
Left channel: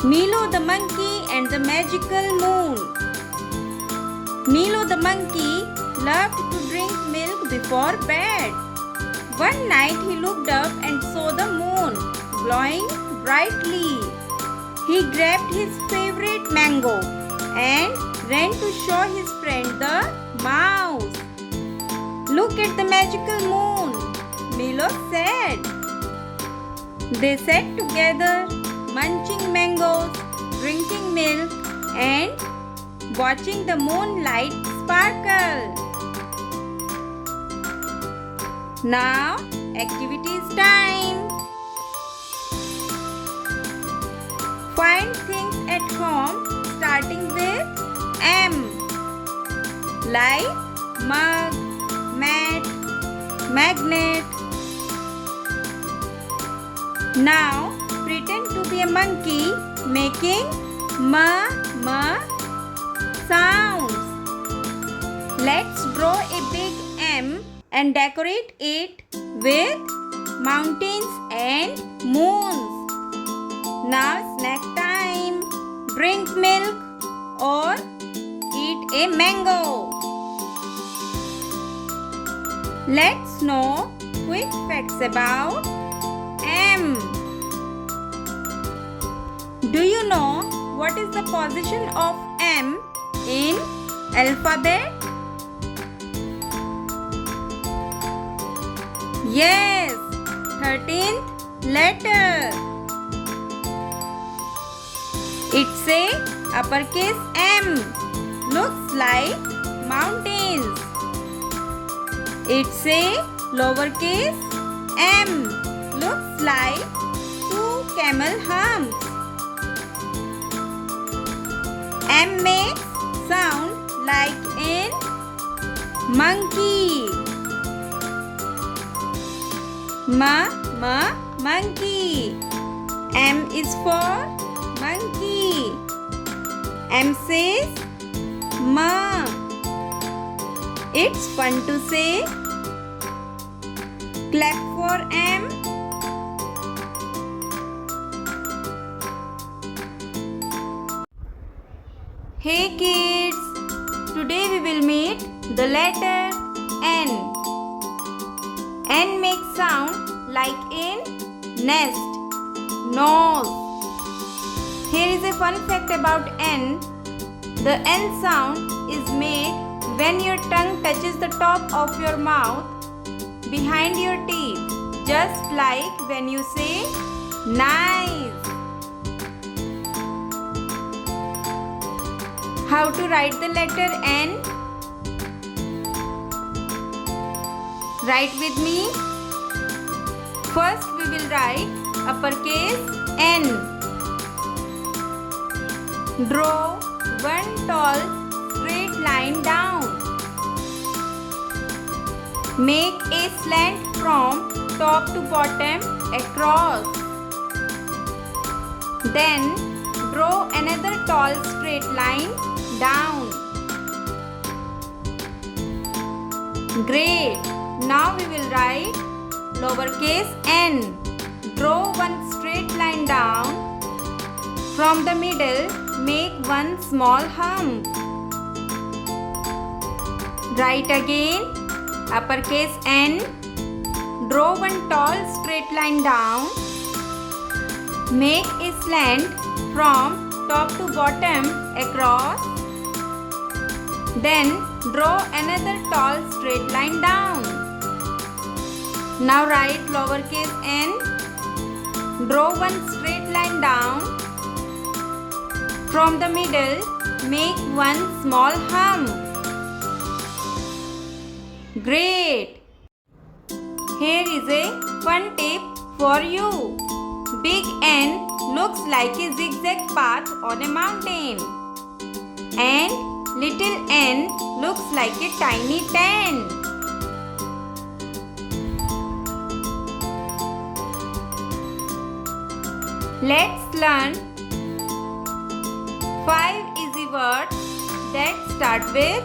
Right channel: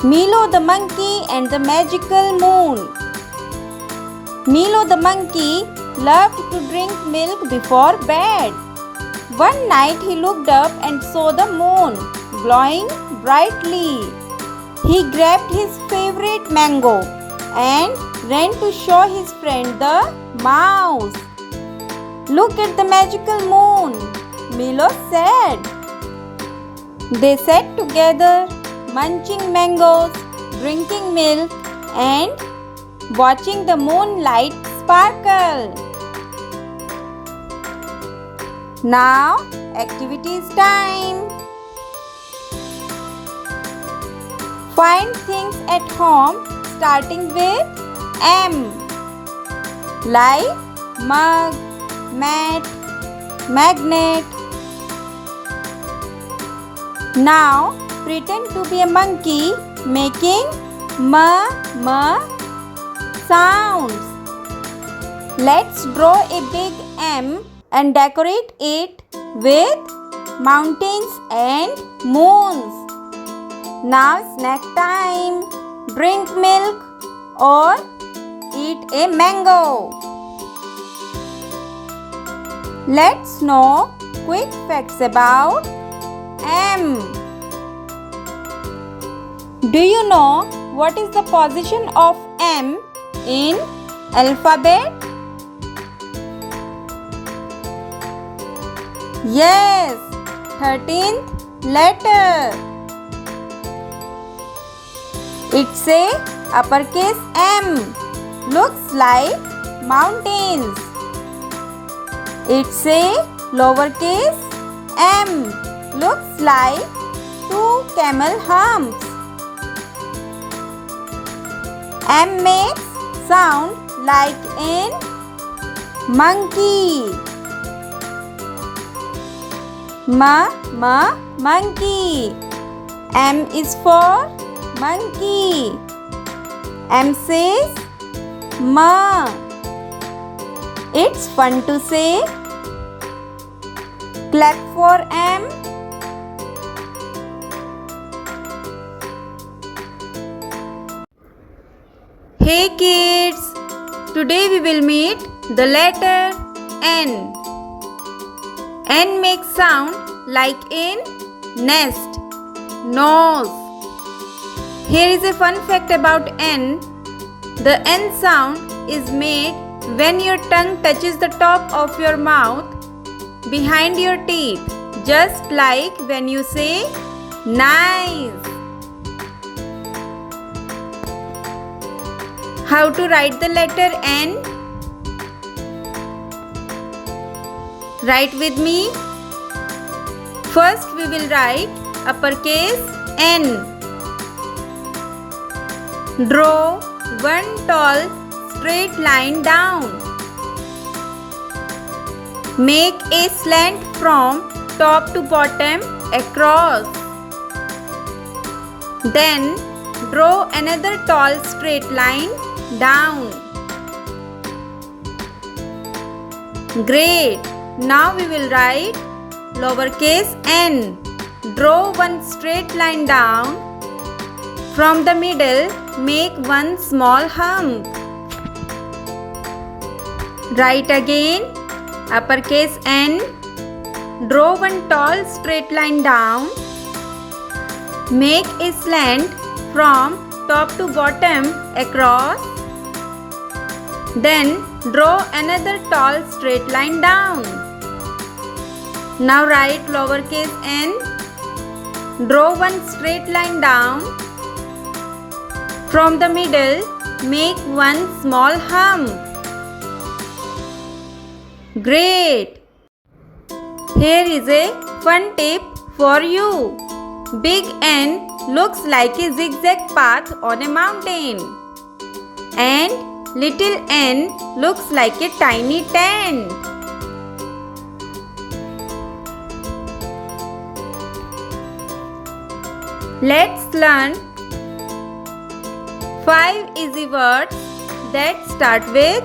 Milo the monkey and the magical moon. Milo the monkey loved to drink milk before bed. One night he looked up and saw the moon glowing brightly. He grabbed his favorite mango and ran to show his friend the mouse. "Look at the magical moon," Milo said. They sat together, munching mangoes, drinking milk, and watching the moonlight sparkle. Now, activities time. Find things at home starting with M, like mug, mat, magnet. Now, pretend to be a monkey making ma sounds. Let's draw a big M and decorate it with mountains and moons. Now snack time. Drink milk or eat a mango. Let's know quick facts about M. Do you know what is the position of M in alphabet? Yes, 13th letter. It's a uppercase M. Looks like mountains. It's a lowercase m. Looks like two camel humps. M makes sound like in monkey. Monkey. M is for monkey. M says ma. It's fun to say Clap for M. Hey kids, today we will meet the letter N. N makes sound like in nest, nose. Here is a fun fact about N. The N sound is made when your tongue touches the top of your mouth behind your teeth, just like when you say nice. How to write the letter N? Write with me. First we will write uppercase N. Draw one tall straight line down. Make a slant from top to bottom across. Then draw another tall straight line down. Great! Now we will write lowercase n. Draw one straight line down. From the middle, make one small hump. Write again uppercase N. Draw one tall straight line down. Make a slant from top to bottom across. Then draw another tall straight line down. Now write lowercase n. Draw one straight line down. From the middle, make one small hump. Great! Here is a fun tip for you. Big N looks like a zigzag path on a mountain. And little n looks like a tiny tent. Let's learn 5 easy words that start with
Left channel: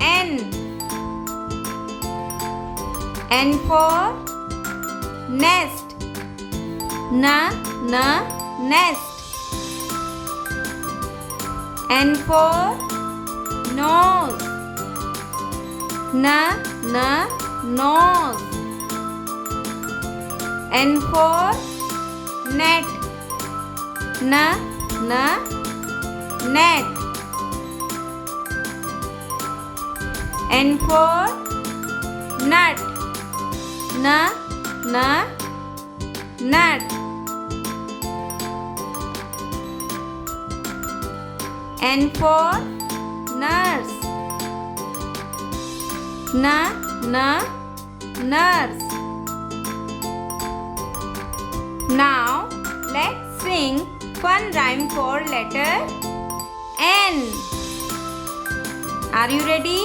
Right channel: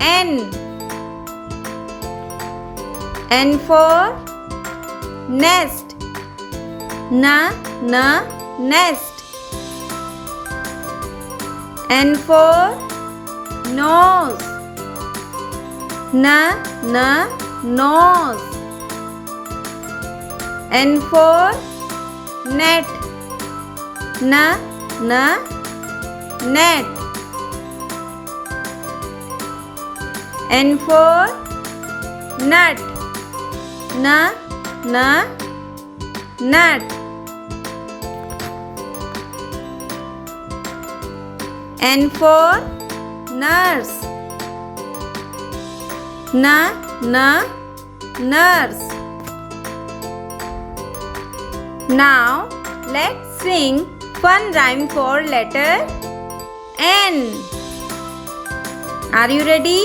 N. N for nest. Nest. N for nose. Nose. N for net. Net. N for nut. Nut. N for nurse. Nurse. Now let's sing fun rhyme for letter N. Are you ready?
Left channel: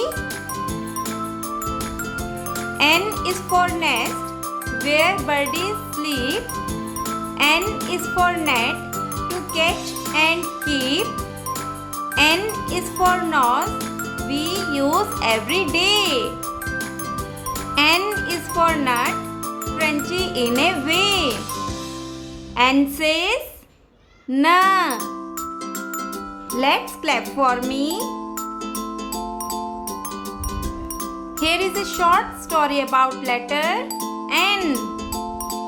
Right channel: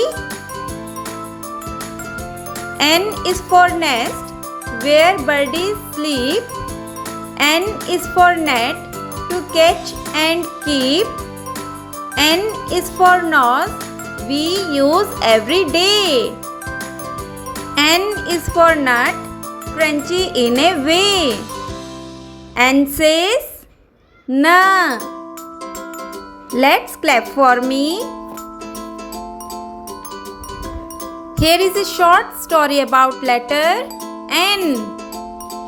N is for nest, where birdies sleep. N is for net, to catch and keep. N is for nose, we use every day. N is for nut, crunchy in a way. N says na. Let's clap for me. Here is a short story about letter N.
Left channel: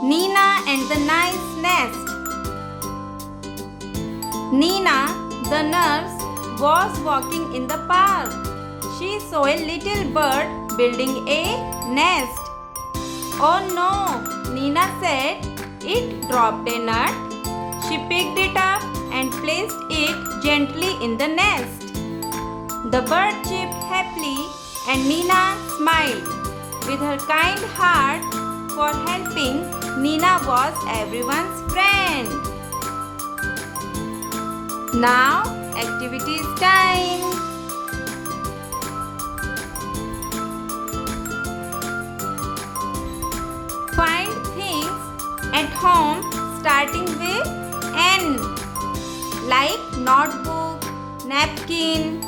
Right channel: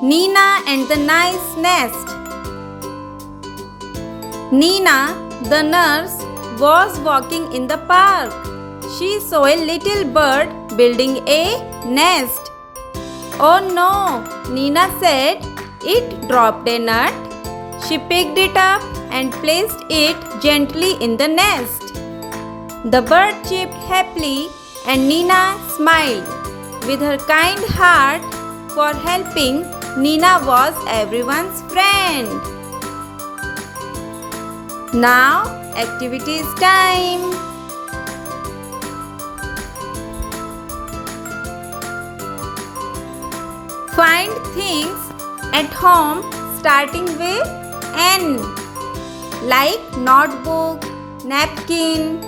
Nina and the nice nest. Nina, the nurse, was walking in the park. She saw a little bird building a nest. Oh no, Nina said. It dropped a nut. She picked it up and placed it gently in the nest. The bird chirped happily and Nina smiled. With her kind heart for helping, Nina was everyone's friend. Now, activity is time. Find things at home starting with N, like notebook, napkin.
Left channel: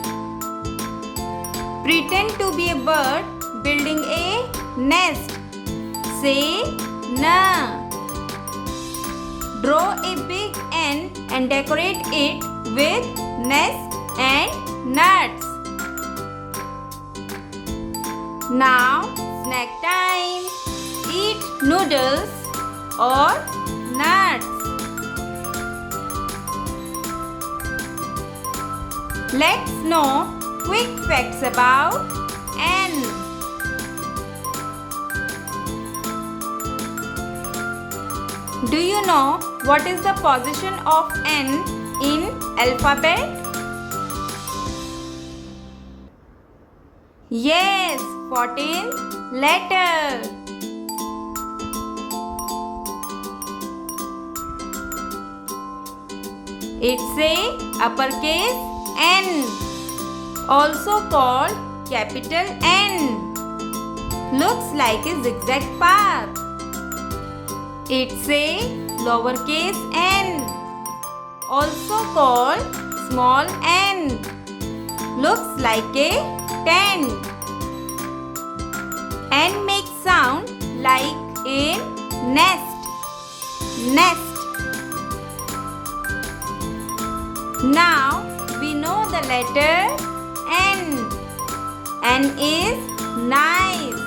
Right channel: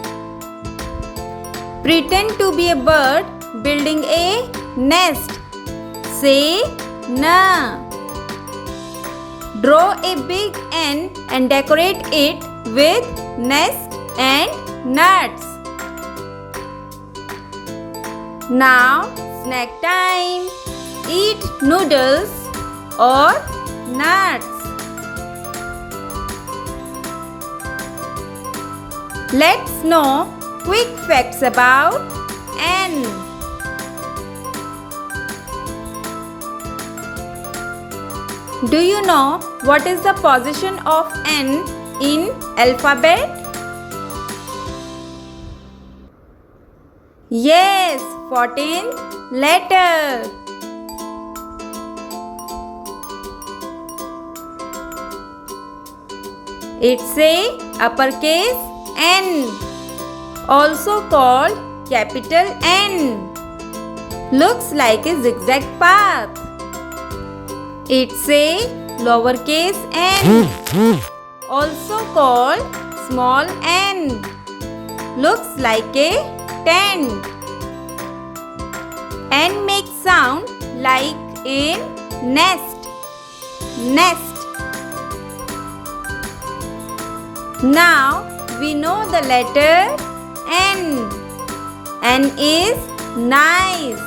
Pretend to be a bird building a nest. say N. Draw a big N and decorate it with nest and nuts. Now snack time. Eat noodles or nuts. Let's know quick facts about N. Do you know what is the position of N in alphabet? Yes, 14th letter. It's a uppercase N, also called capital N. Looks like a zigzag path. It's a lowercase n, also called small n. Looks like a 10. N makes sound like in nest. Nest. Now we know the letter N. N is nice.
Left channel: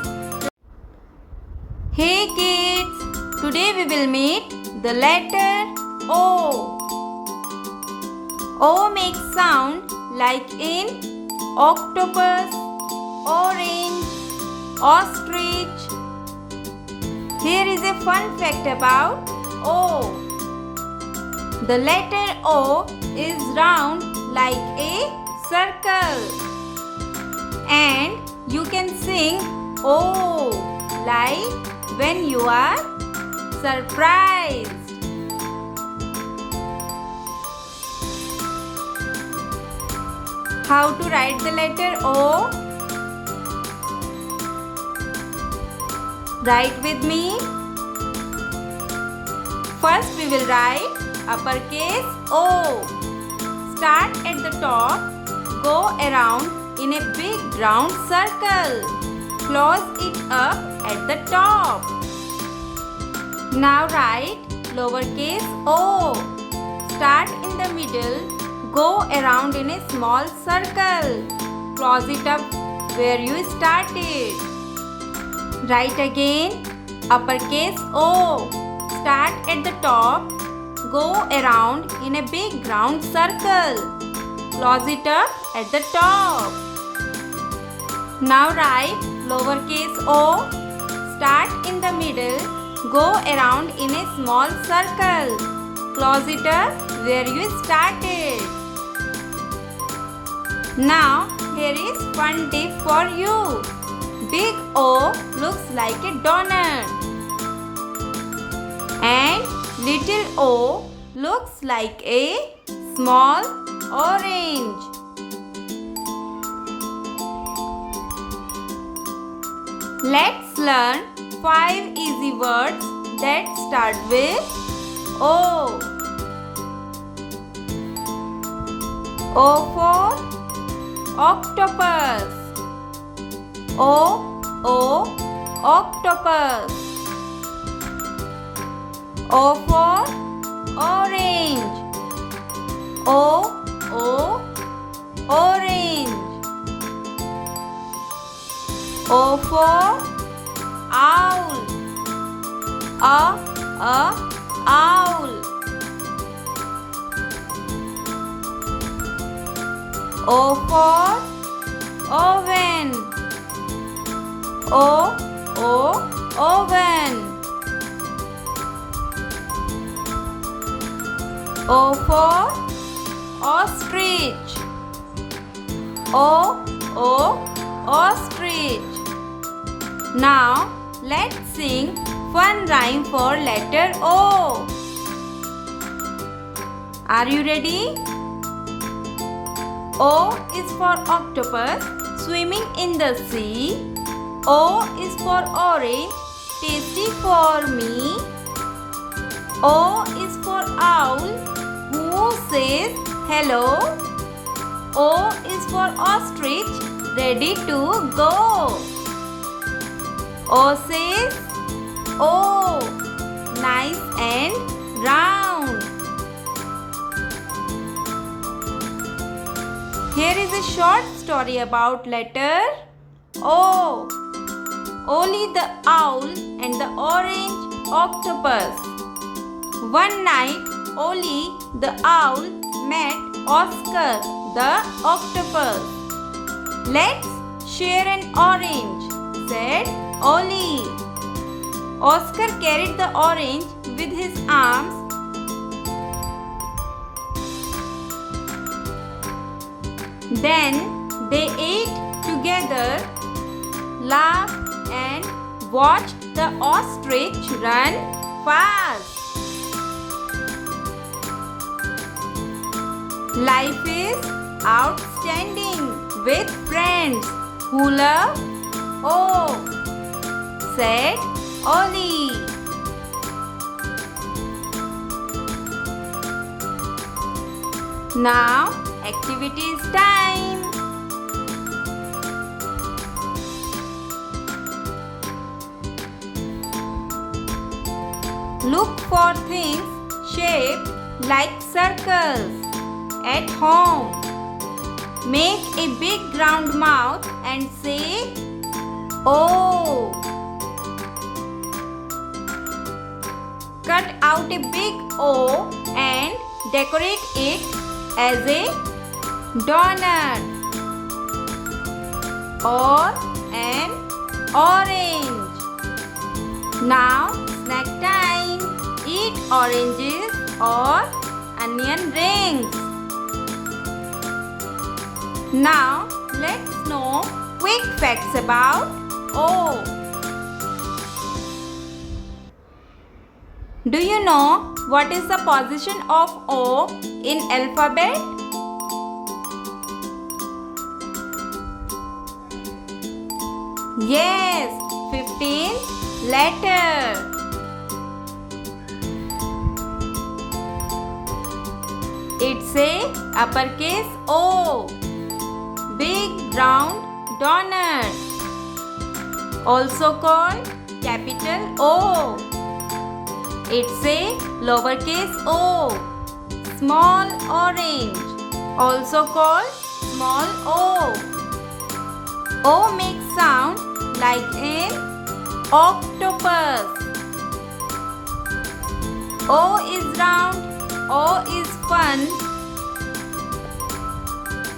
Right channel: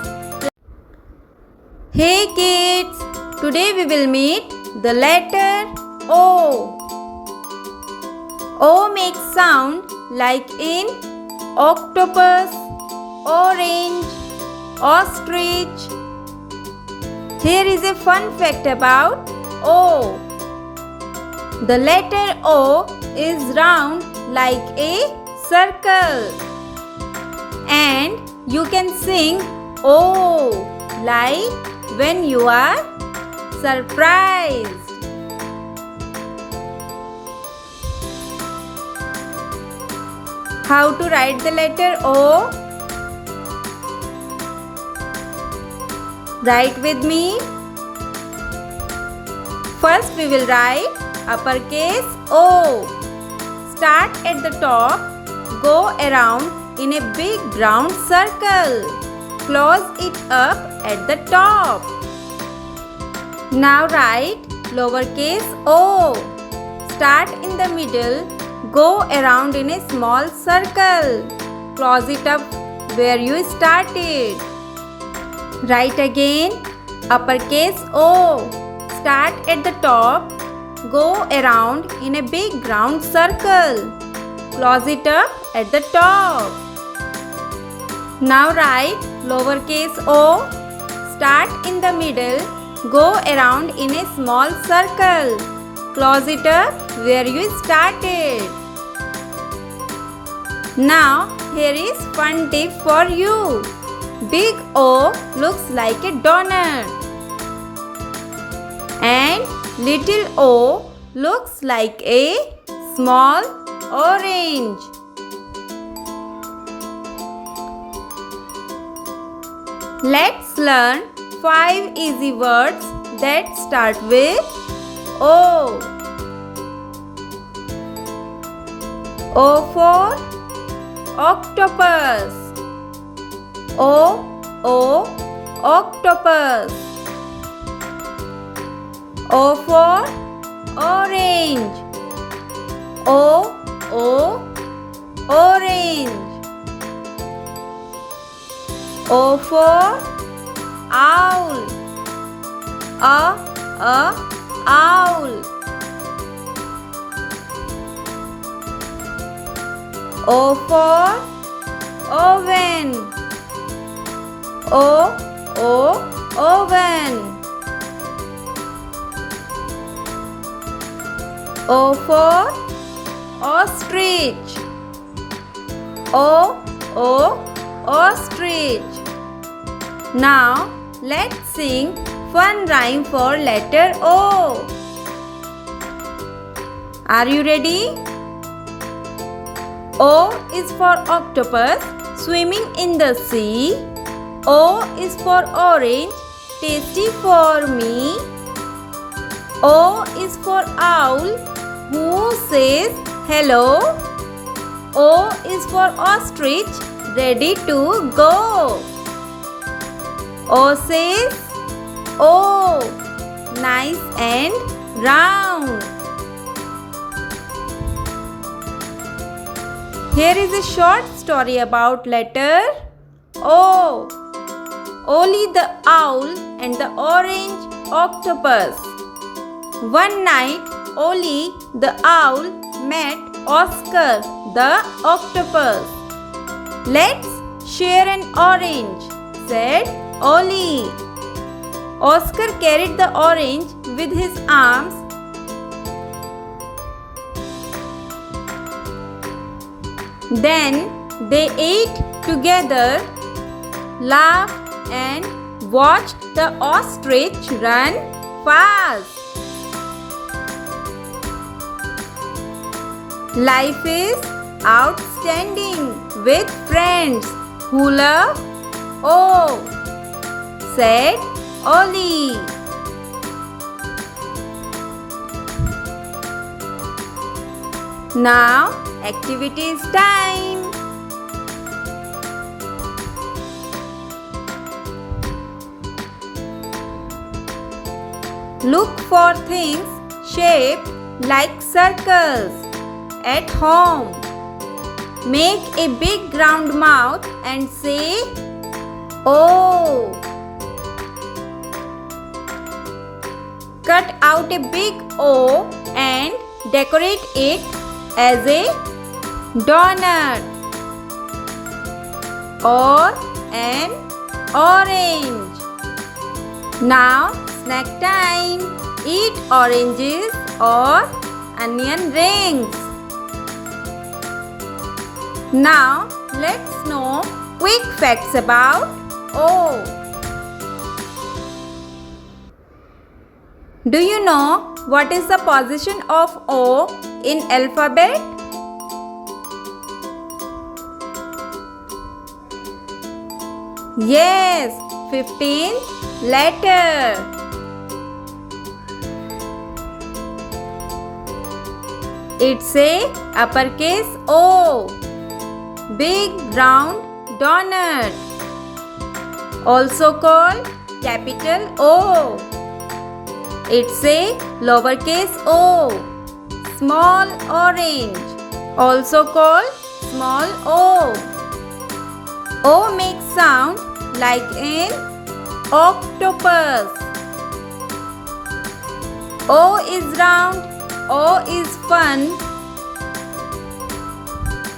Hey kids, today we will meet the letter O. O makes sound like in octopus, orange, ostrich. Here is a fun fact about O. The letter O is round like a circle. And you can sing O like when you are surprised. How to write the letter O? Write with me. First we will write uppercase O. Start at the top, go around in a big round circle. Close it up at the top. Now write lowercase o. Start in the middle, go around in a small circle. Close it up where you started. Write again uppercase O. Start at the top, go around in a big round circle. Close it up at the top. Now write lowercase o. Start in the middle, go around in a small circle. Close it up where you started. Now here is fun tip for you. Big O looks like a donut. And little o looks like a small orange. Let's learn 5 easy words that start with O. O for octopus. O, octopus. O for orange. O, orange. O for owl. Owl. O for oven. Oven. O for ostrich. Ostrich. Now let's sing fun rhyme for letter O. Are you ready? O is for octopus swimming in the sea. O is for orange, tasty for me. O is for owl who says hello. O is for ostrich ready to go. O says O, nice and round. Here is a short story about letter O. Oli the owl and the orange octopus. One night, Oli the owl met Oscar the octopus. "Let's share an orange," said Oli. Oscar carried the orange with his arms. Then they ate together, laughed, and watched the ostrich run fast. Life is outstanding with friends who love O, said Oli. Now, activities time. Look for things shaped like circles at home. Make a big round mouth and say O. Cut out a big O and decorate it as a donut or an orange. Now snack time. Eat oranges or onion rings. Now let's know quick facts about O. Do you know what is the position of O in alphabet? Yes, 15th letter. It's a uppercase O. Big round donut. Also called capital O. It's a lowercase O. Small orange. Also called small O. O makes sound like an octopus. O is round. O is fun.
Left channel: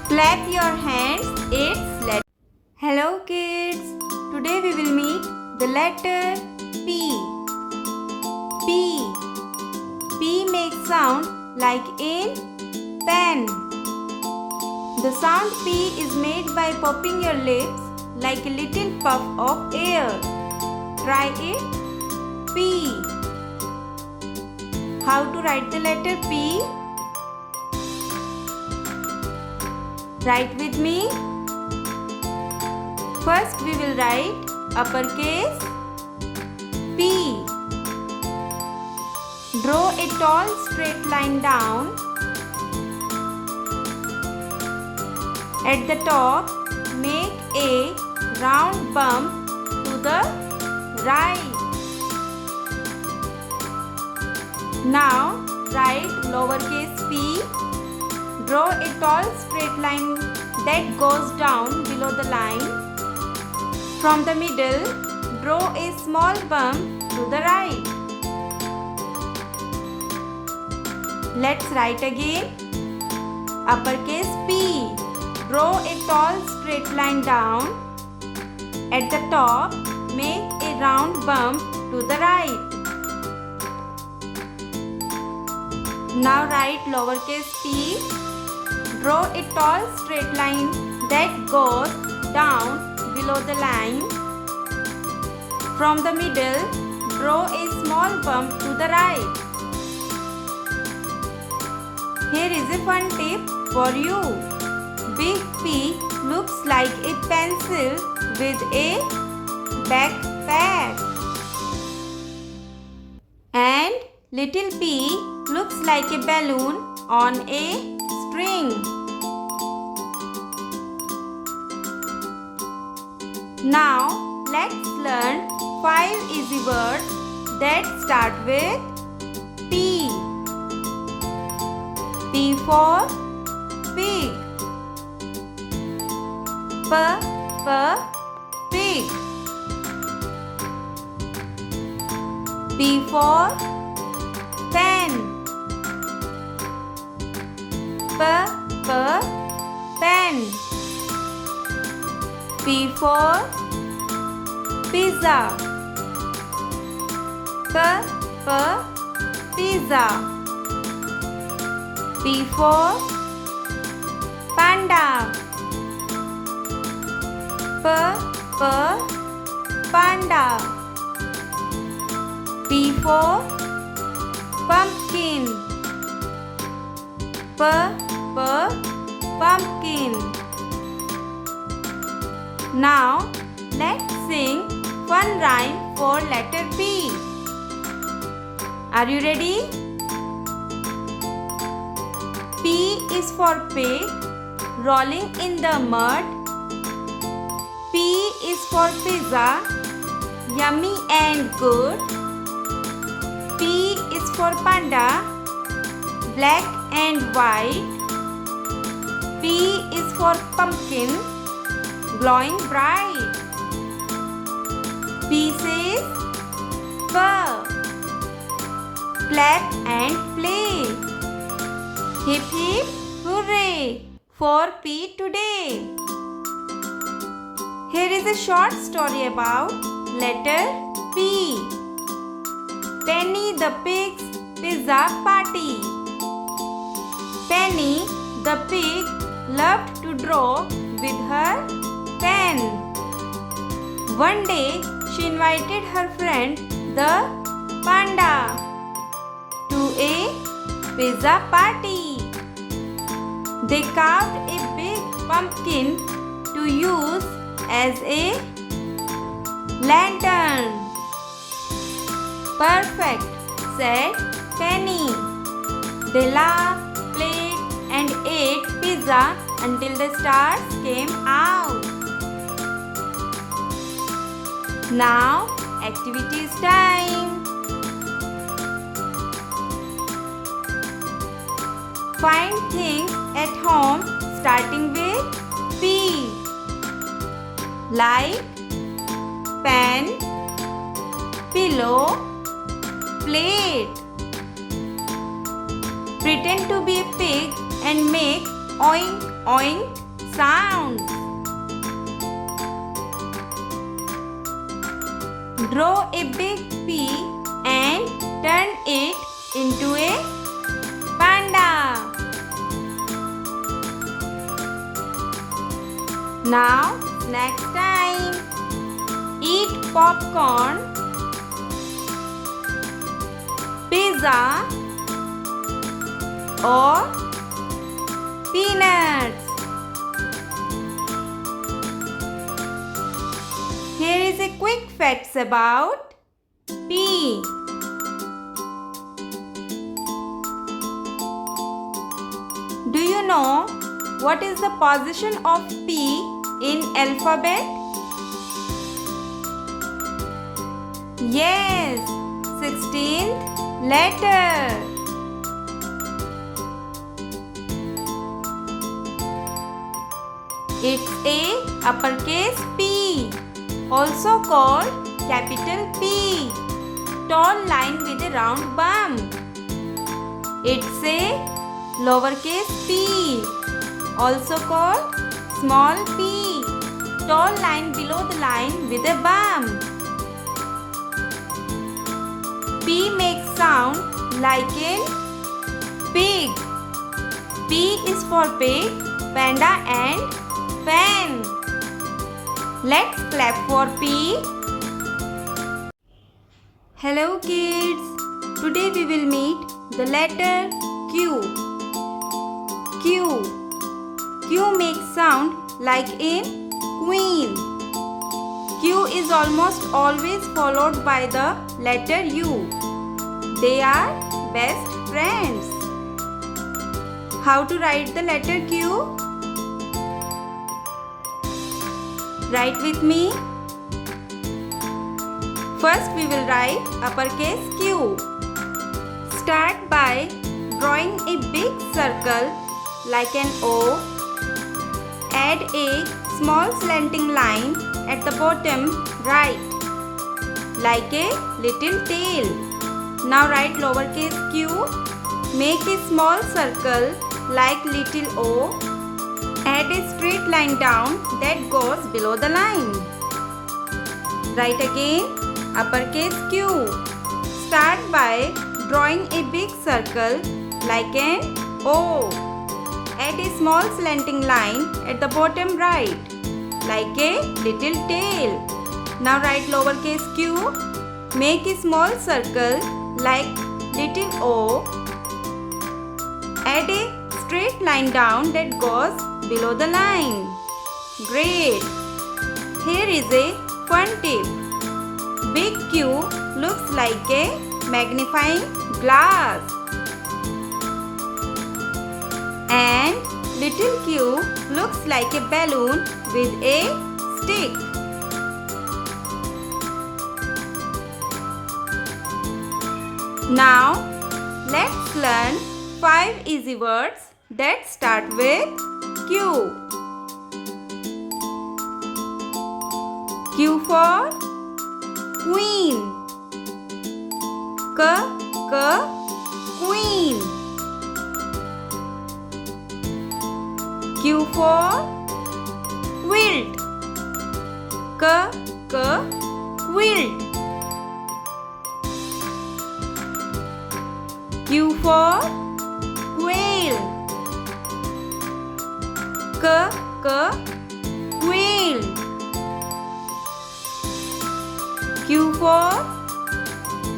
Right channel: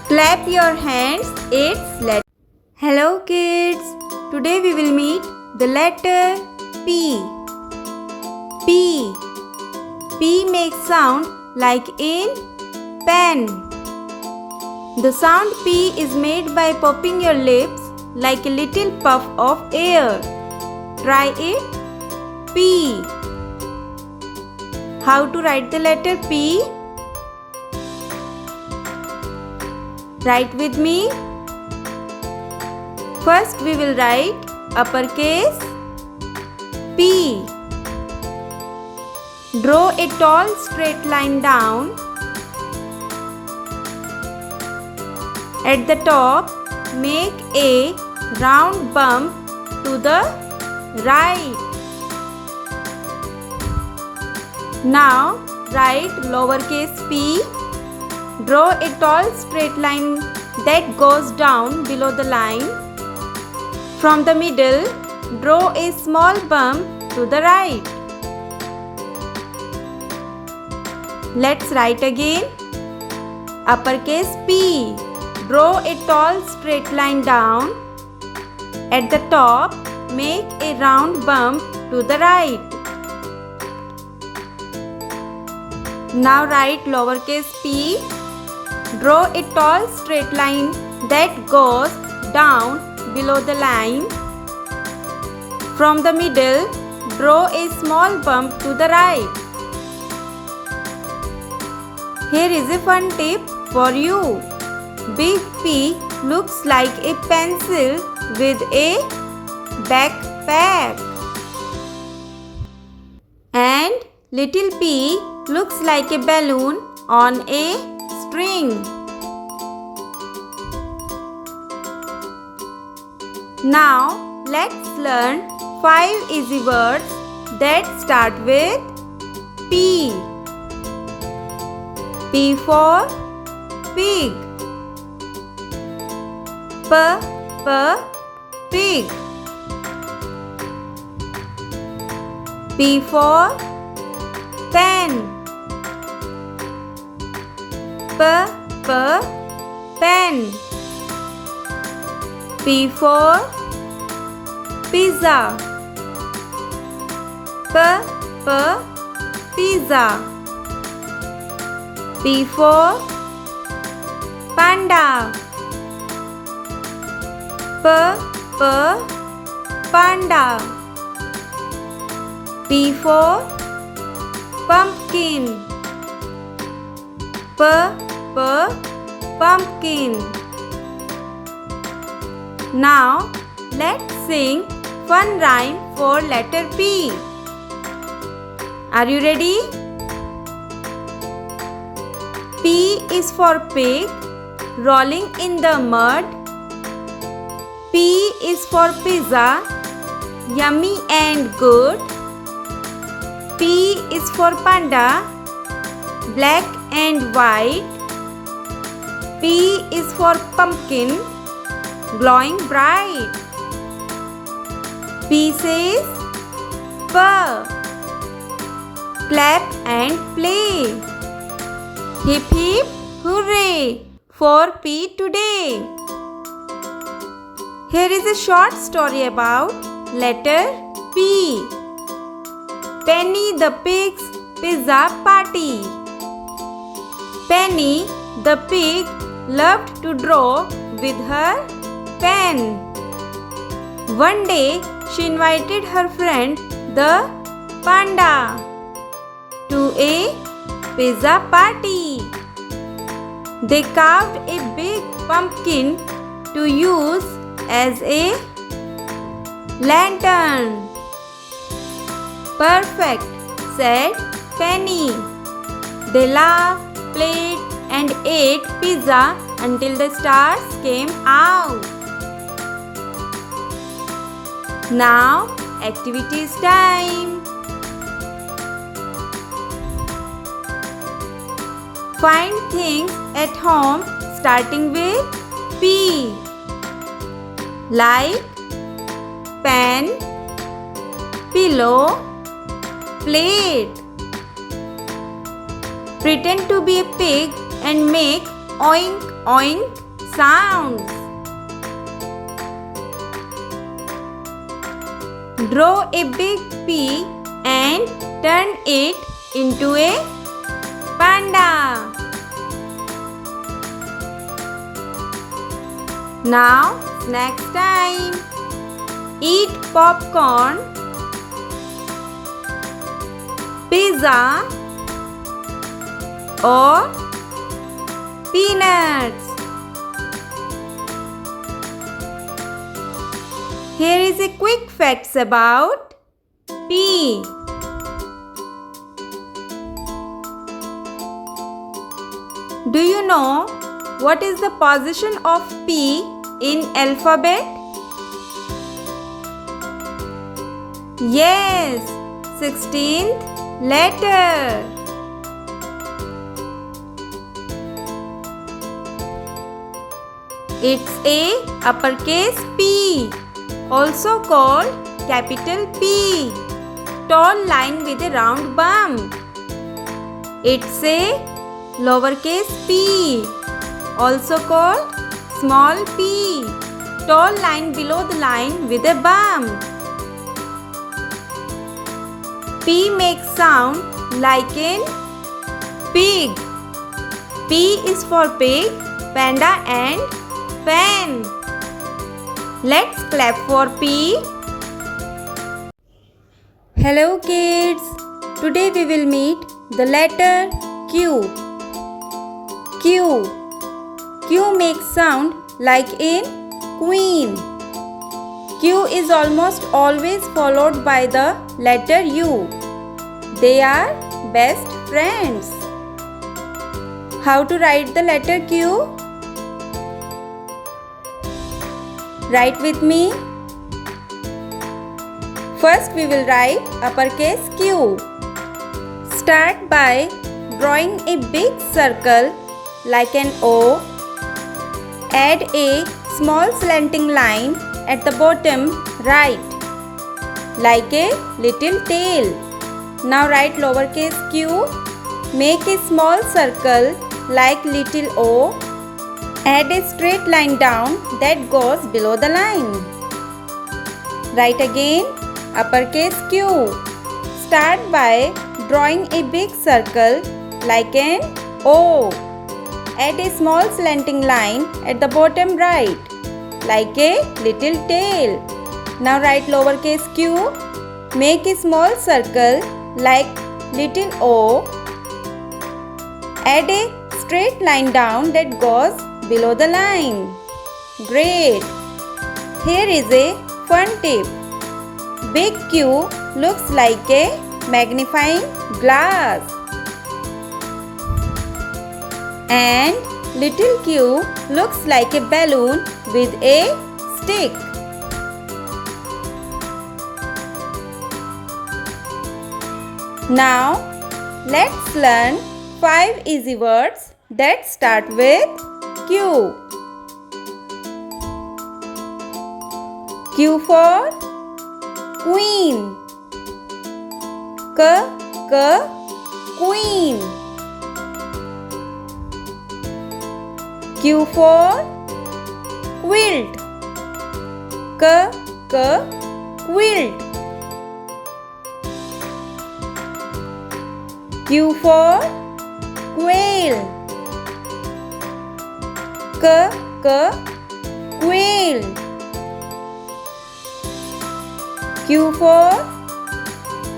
Clap your hands. It's letter. Hello kids. Today we will meet the letter P. P. P makes sound like in pen. The sound P is made by popping your lips like a little puff of air. Try it. P. How to write the letter P? Write with me. First we will write uppercase P. Draw a tall straight line down. At the top, make a round bump to the right. Now, write lowercase p. Draw a tall straight line that goes down below the line. From the middle, draw a small bump to the right. Let's write again. Uppercase P. Draw a tall straight line down. At the top, make a round bump to the right. Now write lowercase p. Draw a tall straight line that goes down below the line. From the middle, draw a small bump to the right. Here is a fun tip for you. Big P looks like a pencil with a backpack. And little p looks like a balloon on a string. Now let's learn 5 easy words that start with P. P for pig. Pig. P for pen. Pen. P for pizza. Pizza. P for panda. Panda. P for pumpkin. Pumpkin. Now let's sing fun rhyme for letter P. Are you ready? P is for pig, rolling in the mud. P is for pizza, yummy and good. P is for panda, black and white. P is for pumpkin, glowing bright. P says purr, clap and play. Hip hip hooray for P today. Here is a short story about letter P. Penny the pig's pizza party. Penny the pig loved to draw with her pen. One day she invited her friend the panda to a pizza party. They carved a big pumpkin to use as a lantern. Perfect, said Penny. They laughed, played, and ate pizza until the stars came out. Now, activities time. Find things at home starting with P. Like pen, pillow, plate. Pretend to be a pig and make oink oink sounds. Draw a big P and turn it into a panda. Now snack time. Eat popcorn, pizza or peanuts. Here is a quick facts about P. Do you know what is the position of P in alphabet? Yes, 16th letter. It's a uppercase P, also called capital P, tall line with a round bump. It's a lowercase p, also called small p, tall line below the line with a bump. P makes sound like in pig. P is for pig, panda and pen. Let's clap for P. Hello kids. Today we will meet the letter Q. Q makes sound like in queen. Q is almost always followed by the letter U. They are best friends. How to write the letter Q? Write with me. First we will write uppercase Q. Start by drawing a big circle like an O. Add a small slanting line at the bottom right like a little tail. Now write lowercase q. Make a small circle like little O. Add a straight line down that goes below the line. Write again uppercase Q. Start by drawing a big circle like an O. Add a small slanting line at the bottom right like a little tail. Now write lowercase q. Make a small circle like little O. Add a straight line down that goes below the line. Great! Here is a fun tip. Big Q looks like a magnifying glass and little q looks like a balloon with a stick. Now let's learn 5 easy words that start with Q. Q for queen. Queen. Q for quilt. Quilt. Q for quail. Quail. Q for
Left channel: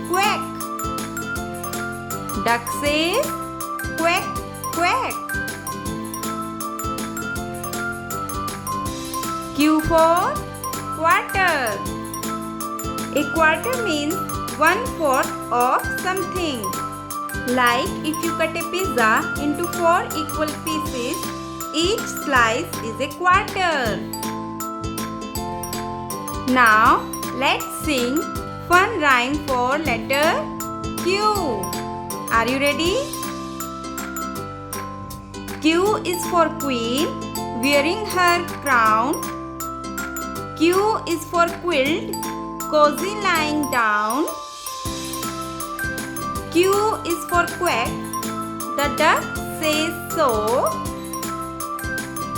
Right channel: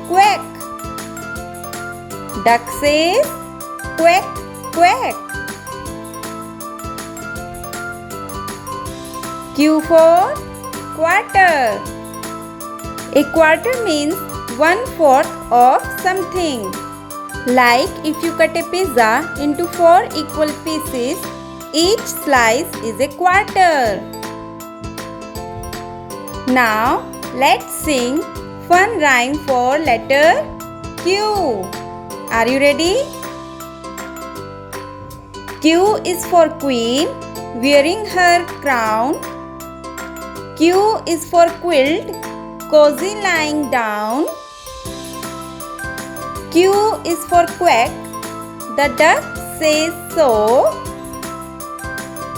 quack. Duck says quack, quack. Q for quarter. A quarter means 1/4 of something. Like if you cut a pizza into 4 equal pieces, each slice is a quarter. Now let's sing fun rhyme for letter Q. Are you ready? Q is for queen, wearing her crown. Q is for quilt, cozy lying down. Q is for quack, the duck says so.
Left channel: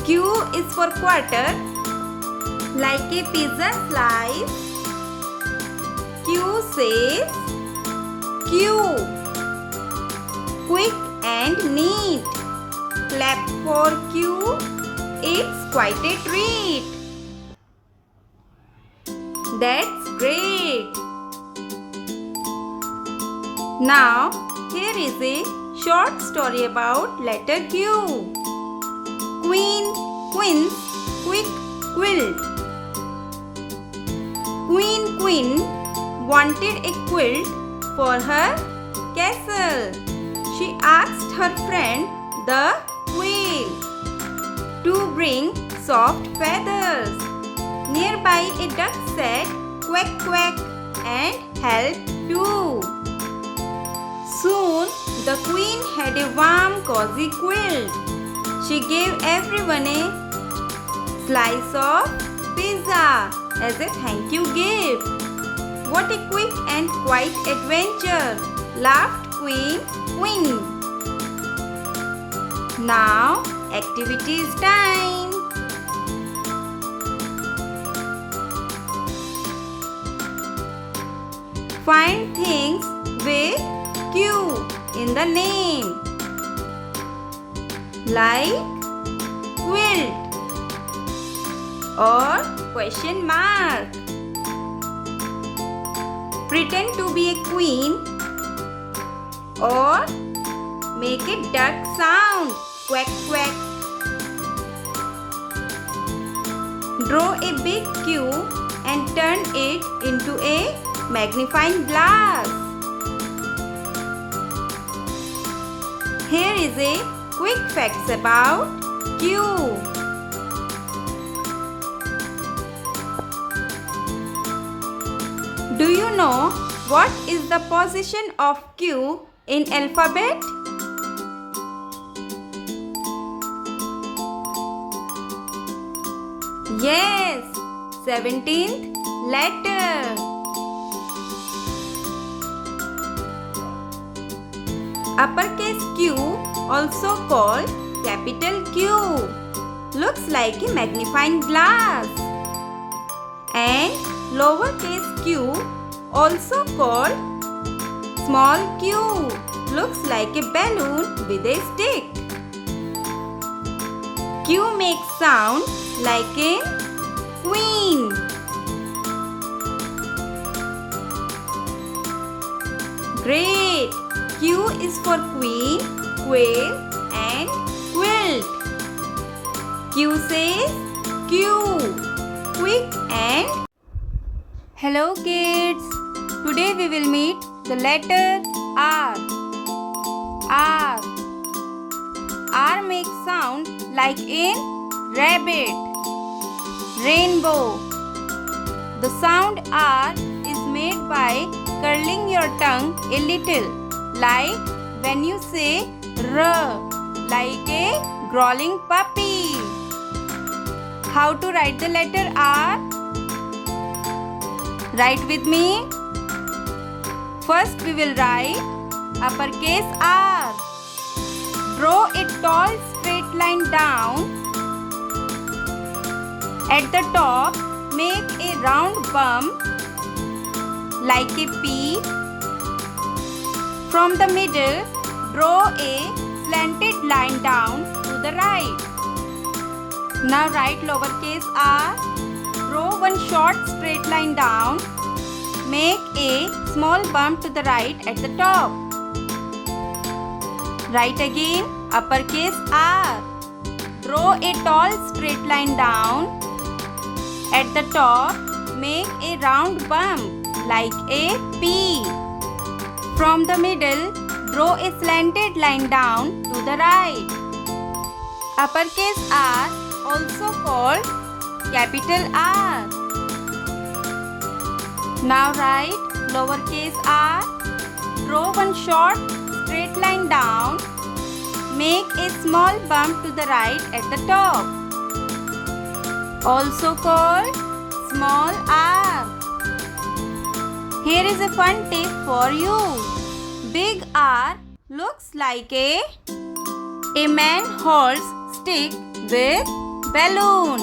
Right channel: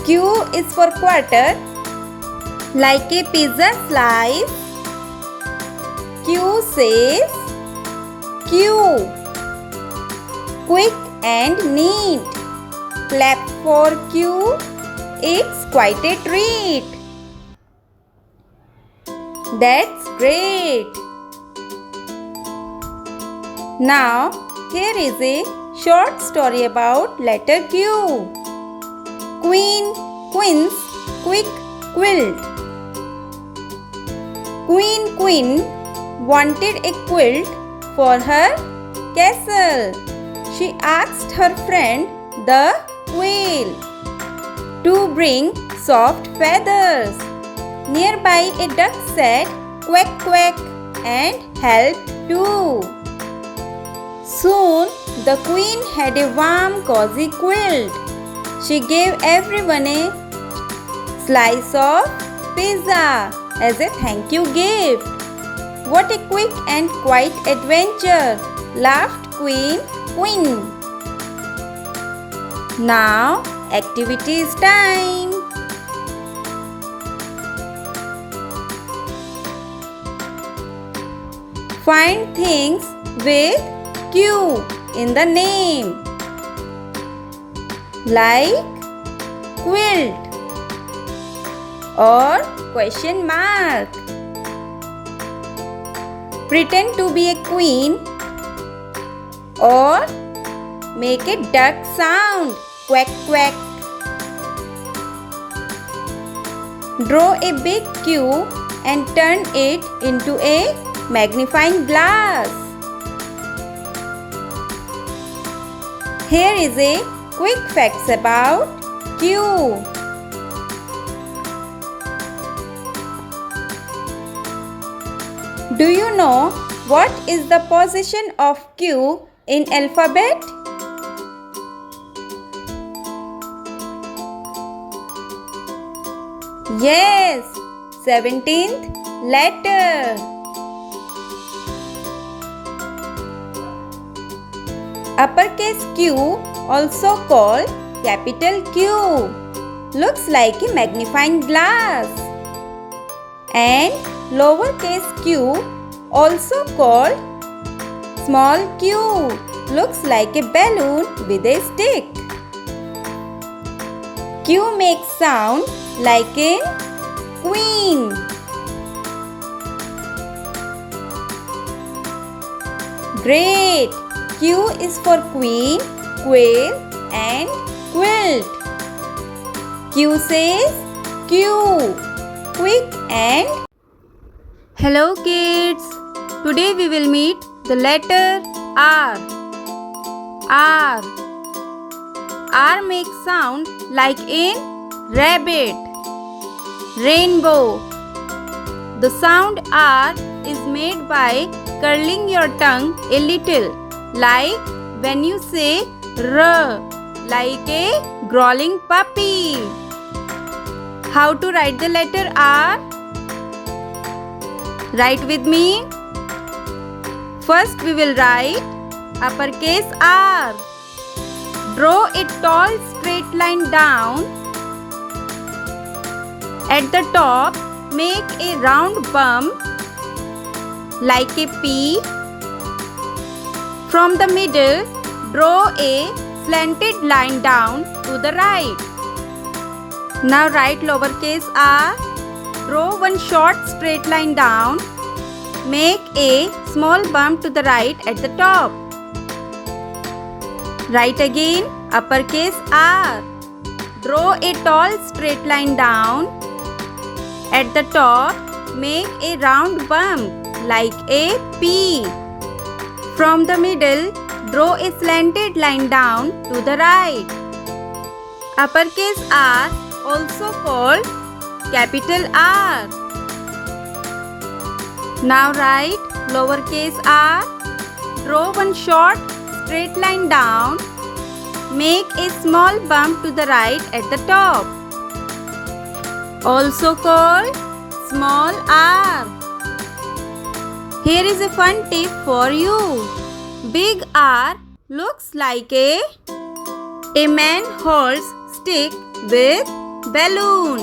Q is for quarter, like a pizza slice. Q says Q. Quick and neat. Clap for Q, it's quite a treat. That's great. Now, here is a short story about letter Q. Queen, quince, quick, quilt. Queen wanted a quilt for her castle. She asked her friend, the quail, to bring soft feathers. Nearby a duck said, quack, quack, and helped too. Soon the queen had a warm, cozy quilt. She gave everyone a slice of pizza as a thank you gift. What a quick and quiet adventure, laughed Queen. Now, activity is time. Find things with Q in the name, like quilt or question mark. Pretend to be a queen or make a duck sound, quack, quack. Draw a big Q and turn it into a magnifying glass. Here is a quick facts about Q. Do you know what is the position of Q in alphabet? Yes, 17th letter. Uppercase Q, also called capital Q, looks like a magnifying glass. And lowercase q, also called small q, looks like a balloon with a stick. Q makes sound like a queen. Great! Q is for queen, quail and quilt. Q says Q, quick and... Hello kids! Today we will meet the letter R. R. R makes sound like in rabbit. Rainbow. The sound R is made by curling your tongue a little, like when you say R, like a growling puppy. How to write the letter R? Write with me. First we will write uppercase R. Draw a tall straight line down. At the top, make a round bump like a P. From the middle, draw a slanted line down to the right. Now write lowercase r. Draw one short straight line down. Make a small bump to the right at the top. Write again uppercase R. Draw a tall straight line down. At the top, make a round bump like a P. From the middle, draw a slanted line down to the right. Uppercase R, also called capital R. Now write lowercase r. Draw one short straight line down. Make a small bump to the right at the top, also called small r. Here is a fun tip for you. Big R looks like a man holds stick with balloon.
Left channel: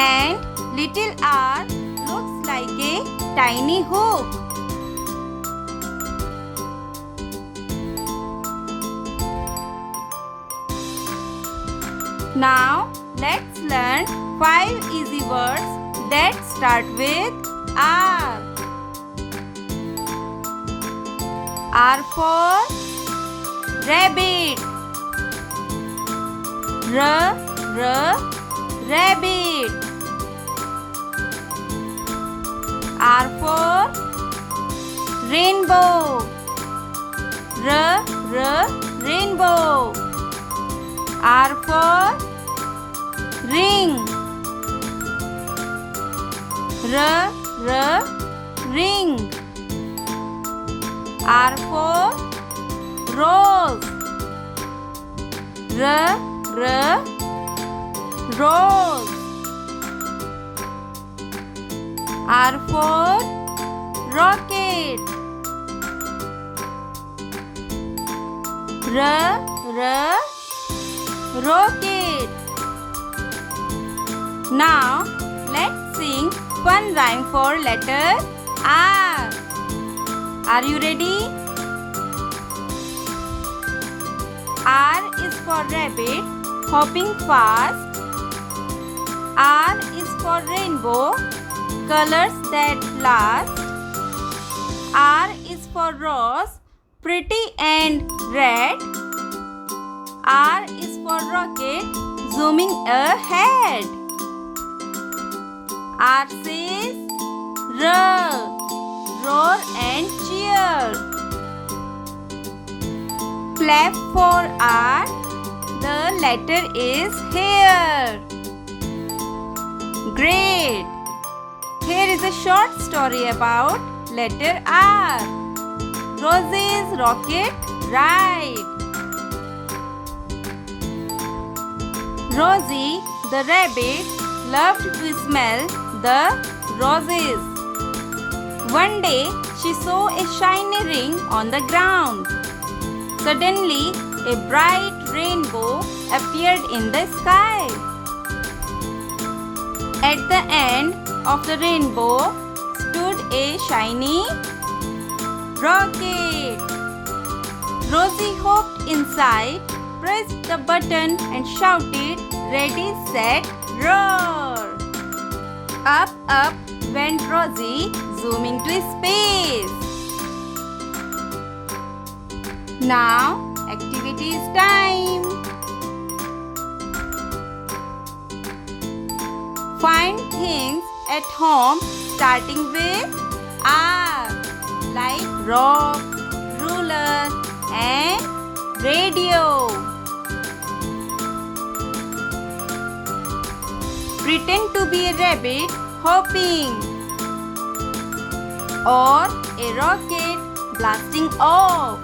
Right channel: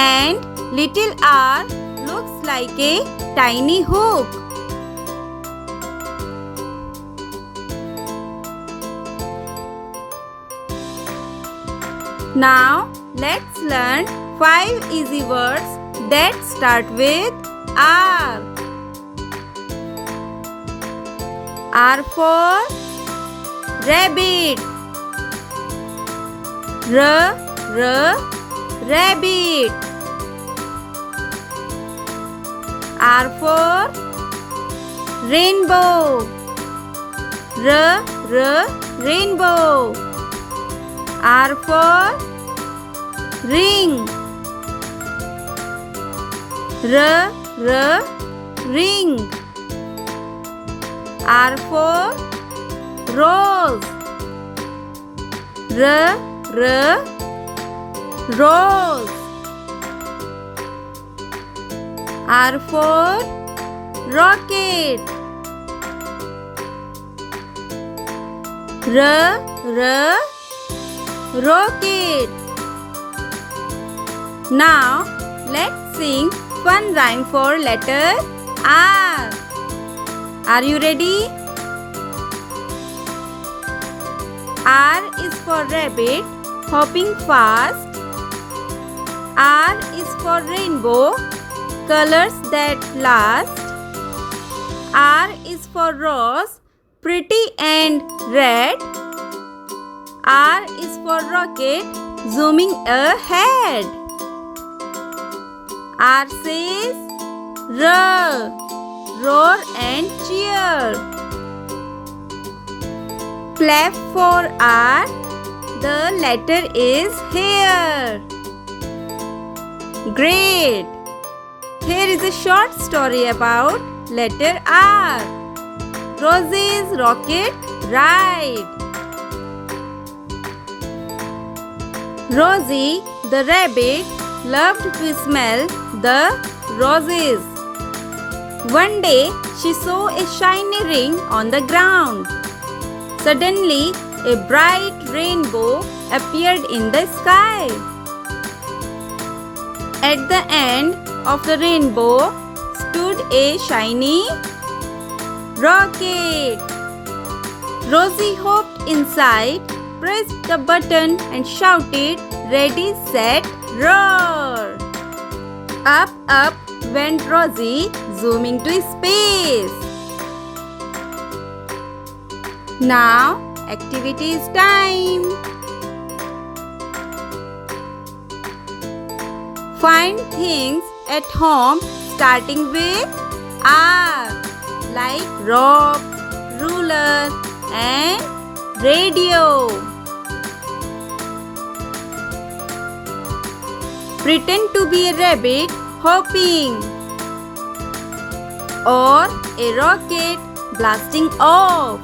And little r looks like a tiny hook. Now let's learn 5 easy words that start with R. R for rabbit. Rabbit. R for rainbow. Rainbow. R for ring. Ring. R for rose. Rose. R for rocket. Rocket. Now let's sing fun rhyme for letter R. Are you ready? R is for rabbit, hopping fast. R is for rainbow, colors that last. R is for rose, pretty and red. R is for rocket, zooming ahead. R says roar and cheer. Clap for R, the letter is here. Great! Here is a short story about letter R. Rosie's rocket ride. Rosie the rabbit loved to smell the roses. One day she saw a shiny ring on the ground. Suddenly, a bright rainbow appeared in the sky. At the end of the rainbow stood a shiny rocket. Rosie hopped inside, pressed the button and shouted, "Ready, set, roar!" Up, up went Rosie, zooming to space. Now, activity is time. Find things at home starting with R, like rock, ruler and radio. Pretend to be a rabbit hopping or a rocket blasting off.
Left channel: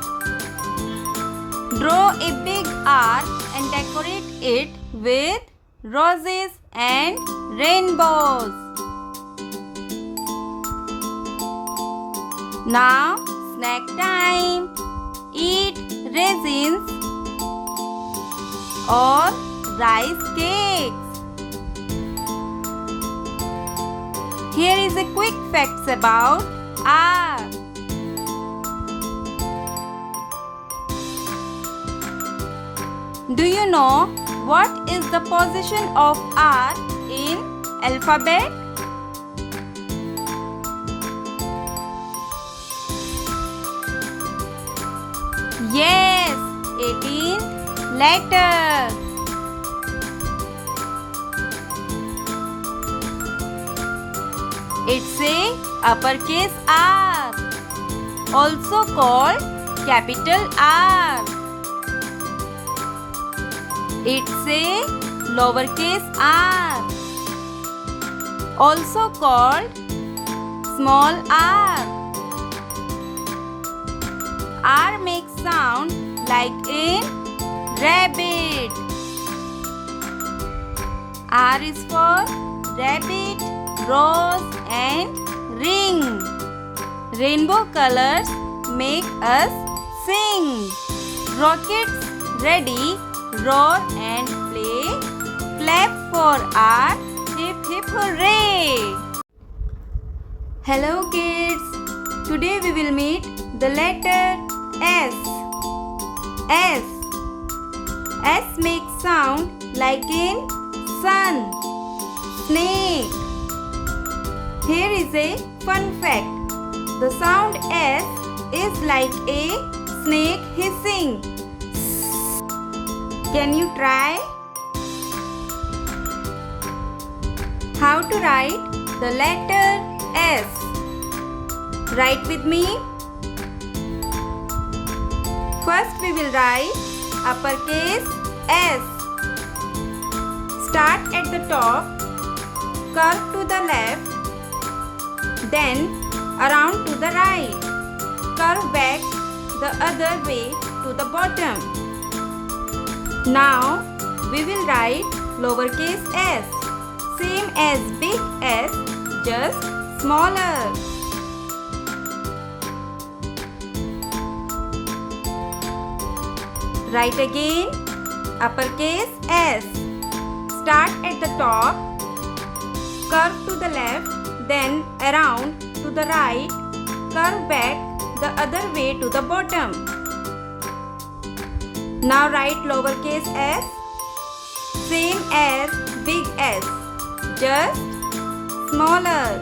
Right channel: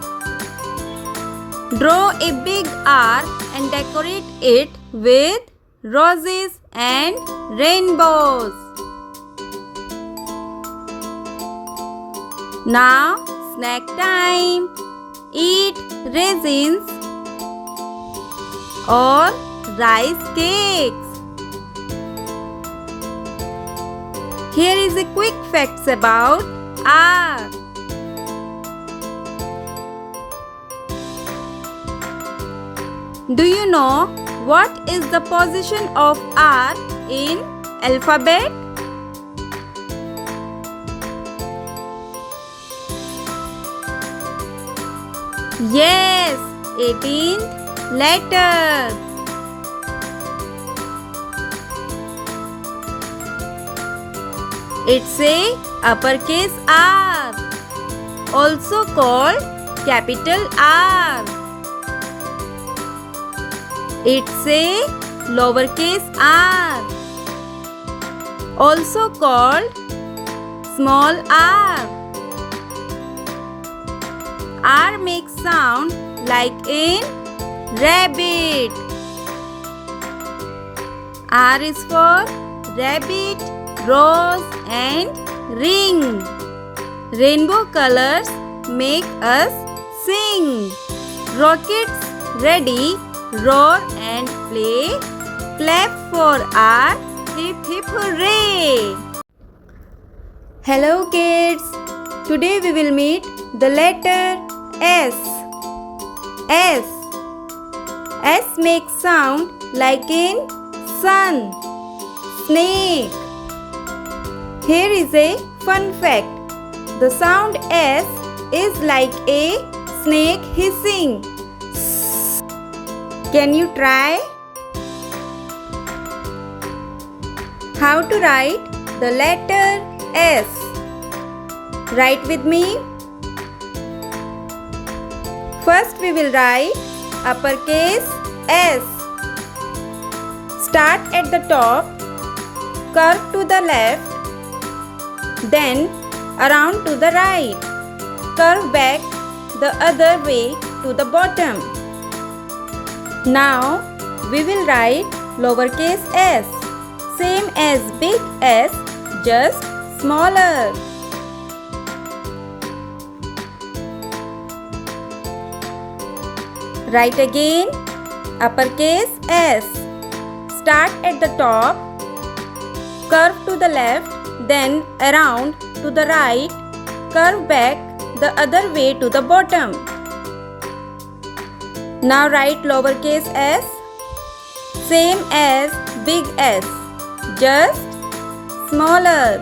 Draw a big R and decorate it with roses and rainbows. Now, snack time. Eat raisins or rice cakes. Here is a quick facts about R. Do you know what is the position of R in alphabet? Yes, 18th letter. It's a uppercase R, also called capital R. It's a lowercase r, also called small r. R makes sound like in rabbit. R is for rabbit, rose and ring. Rainbow colors make us sing. Rockets ready, roar and play. Clap for R, hip hip hooray! Hello kids! Today we will meet the letter S. S. S makes sound like in sun, snake. Here is a fun fact. The sound S is like a snake hissing. Can you try? How to write the letter S? Write with me. First we will write uppercase S. Start at the top, curve to the left, then around to the right, curve back the other way to the bottom. Now we will write lowercase s, same as big S, just smaller. Write again uppercase S. Start at the top, curve to the left, then around to the right, curve back the other way to the bottom. Now write lowercase s, same as big S, just smaller.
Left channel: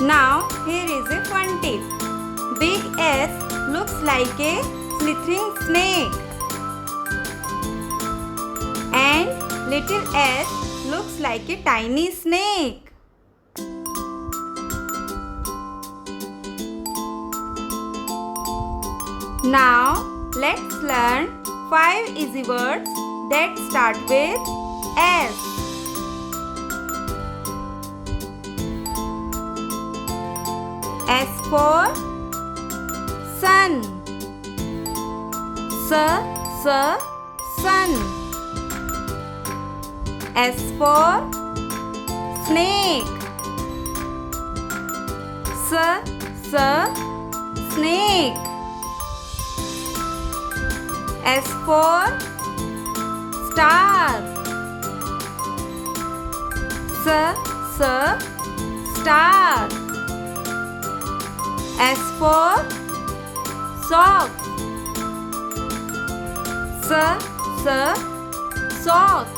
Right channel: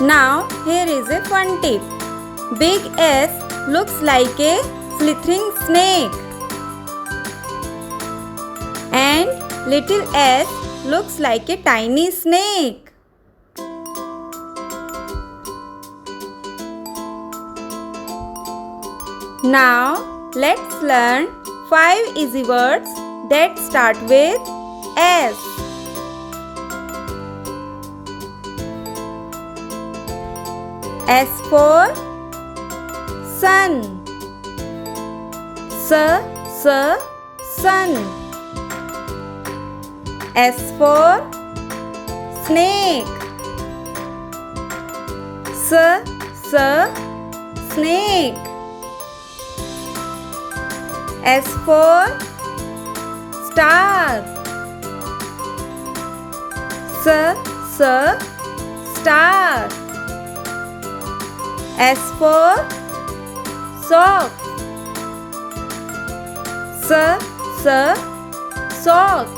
Now here is a fun tip. Big S looks like a slithering snake and little s looks like a tiny snake. Now let's learn 5 easy words that start with S. S for sun. Sun. S for snake. Snake. S for star. Star. S for socks. Socks.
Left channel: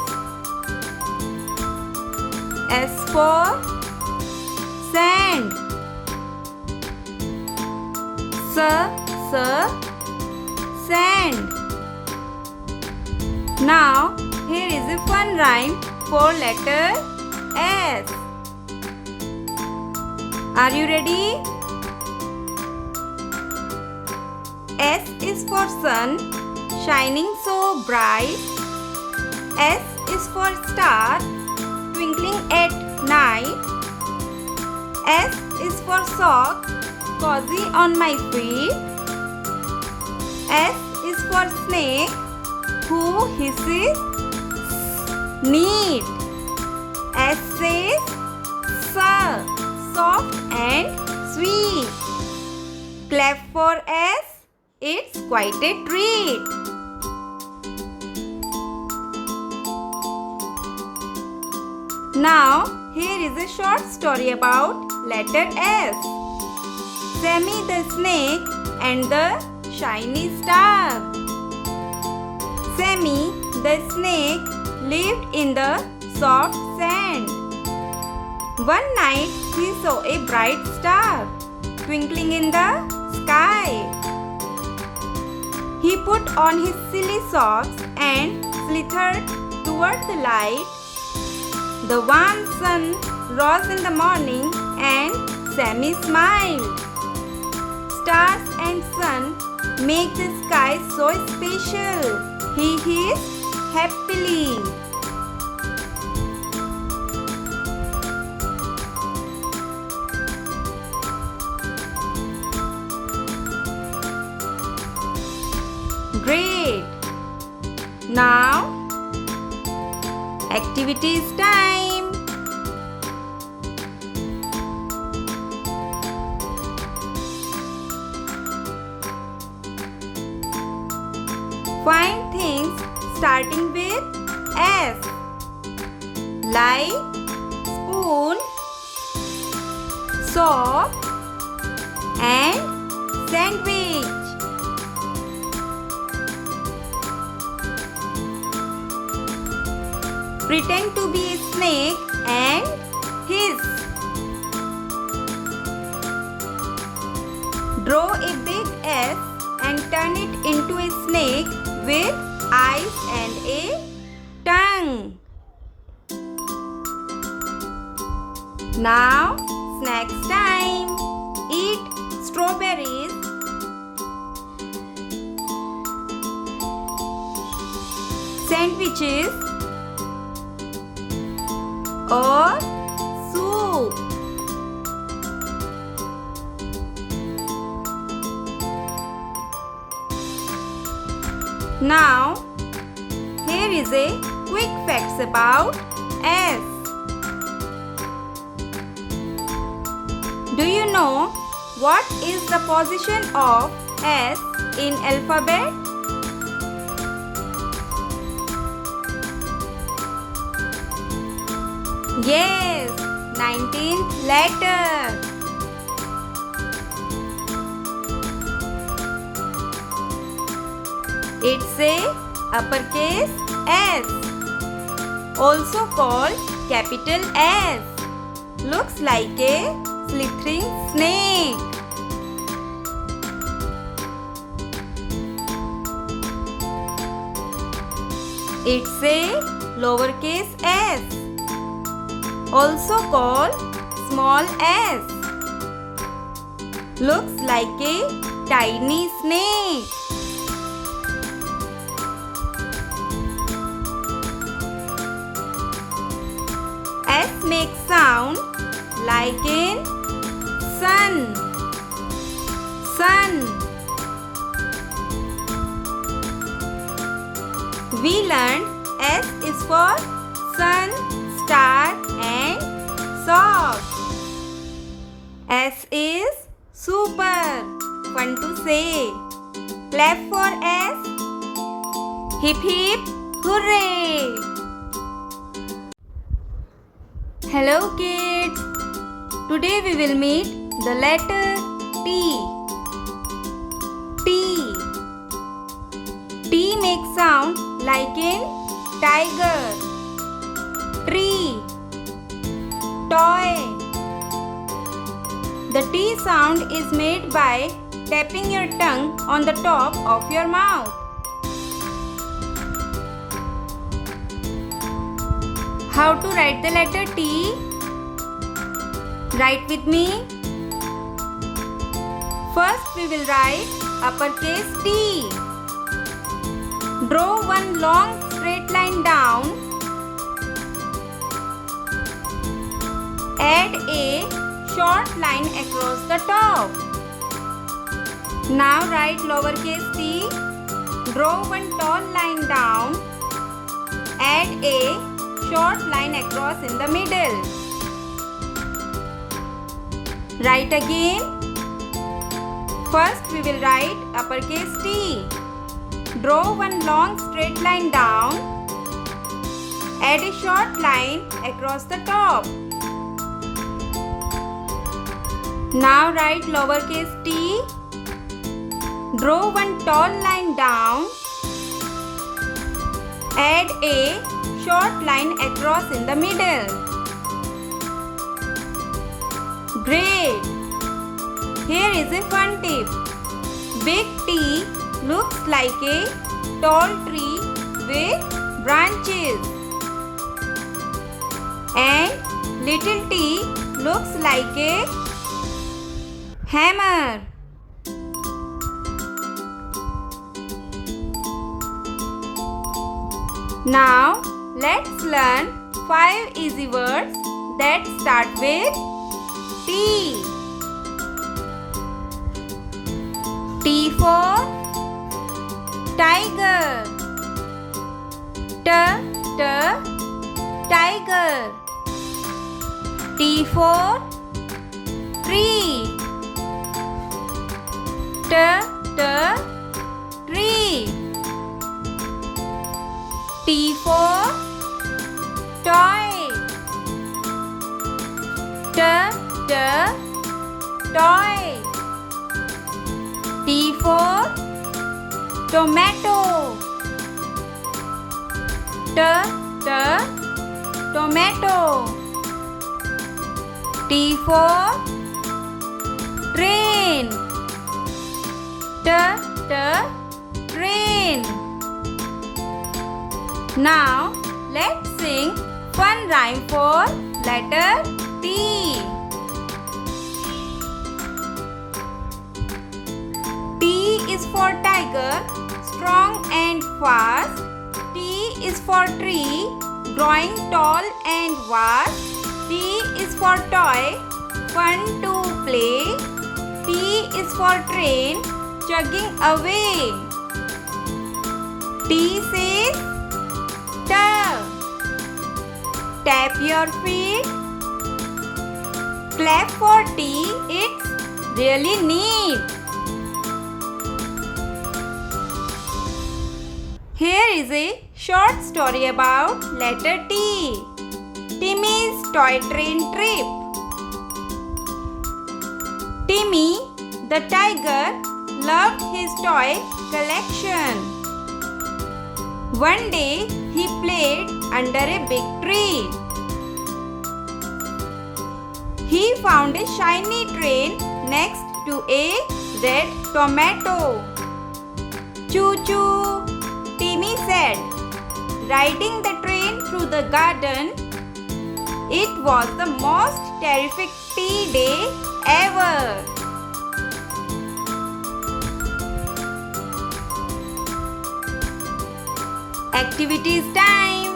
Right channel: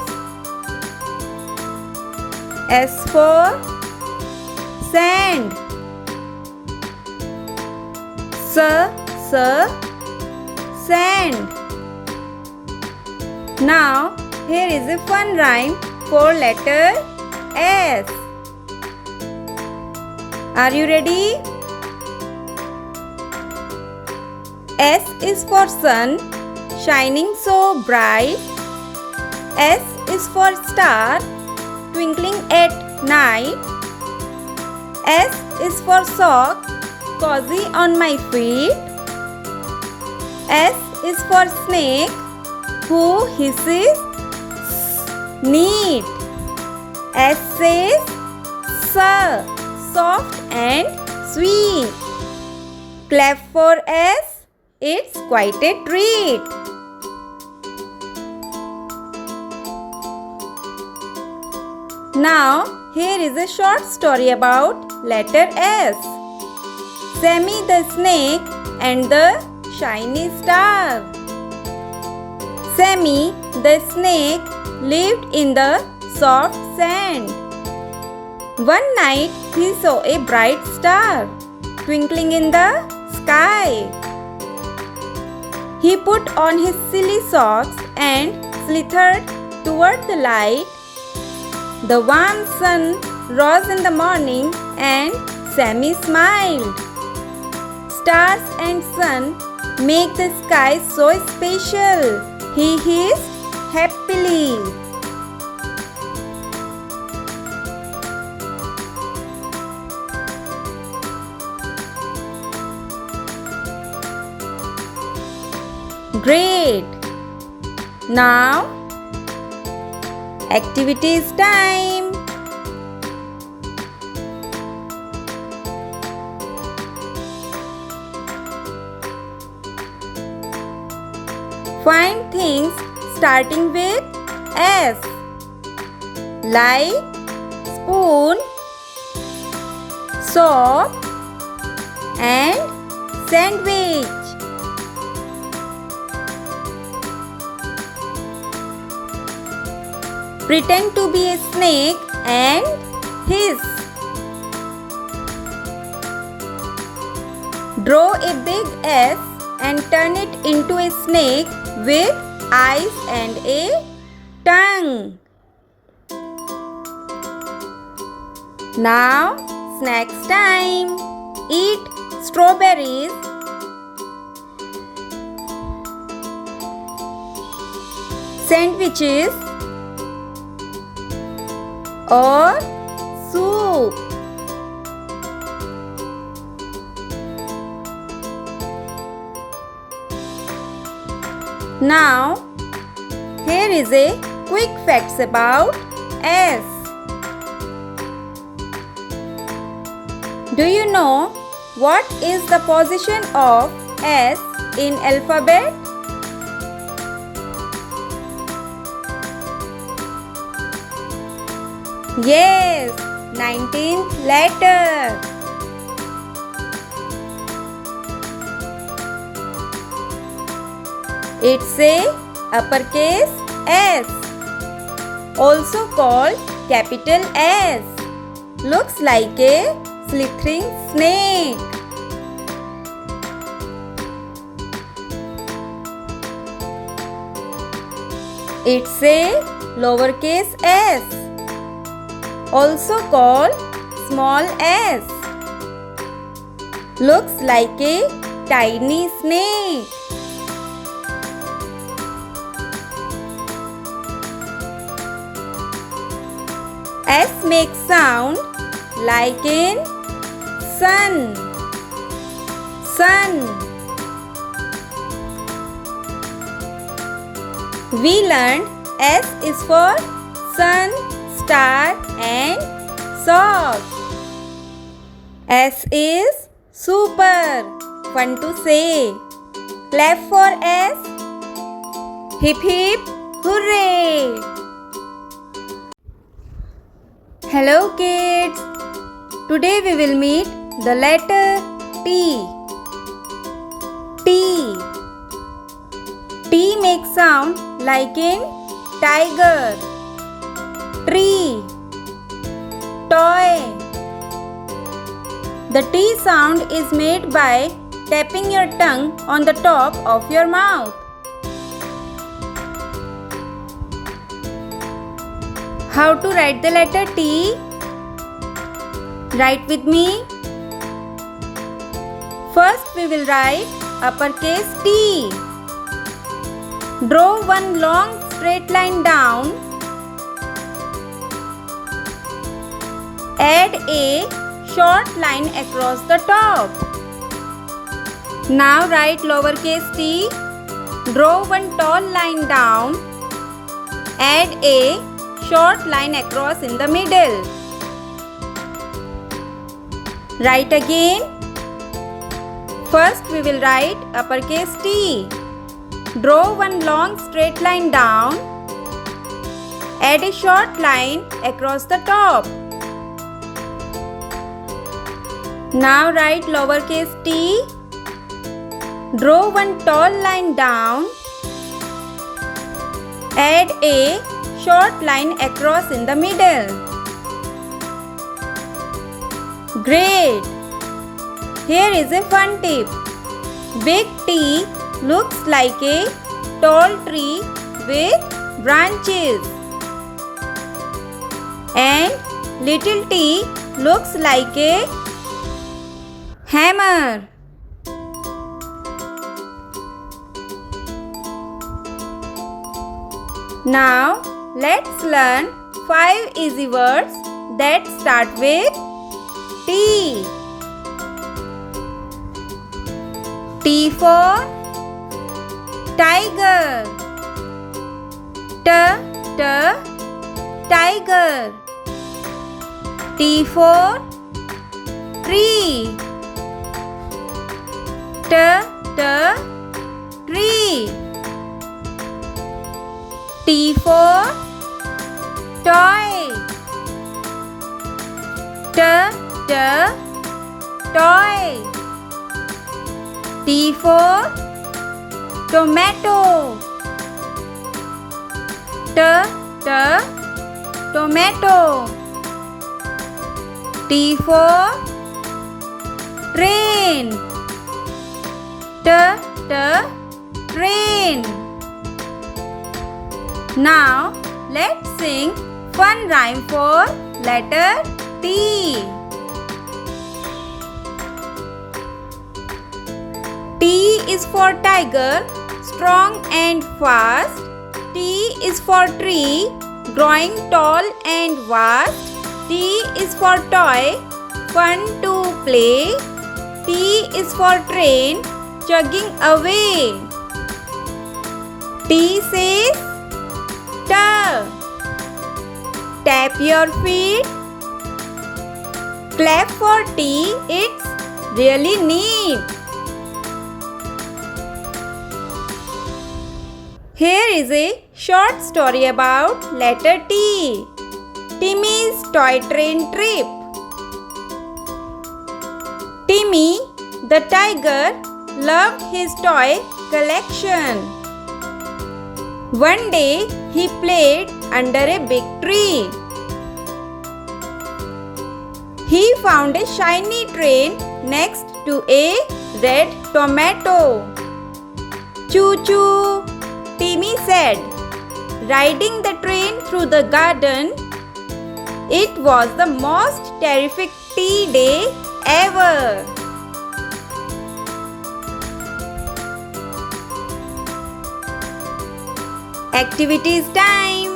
S for sand. Sand. Now here is a fun rhyme for letter S. Are you ready? S is for sun, shining so bright. S is for star, twinkling at night. S is for sock, cozy on my feet. S is for snake, who hisses neat. S says sir, soft and sweet. Clap for S, it's quite a treat. Now here is a short story about letter S. Sammy the snake and the shiny star. Sammy the snake lived in the soft sand. One night he saw a bright star twinkling in the sky. He put on his silly socks and slithered toward the light. The warm sun rose in the morning and Sammy smiled. Stars and sun make the sky so special. He hissed happily. Great! Now, activities time. Find things starting with S, like spoon, soap and sandwich. Pretend to be a snake and hiss. Draw a big S and turn it into a snake with eyes and a tongue. Now, snacks time. Eat strawberries, sandwiches or soup. Now, here is a quick facts about S. Do you know what is the position of S in alphabet? Yes, 19th letter. It's a uppercase S, also called capital S. Looks like a slithering snake. It's a lowercase s, also called small s. Looks like a tiny snake. S makes sound like in sun. Sun. We learned S is for sun, star and socks. S is super. Fun to say. Clap for S. Hip hip hooray. Hello kids. Today we will meet the letter T. T. T makes sound like in tiger, tree, toy. The T sound is made by tapping your tongue on the top of your mouth. How to write the letter T? Write with me. First we will write uppercase T. Draw one long straight line down. Add a short line across the top. Now write lowercase t. Draw one tall line down. Add a short line across in the middle. Write again. First we will write uppercase T. Draw one long straight line down. Add a short line across the top. Now write lowercase t. Draw one tall line down. Add a short line across in the middle. Great! Here is a fun tip. Big T looks like a tall tree with branches. And little t looks like a hammer. Now let's learn 5 easy words that start with T. T for tiger. Tiger. T for tree. Tree. T for toy. Toy. T for tomato. Tomato. T for train. Train. Now let's sing fun rhyme for letter T. T is for tiger, strong and fast. T is for tree, growing tall and vast. T is for toy, fun to play. T is for train, chugging away. T says tap your feet. Clap for T, it's really neat. Here is a short story about letter T. Timmy's toy train trip. Timmy, the tiger, loved his toy collection. One day, he played under a big tree. He found a shiny train next to a red tomato. Choo-choo, Timmy said, riding the train through the garden. It was the most terrific tea day ever. Activities time.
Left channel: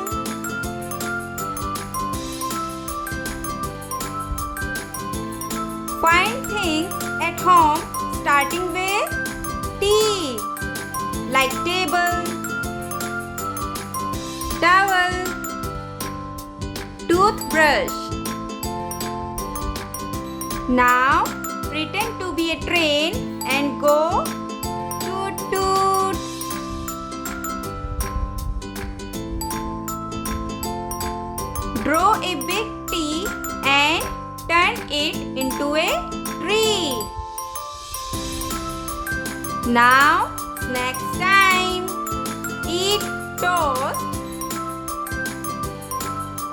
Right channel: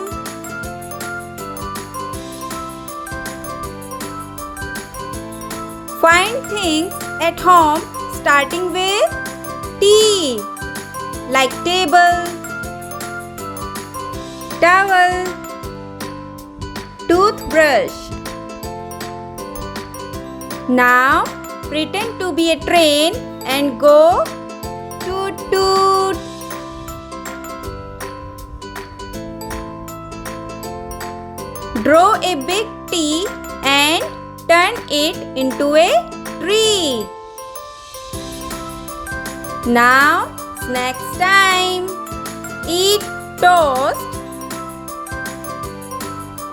Find things at home starting with T, like table, towel, toothbrush. Now pretend to be a train and go toot toot. Draw a big T and turn it into a tree. Now snacks time. Eat toast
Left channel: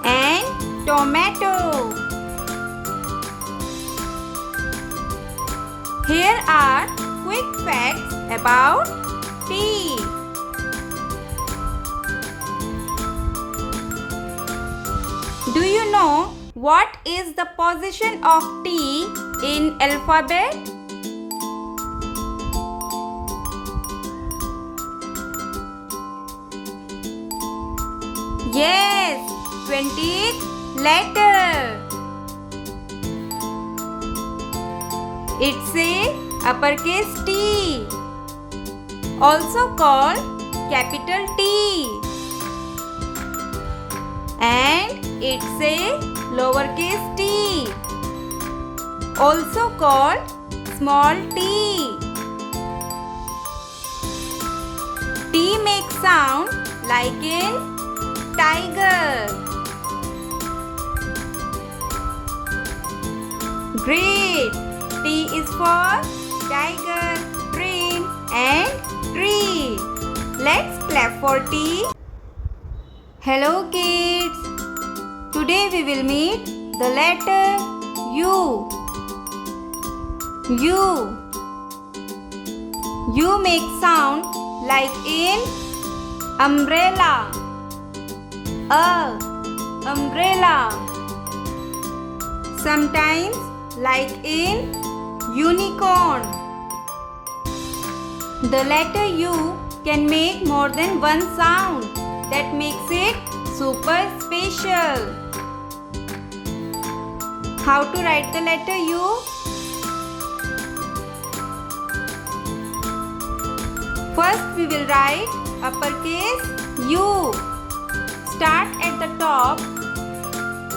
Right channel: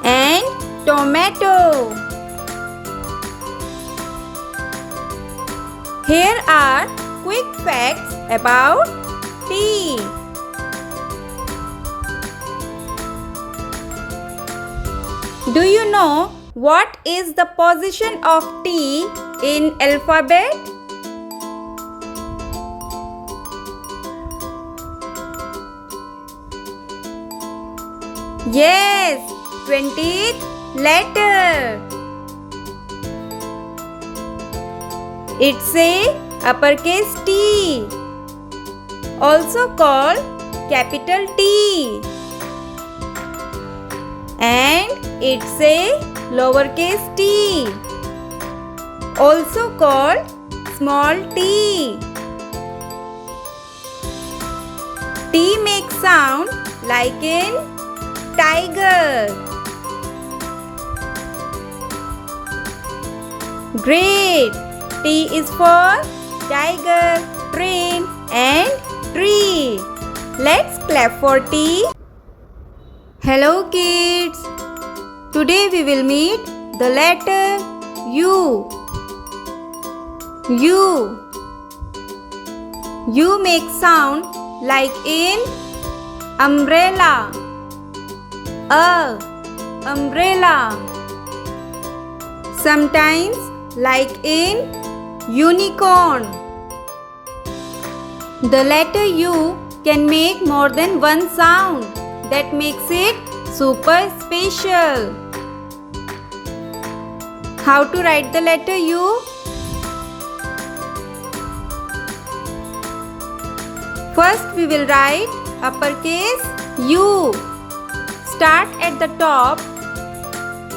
and tomato. Here are quick facts about tea. Do you know what is the position of T in alphabet? Yes, 20th letter. It's a uppercase T, also called capital T. And it's a lowercase t, also called small t. T makes sound like in tiger. Great! T is for tiger, train and tree. Let's clap for T. Hello kids! Today we will meet the letter U. U. U makes sound like in umbrella. Umbrella. Sometimes like in unicorn. The letter U can make more than one sound. That makes it super special. How to write the letter U? First we will write uppercase U. Start at the top.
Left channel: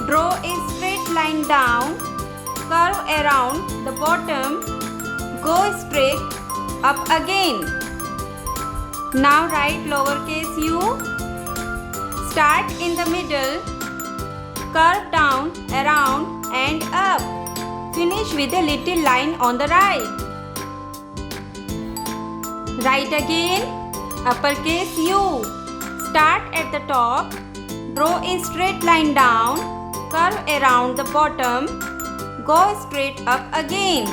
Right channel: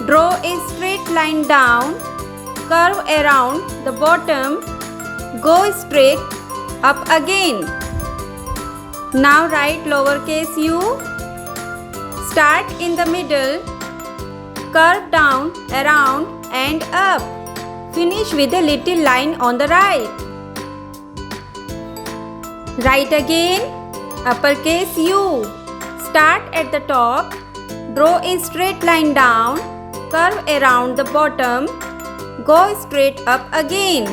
Draw a straight line down. Curve around the bottom. Go straight up again. Now write lowercase u. Start in the middle, curve down, around and up. Finish with a little line on the right. Write again uppercase U. Start at the top, draw a straight line down, curve around the bottom, go straight up again.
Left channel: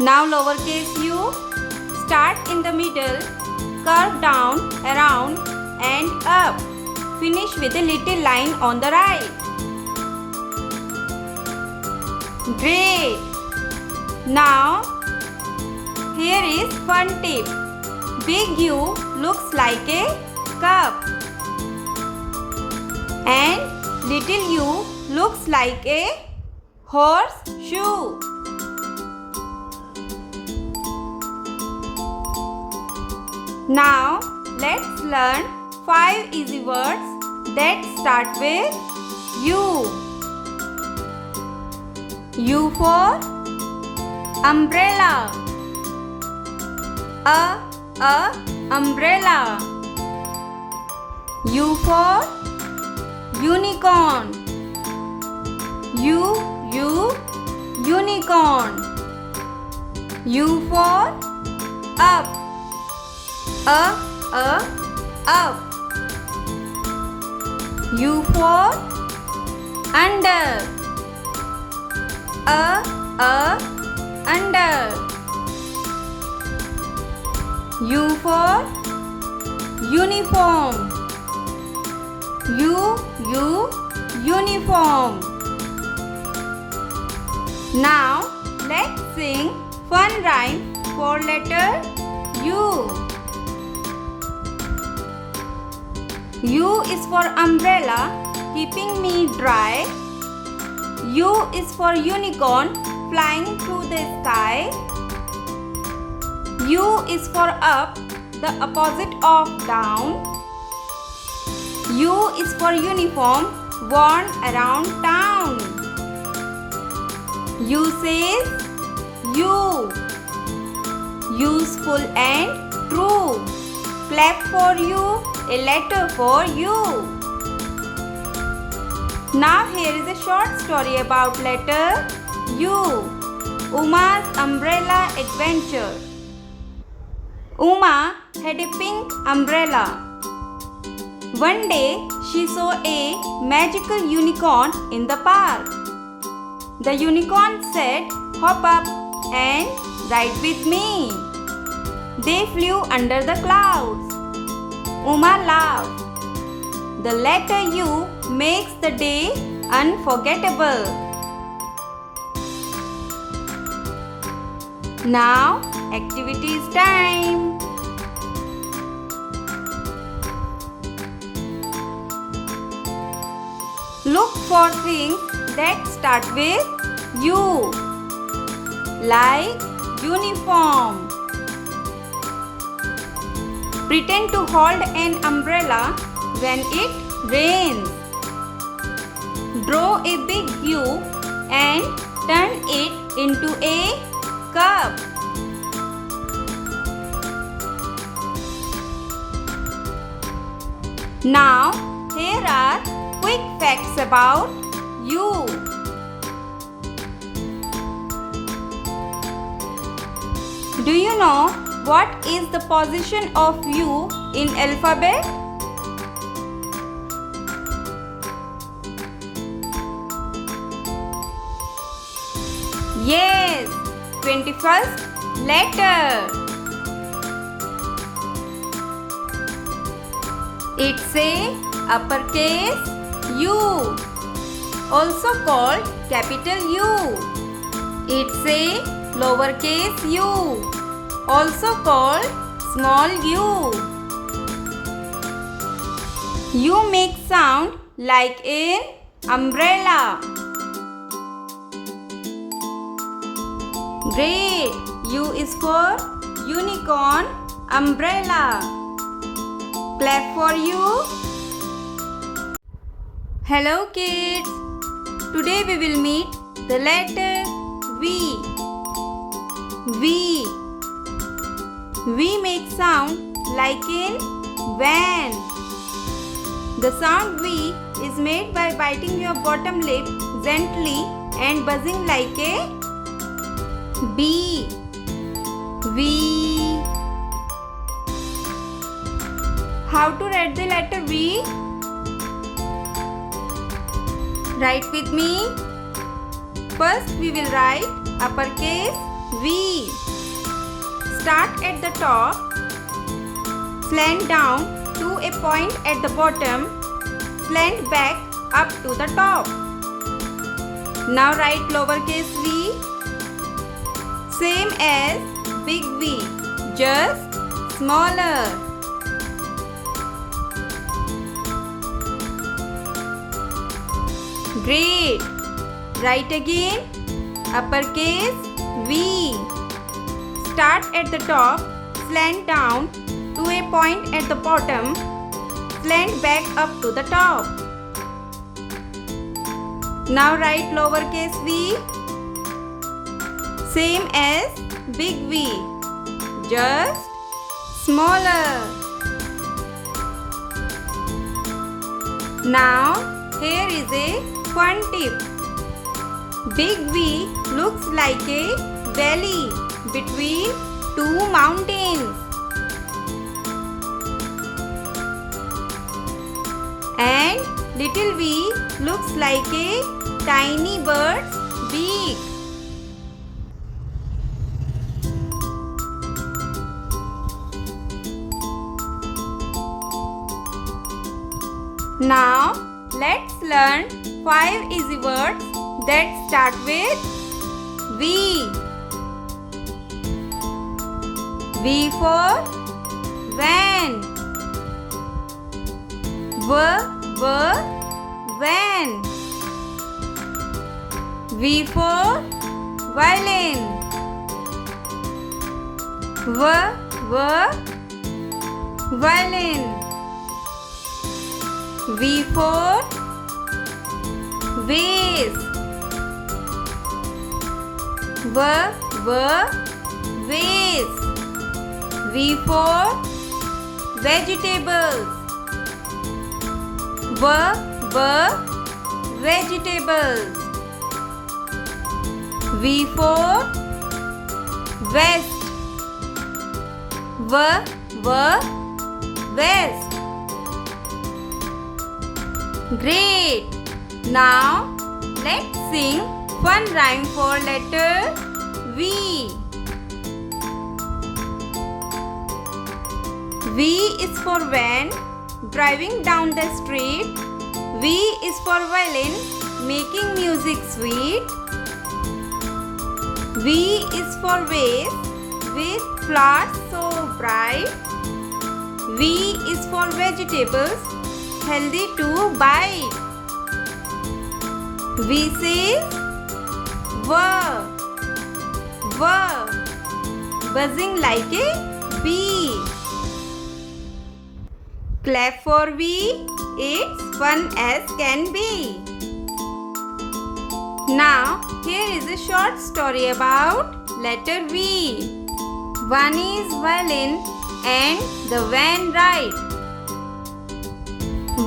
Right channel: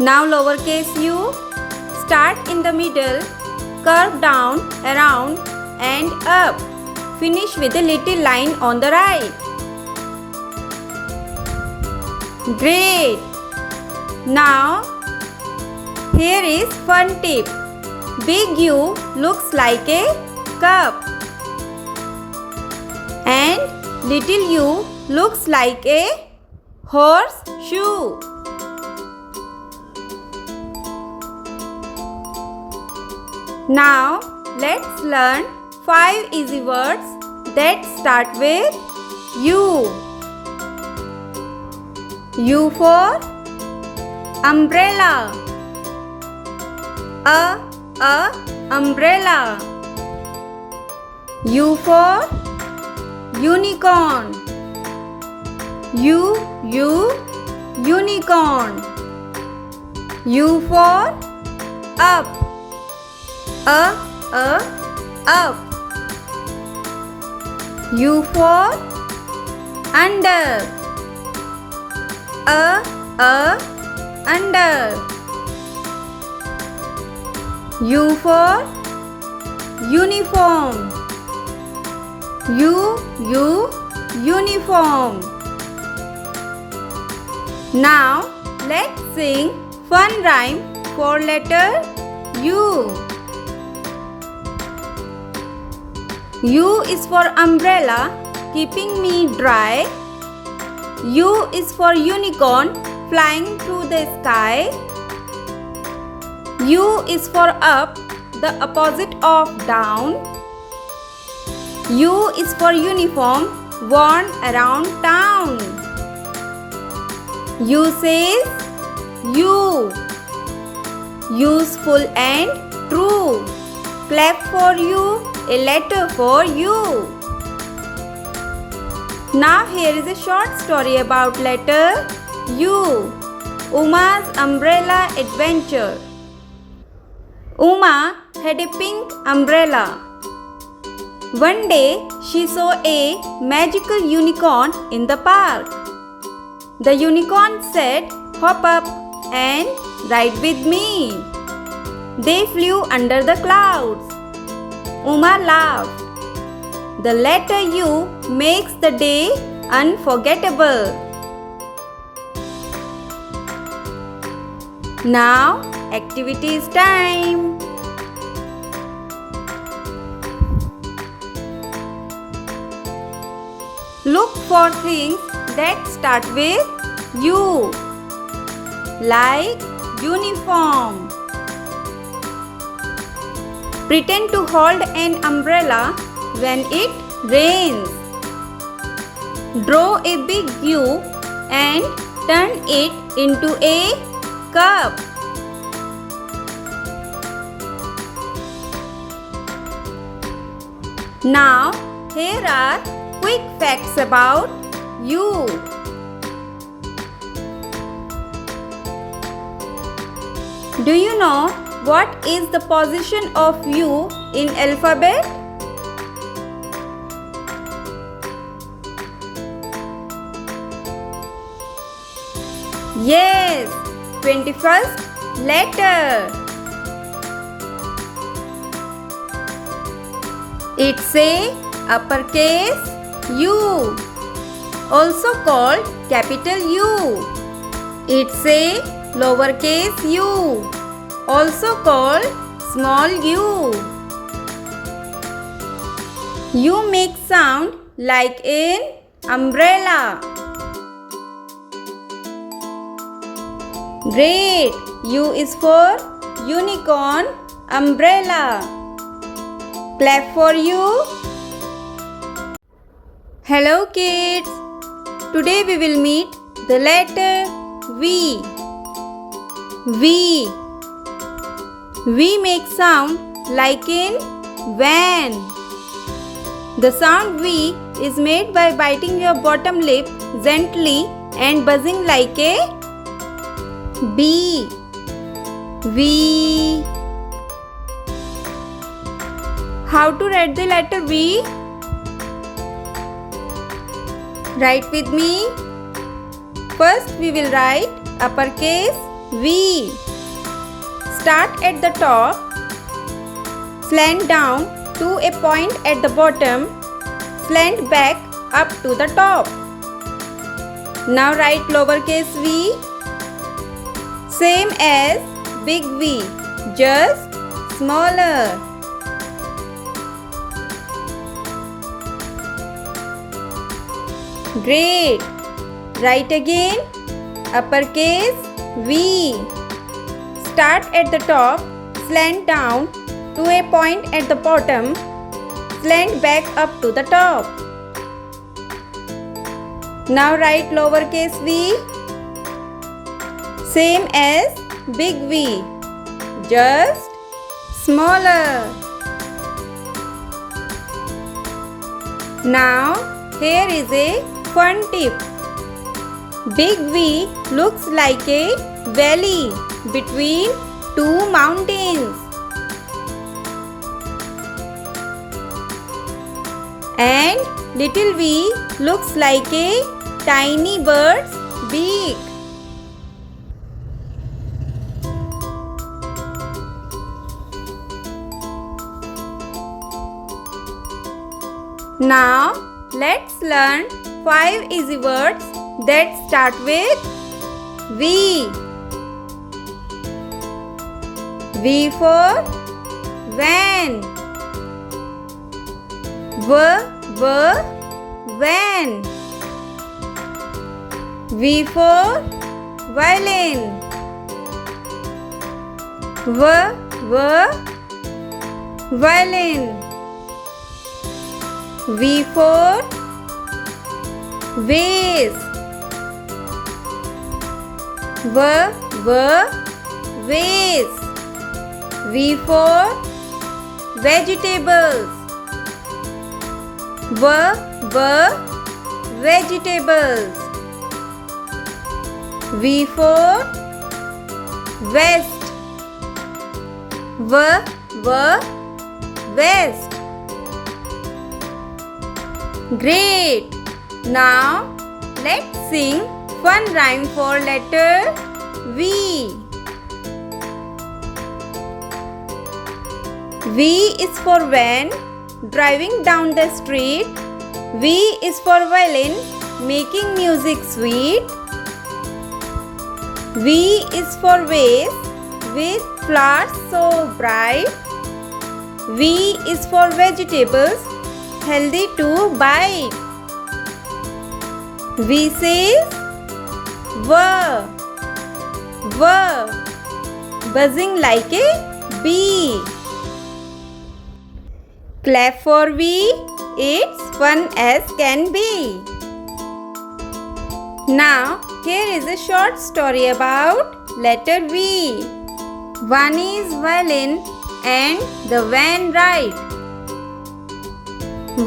Now lowercase u. Start in the middle, curve down, around and up. Finish with a little line on the right. Great! Now, here is fun tip. Big U looks like a cup and little u looks like a horseshoe. Now, let's learn 5 easy words that start with U. U for umbrella. Umbrella. U for unicorn. Unicorn. U for up. Up. U for under. Under. U for uniform. Uniform. Now let's sing fun rhyme for letter U. U is for umbrella, keeping me dry. U is for unicorn, flying through the sky. U is for up, the opposite of down. U is for uniform, worn around town. U says U. Useful and true. Clap for you, a letter for you. Now here is a short story about letter U. Uma's umbrella adventure. Uma had a pink umbrella. One day she saw a magical unicorn in the park. The unicorn said, "Hop up and ride with me." They flew under the clouds. Uma laughed. The letter U makes the day unforgettable. Now, activities time. Look for things that start with U, like uniform. Pretend to hold an umbrella when it rains. Draw a big U and turn it into a cup. Now, here are quick facts about U. Do you know what is the position of U in alphabet? Yes, 21st letter. It's a uppercase U, also called capital U. It's a lowercase u, also called small u. U makes sound like an umbrella. Great! U is for unicorn, umbrella. Clap for you. Hello kids. Today we will meet the letter V. V. V makes sound like in van. The sound V is made by biting your bottom lip gently and buzzing like a bee. V. How to write the letter V? Write with me. First we will write uppercase V. Start at the top, slant down to a point at the bottom, slant back up to the top. Now write lowercase v, same as big V, just smaller. Great! Write again uppercase V. Start at the top, slant down to a point at the bottom, slant back up to the top. Now write lowercase v, same as big V, just smaller. Now here is a fun tip. Big V looks like a valley between two mountains. And little v looks like a tiny bird's beak. Now let's learn 5 easy words that start with V. V for van. van. V for violin. Violin. V for vase. Vase. V for vegetables. Vegetables. V for vest. Vest. Great! Now let's sing fun rhyme for letter V. V is for van, driving down the street. V is for violin, making music sweet. V is for vase, with flowers so bright. V is for vegetables, healthy to bite. V says buzzing like a bee. Clap for V, it's fun as can be. Now here is a short story about letter V. One is violin and the van ride.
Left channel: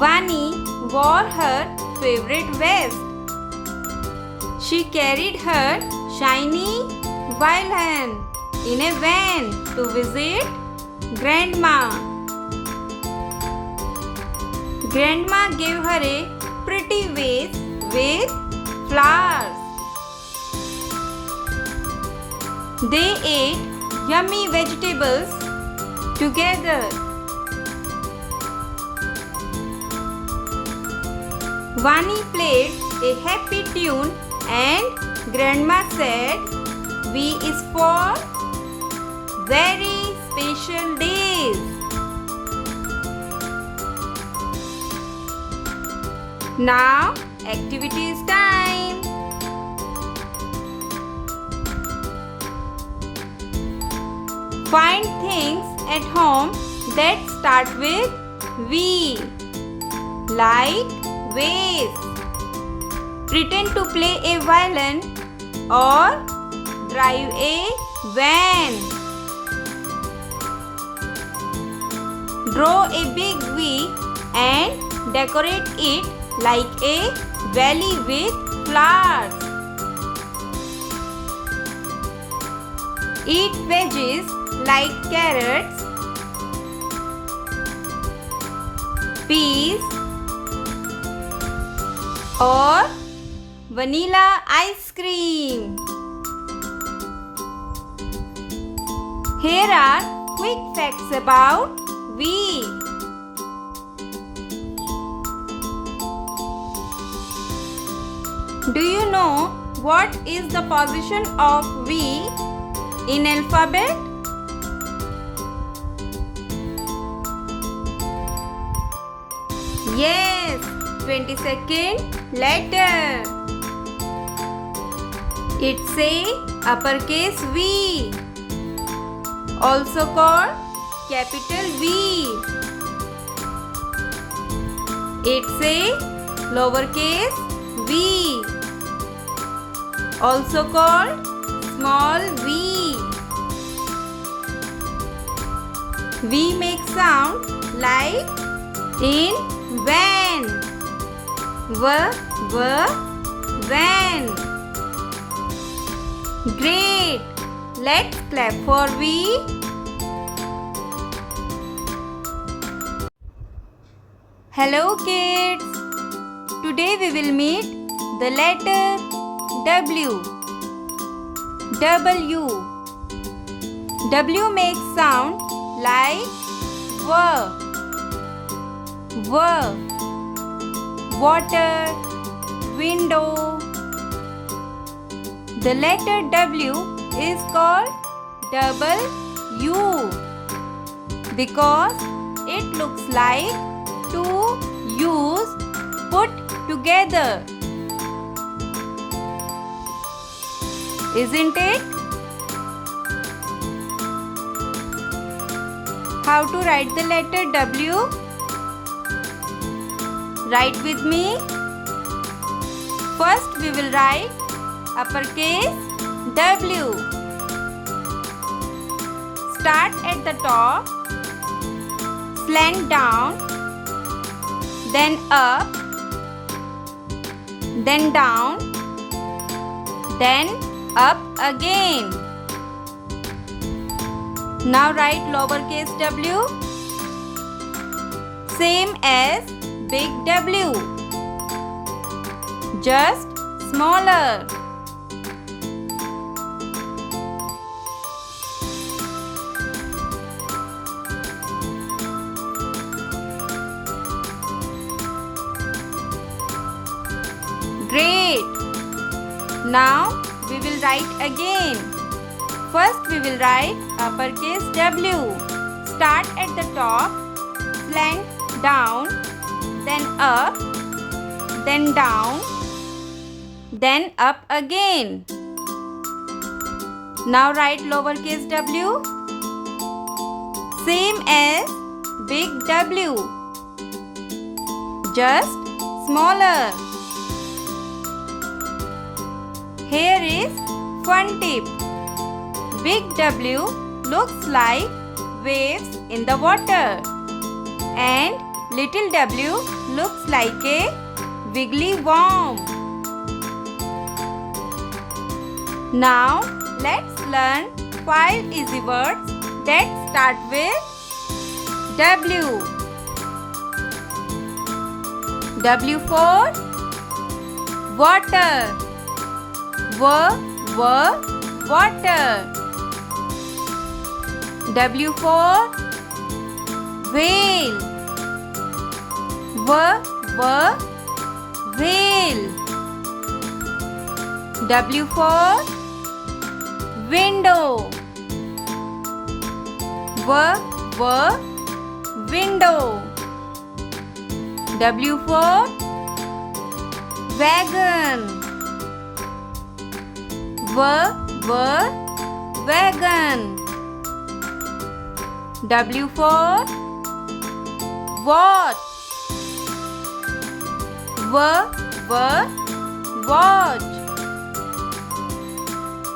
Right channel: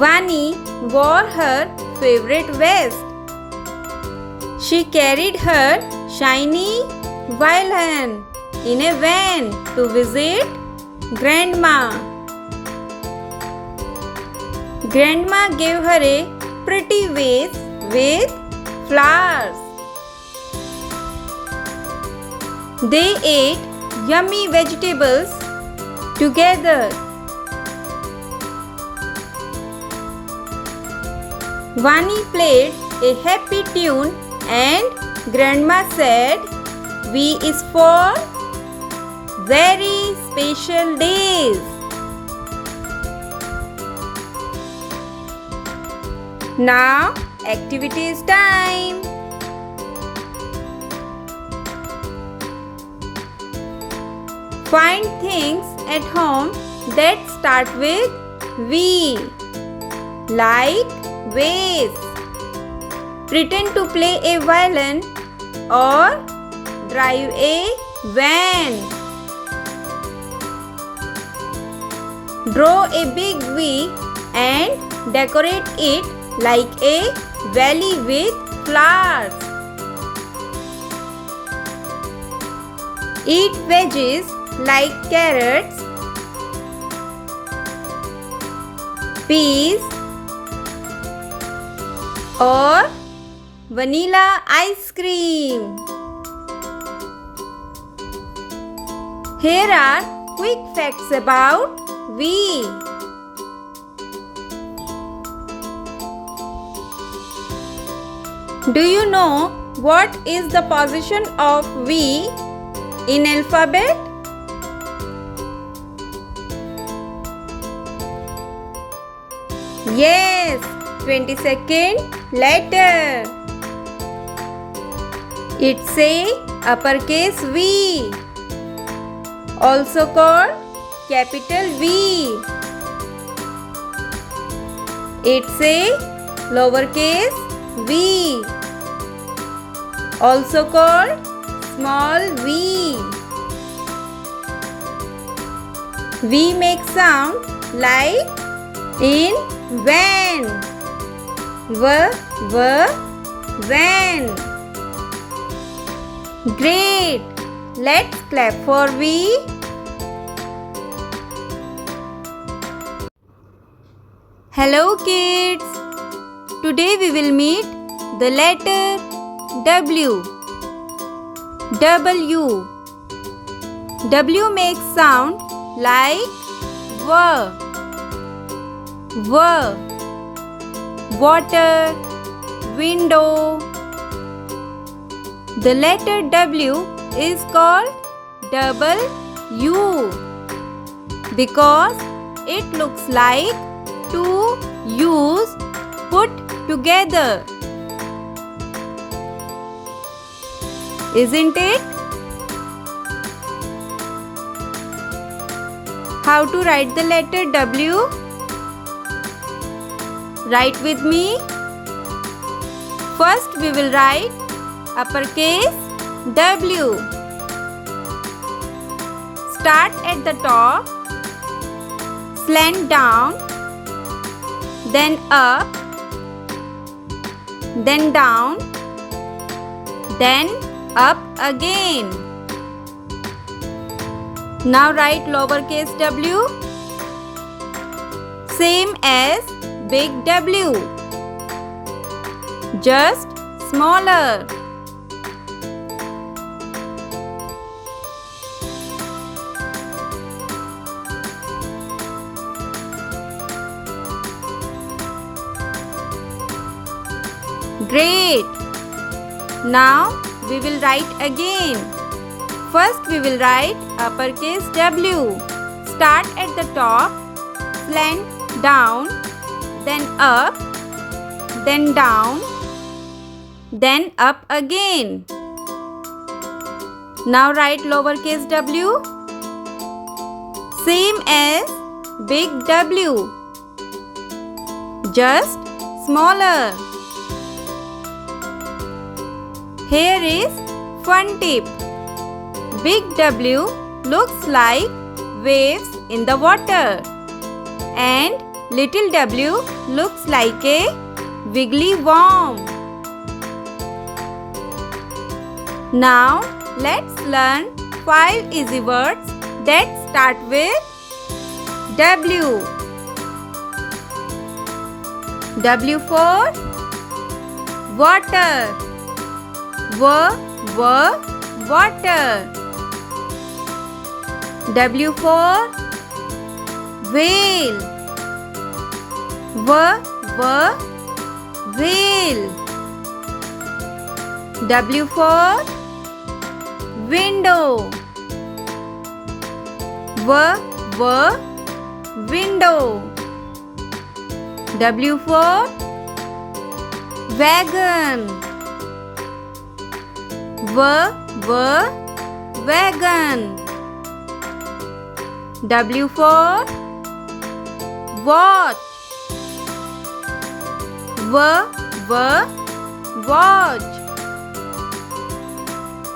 Vani wore her favorite vest. She carried her shiny violin in a van to visit Grandma. Grandma gave her a pretty vase with flowers. They ate yummy vegetables together. Vani played a happy tune and Grandma said, V is for very special days. Now activities time. Find things at home that start with V, like vase. Pretend to play a violin or drive a van. Draw a big V and decorate it like a valley with flowers. Eat veggies like carrots, peas, or vanilla ice cream. Here are quick facts about V. Do you know what is the position of V in alphabet? Yes, 22nd letter. It's a uppercase V, also called capital V. It's a lowercase v, also called small v. V makes sound like in van. Van. Great! Let's clap for V. Hello kids! Today we will meet the letter W. W makes sound like water, window. The letter W is called double U because it looks like to use put together. Isn't it? How to write the letter W? Write with me. First we will write uppercase W. Start at the top, slant down, then up, then down, then up again. Now write lowercase w, same as big W, just smaller. Great! Now we will write again. First we will write uppercase W. Start at the top, slant down, then up, then down, then up again. Now write lowercase w, same as big W, just smaller. Here is fun tip. Big W looks like waves in the water and little w looks like a wiggly worm. Now let's learn 5 easy words that start with W. W for water. Water. W for whale. Whale. W for window. Window. W for wagon. Wagon. W for watch. Watch.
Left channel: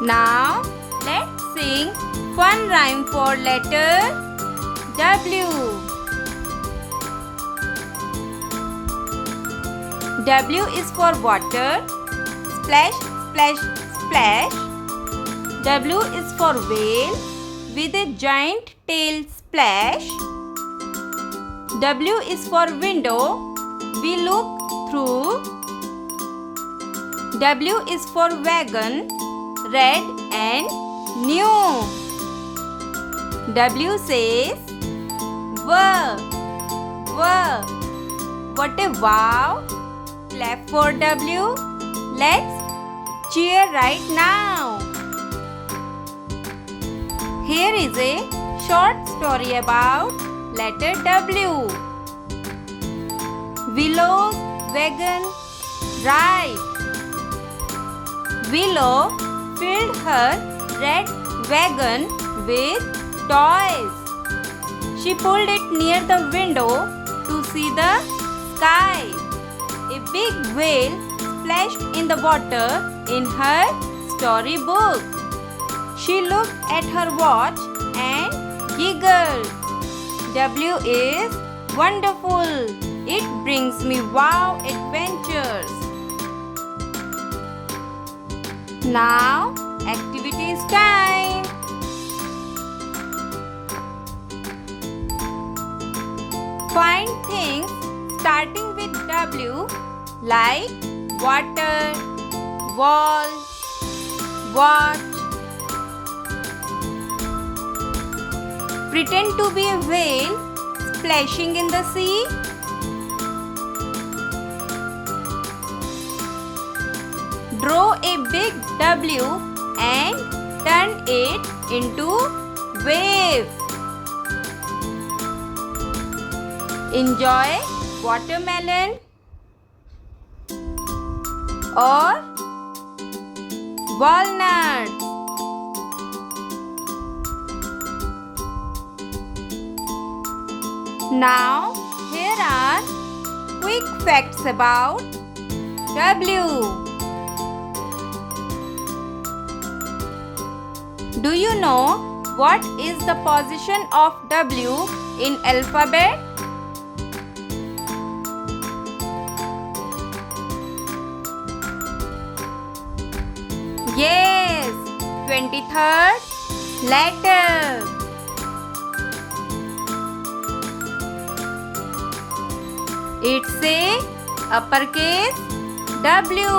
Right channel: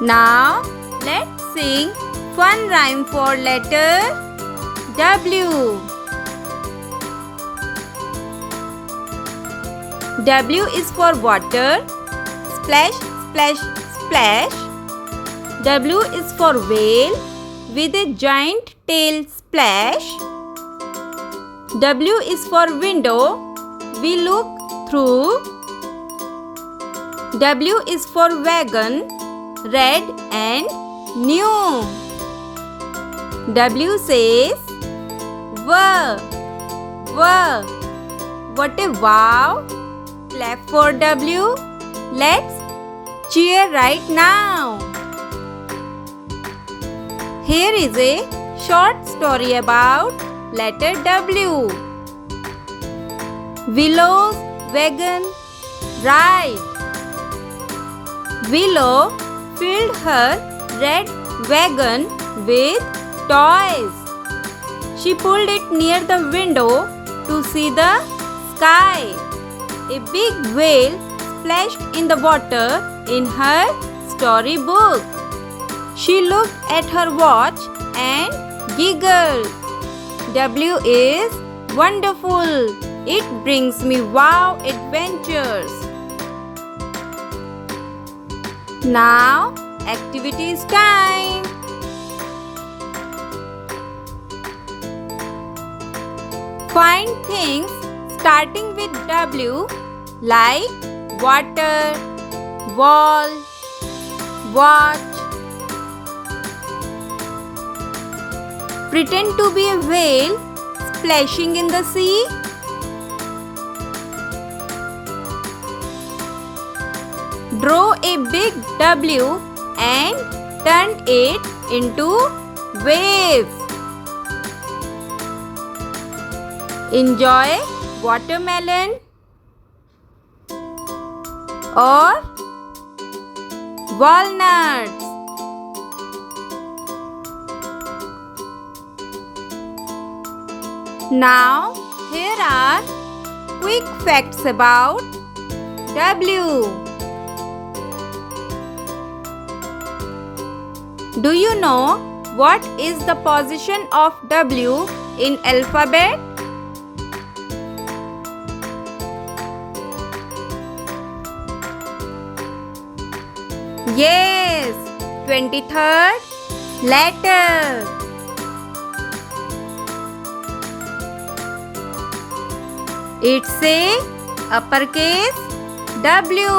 Now let's sing fun rhyme for letter W. W is for water. Splash, splash, splash. W is for whale with a giant tail splash. W is for window. We look through. W is for wagon, red and new. W says wow. What a wow! Clap for W. Let's cheer right now. Here is a short story about letter W. Willow's wagon ride. Willow filled her red wagon with toys. She pulled it near the window to see the sky. A big whale splashed in the water in her storybook. She looked at her watch and giggled. W is wonderful. It brings me wow adventures. Now, activities time. Find things starting with W like water, wall, watch. Pretend to be a whale splashing in the sea. Draw a big W and turn it into waves. Enjoy watermelon or walnuts? Now, here are quick facts about W. Do you know what is the position of W in alphabet? Yes, 23rd letter. It's a uppercase W,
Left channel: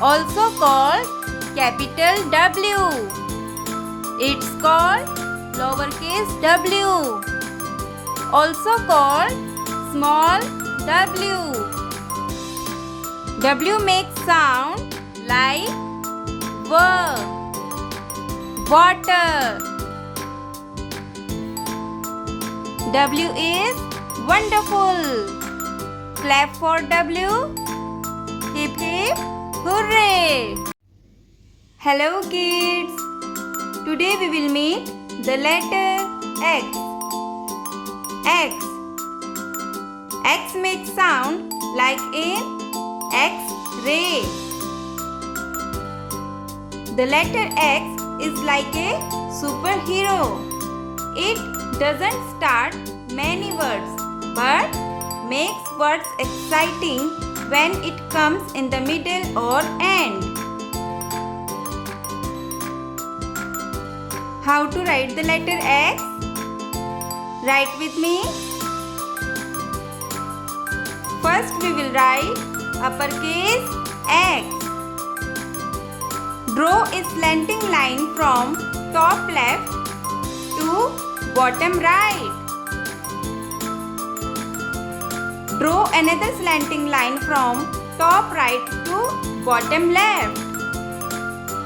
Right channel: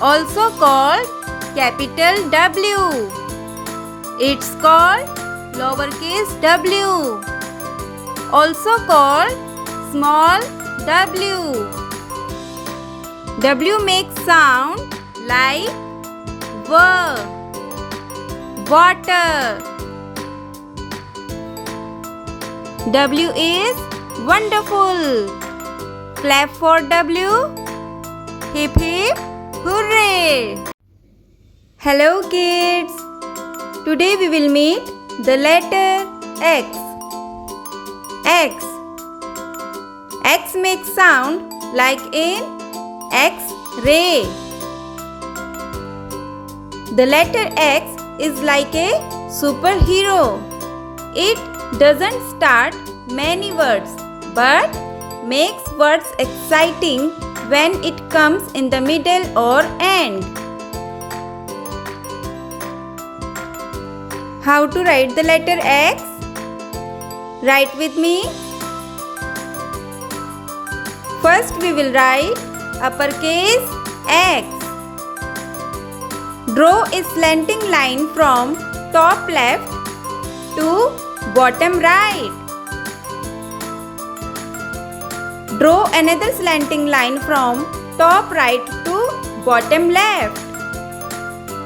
also called capital W. It's called lowercase w, also called small w. W makes sound like W, water. W is wonderful. Clap for W. Hip hip hooray. Hello kids. Today we will meet the letter X. X. X makes sound like in X-ray. The letter X is like a superhero. It doesn't start many words but makes words exciting when it comes in the middle or end. How to write the letter X? Write with me. First we will write uppercase X. Draw a slanting line from top left to bottom right. Draw another slanting line from top right to bottom left.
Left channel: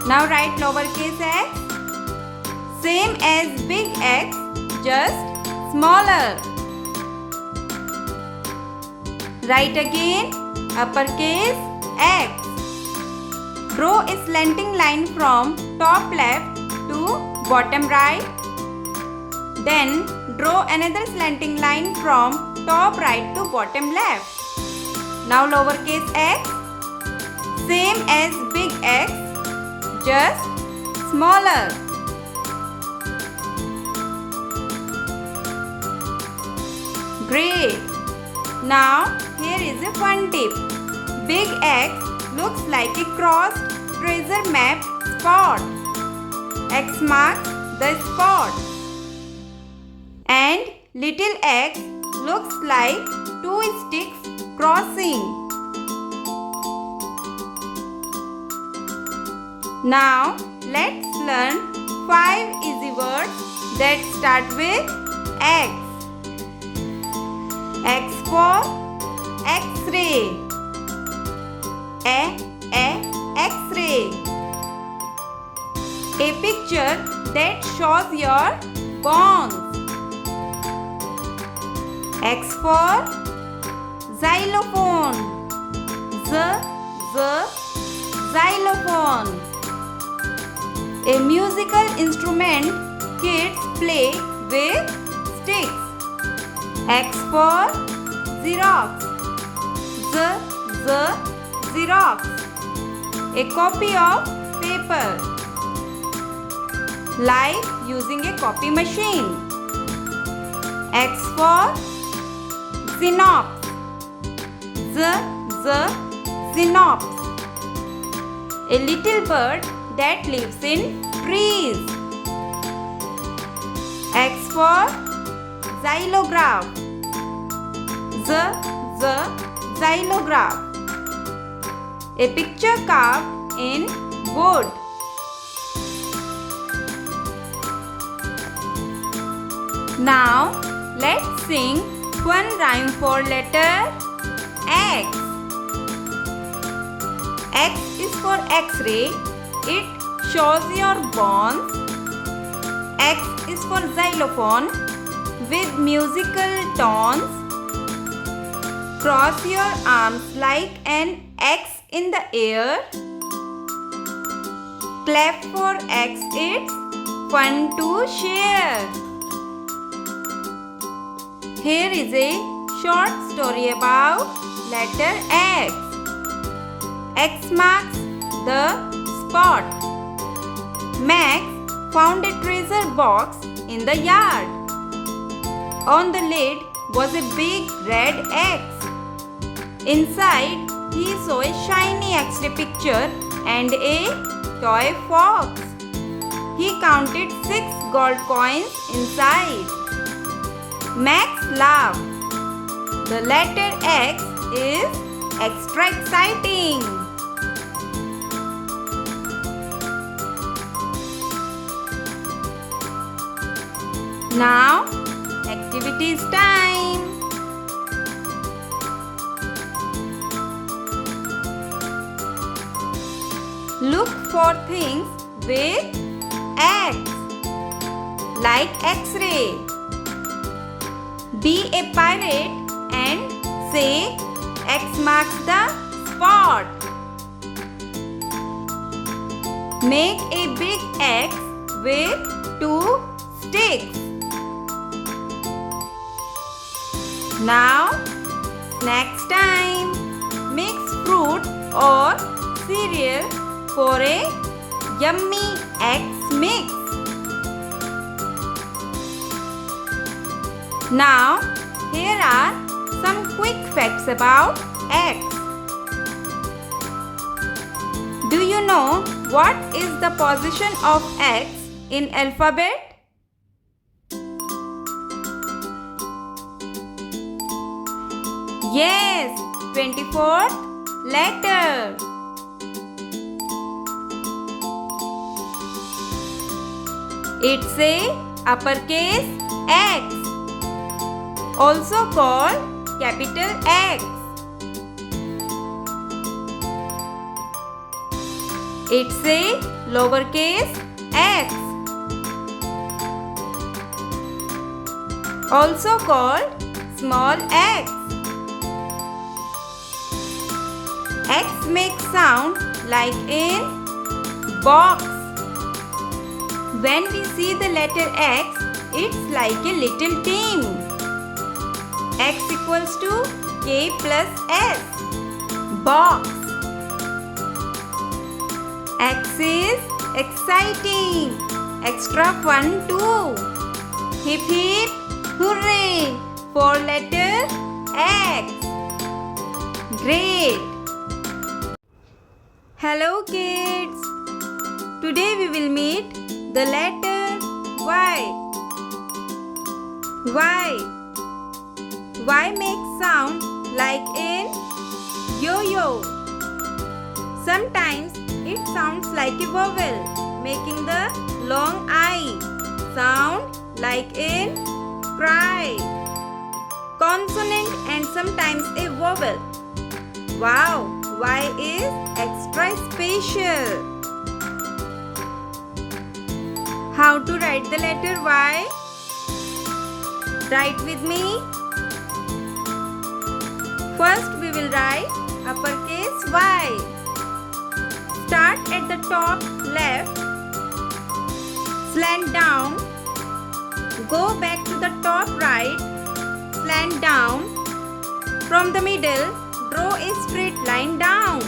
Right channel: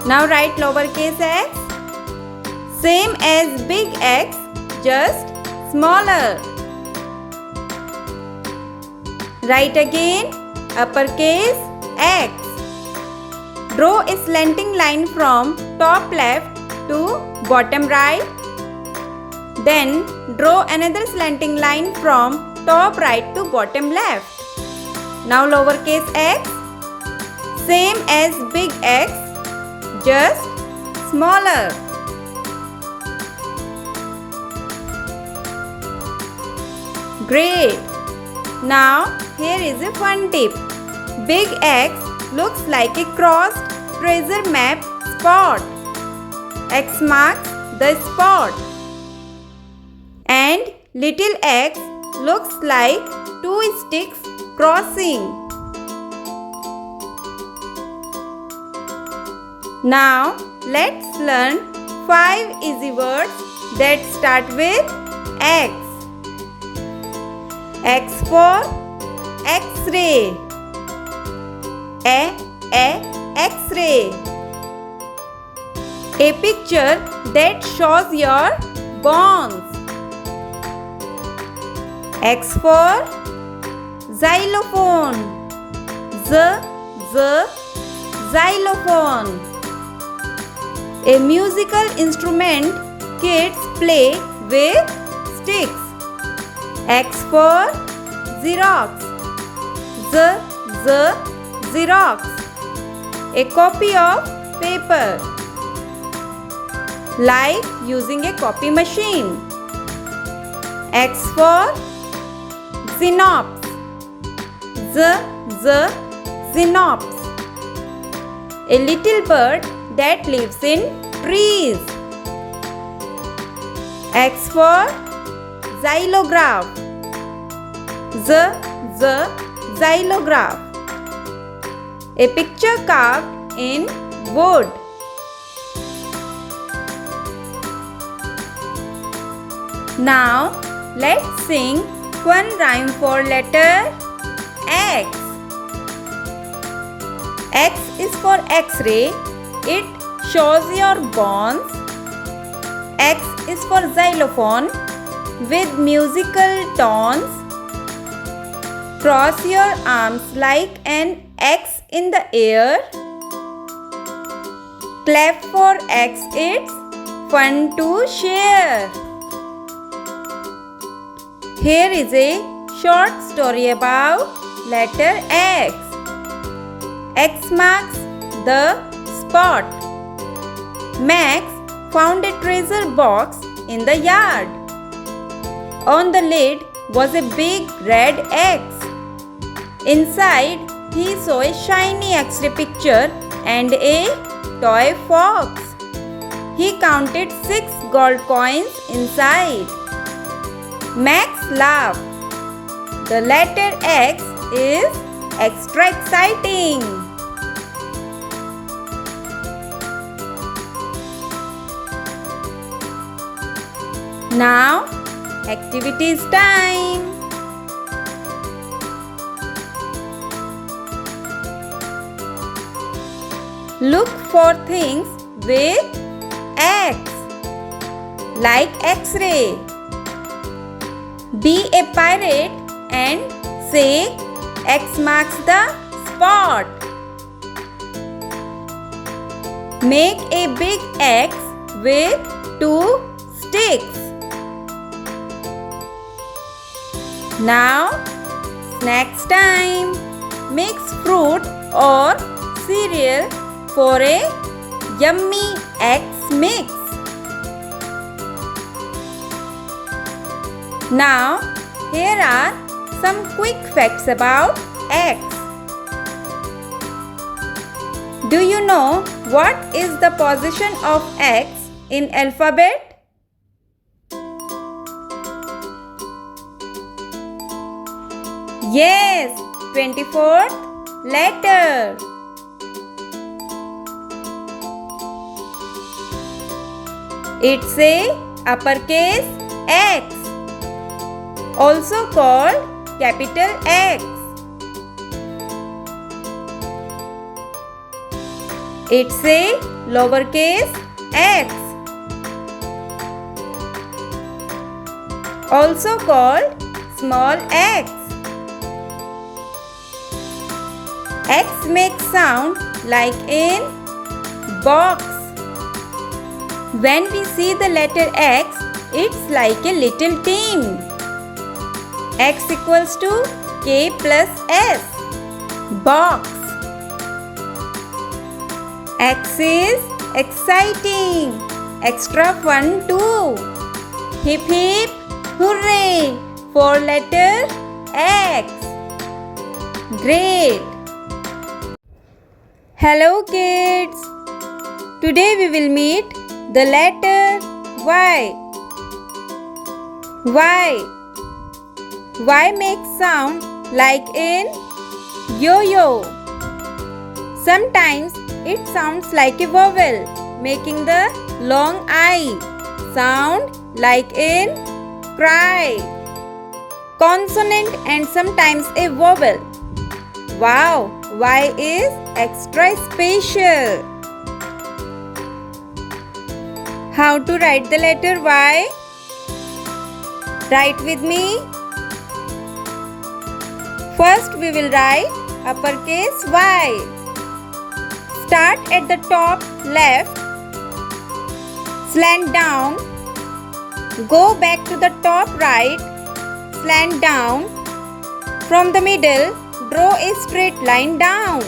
Now write lowercase x. Same as big X, just smaller. Write again uppercase X. Draw a slanting line from top left to bottom right. Then draw another slanting line from top right to bottom left. Now lowercase x. Same as big X, just smaller. Great! Now here is a fun tip. Big X looks like a crossed treasure map spot. X marks the spot. And little x looks like two sticks crossing. Now let's learn 5 easy words that start with X. X for X-ray. X-ray. A picture that shows your bones. X for xylophone. Xylophone. A musical instrument kids play with sticks. X for Xerox. Xerox. A copy of paper. Like using a copy machine. X for Xenops. Xenops. A little bird that lives in trees. X for Xylograph. Xylograph. A picture carved in wood. Now let's sing one rhyme for letter X. X is for X-ray. It shows your bones. X is for xylophone with musical tones. Cross your arms like an X in the air. Clap for X, it's fun to share. Here is a short story about letter X. X marks the spot. Max found a treasure box in the yard. On the lid was a big red X. Inside, he saw a shiny X-ray picture and a toy fox. He counted 6 gold coins inside. Max laughed. The letter X is extra exciting. Now, activities time. Look for things with X, like X-ray. Be a pirate and say X marks the spot. Make a big X with 2 sticks. Now, snacks time. Mix fruit or cereal for a yummy X mix. Now, here are some quick facts about X. Do you know what is the position of X in alphabet? Yes, 24th letter. It's a uppercase X, also called capital X. It's a lowercase x, also called small x. X makes sound like in box. When we see the letter X, it's like a little team. X equals to K plus S. Box. X is exciting. Extra fun too. Hip hip hooray for letter X. Great. Hello kids. Today we will meet the letter Y. Y makes sound like in yo-yo. Sometimes it sounds like a vowel, making the long I sound like in cry. Consonant and sometimes a vowel. Wow, Y is extra special. How to write the letter Y? Write with me. First we will write uppercase Y. Start at the top left, slant down, go back to the top right, slant down. From the middle, draw a straight line down.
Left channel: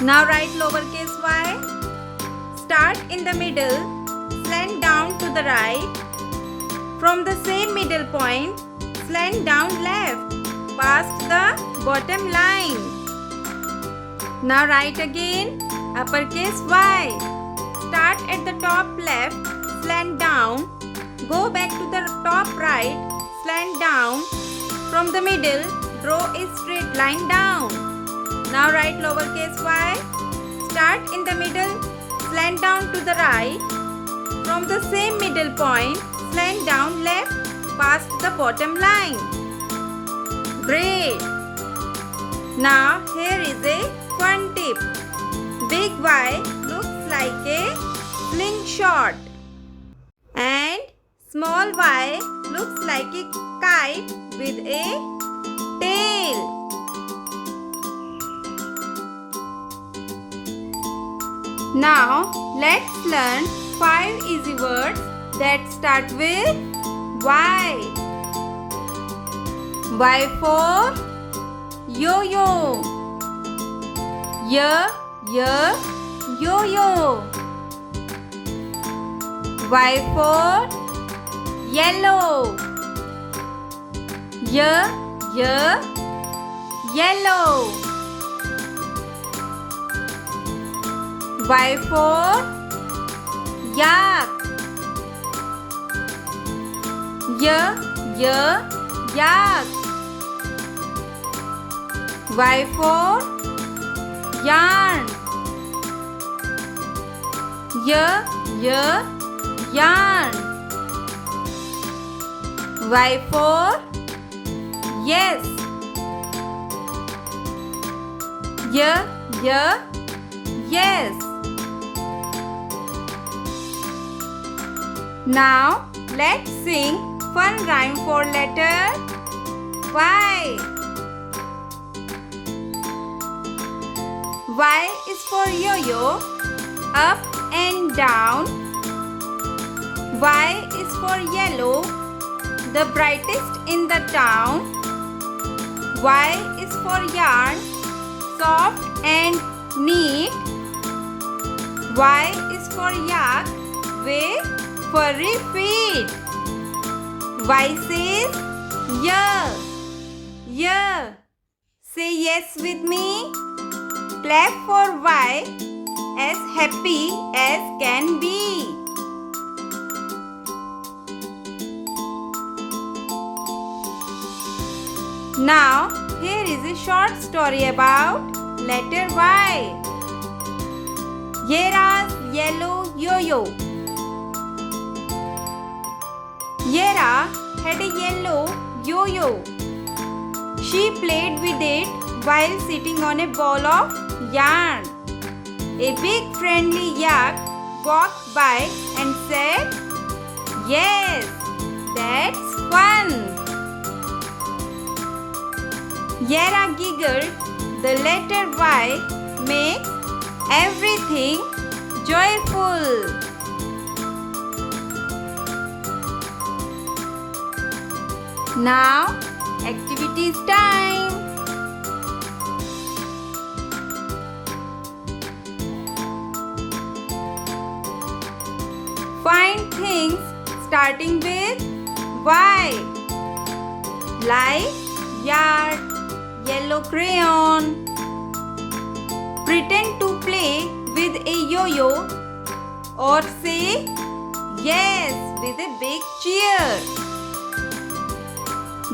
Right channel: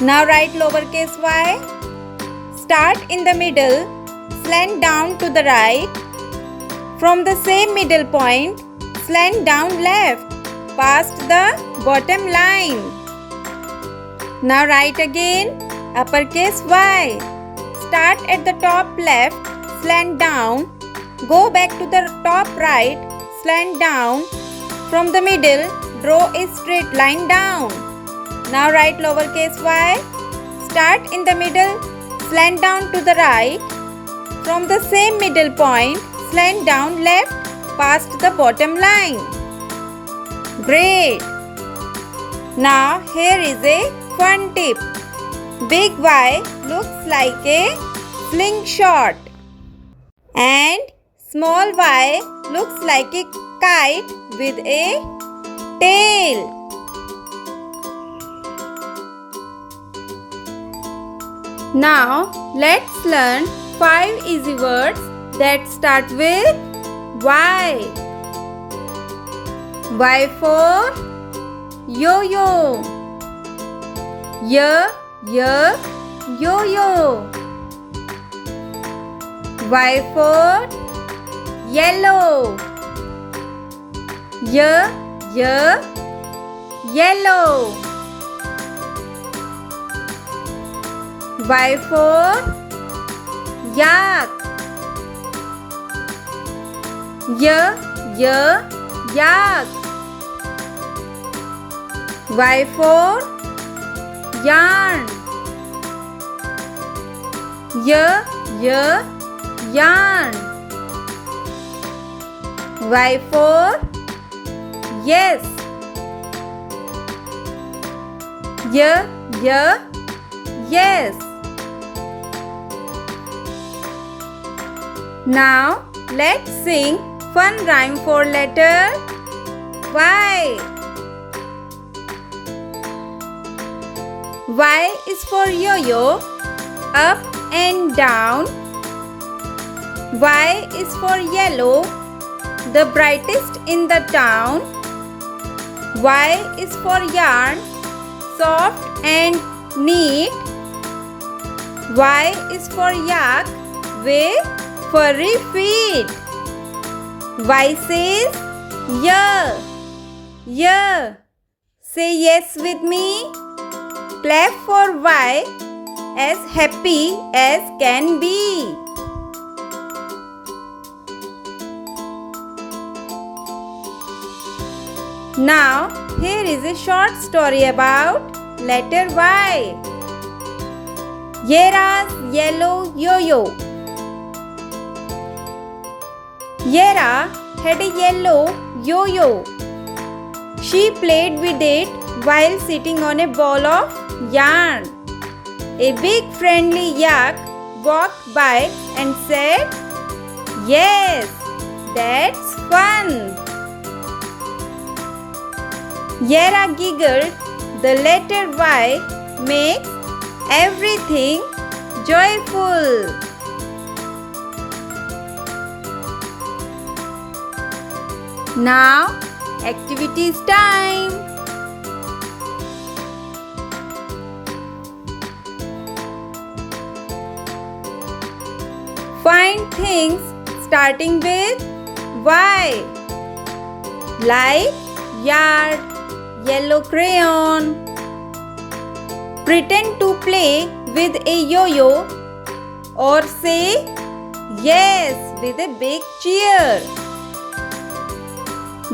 Now write lowercase y. Start in the middle, slant down to the right. From the same middle point, slant down left, past the bottom line. Now write again uppercase Y. Start at the top left, slant down, go back to the top right, slant down. From the middle, draw a straight line down. Now write lowercase y. Start in the middle, slant down to the right. From the same middle point, slant down left, past the bottom line. Great! Now here is a fun tip. Big Y looks like a slingshot and small y looks like a kite with a tail. Now let's learn 5 easy words that start with Y. Y for yo-yo. Yo-yo. Y for yellow. Yellow. Y for yak. Yak. Y for yarn. Yarn. Y for yes. Yes. Now let's sing fun rhyme for letter Y. Y is for yo-yo, up and down. Y is for yellow, the brightest in the town. Y is for yarn, soft and neat. Y is for yak with furry feet. Y says yeah. Say yes with me. Clap for Y, as happy as can be. Now here is a short story about letter Y. Yera's yellow yo-yo. Yera had a yellow yo-yo. She played with it while sitting on a ball of yarn. A big friendly yak walked by and said, "Yes, that's fun." Yera giggled. The letter Y makes everything joyful. Now, activities time. Find things starting with Y, like yard, yellow crayon. Pretend to play with a yo-yo or say yes with a big cheer.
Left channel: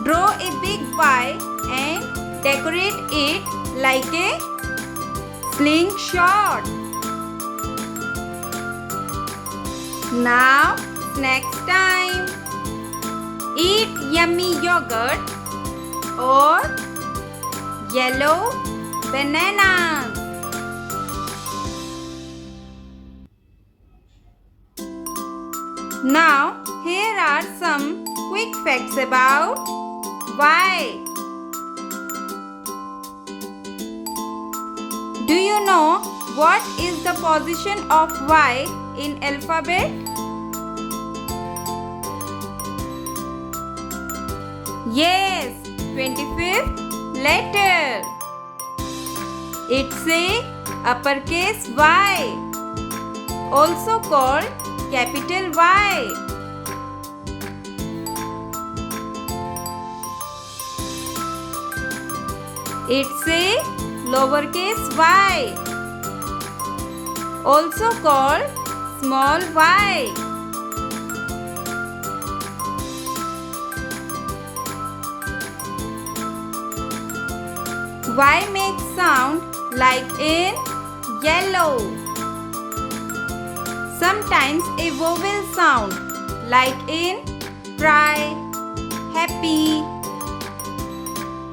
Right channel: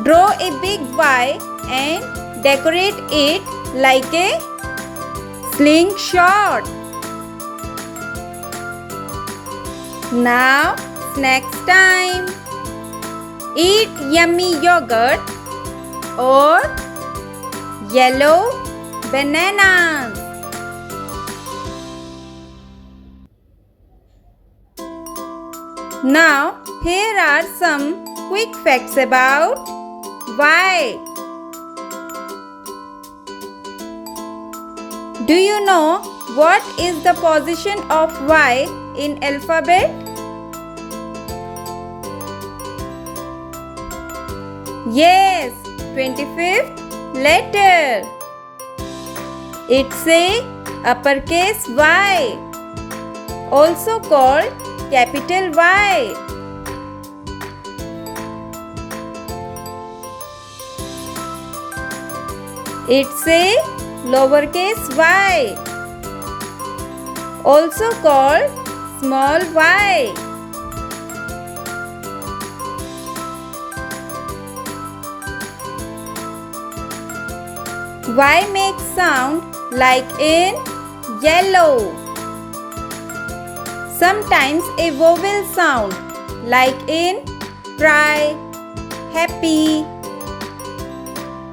Draw a big Y and decorate it like a slingshot. Now, snacks time. Eat yummy yogurt or yellow bananas. Now, here are some quick facts about Y. Do you know what is the position of Y in alphabet? Yes, 25th letter. It's a uppercase Y, also called capital Y. It's a lowercase y, also called small y. Y makes sound like in yellow. Sometimes a vowel sound like in cry, happy.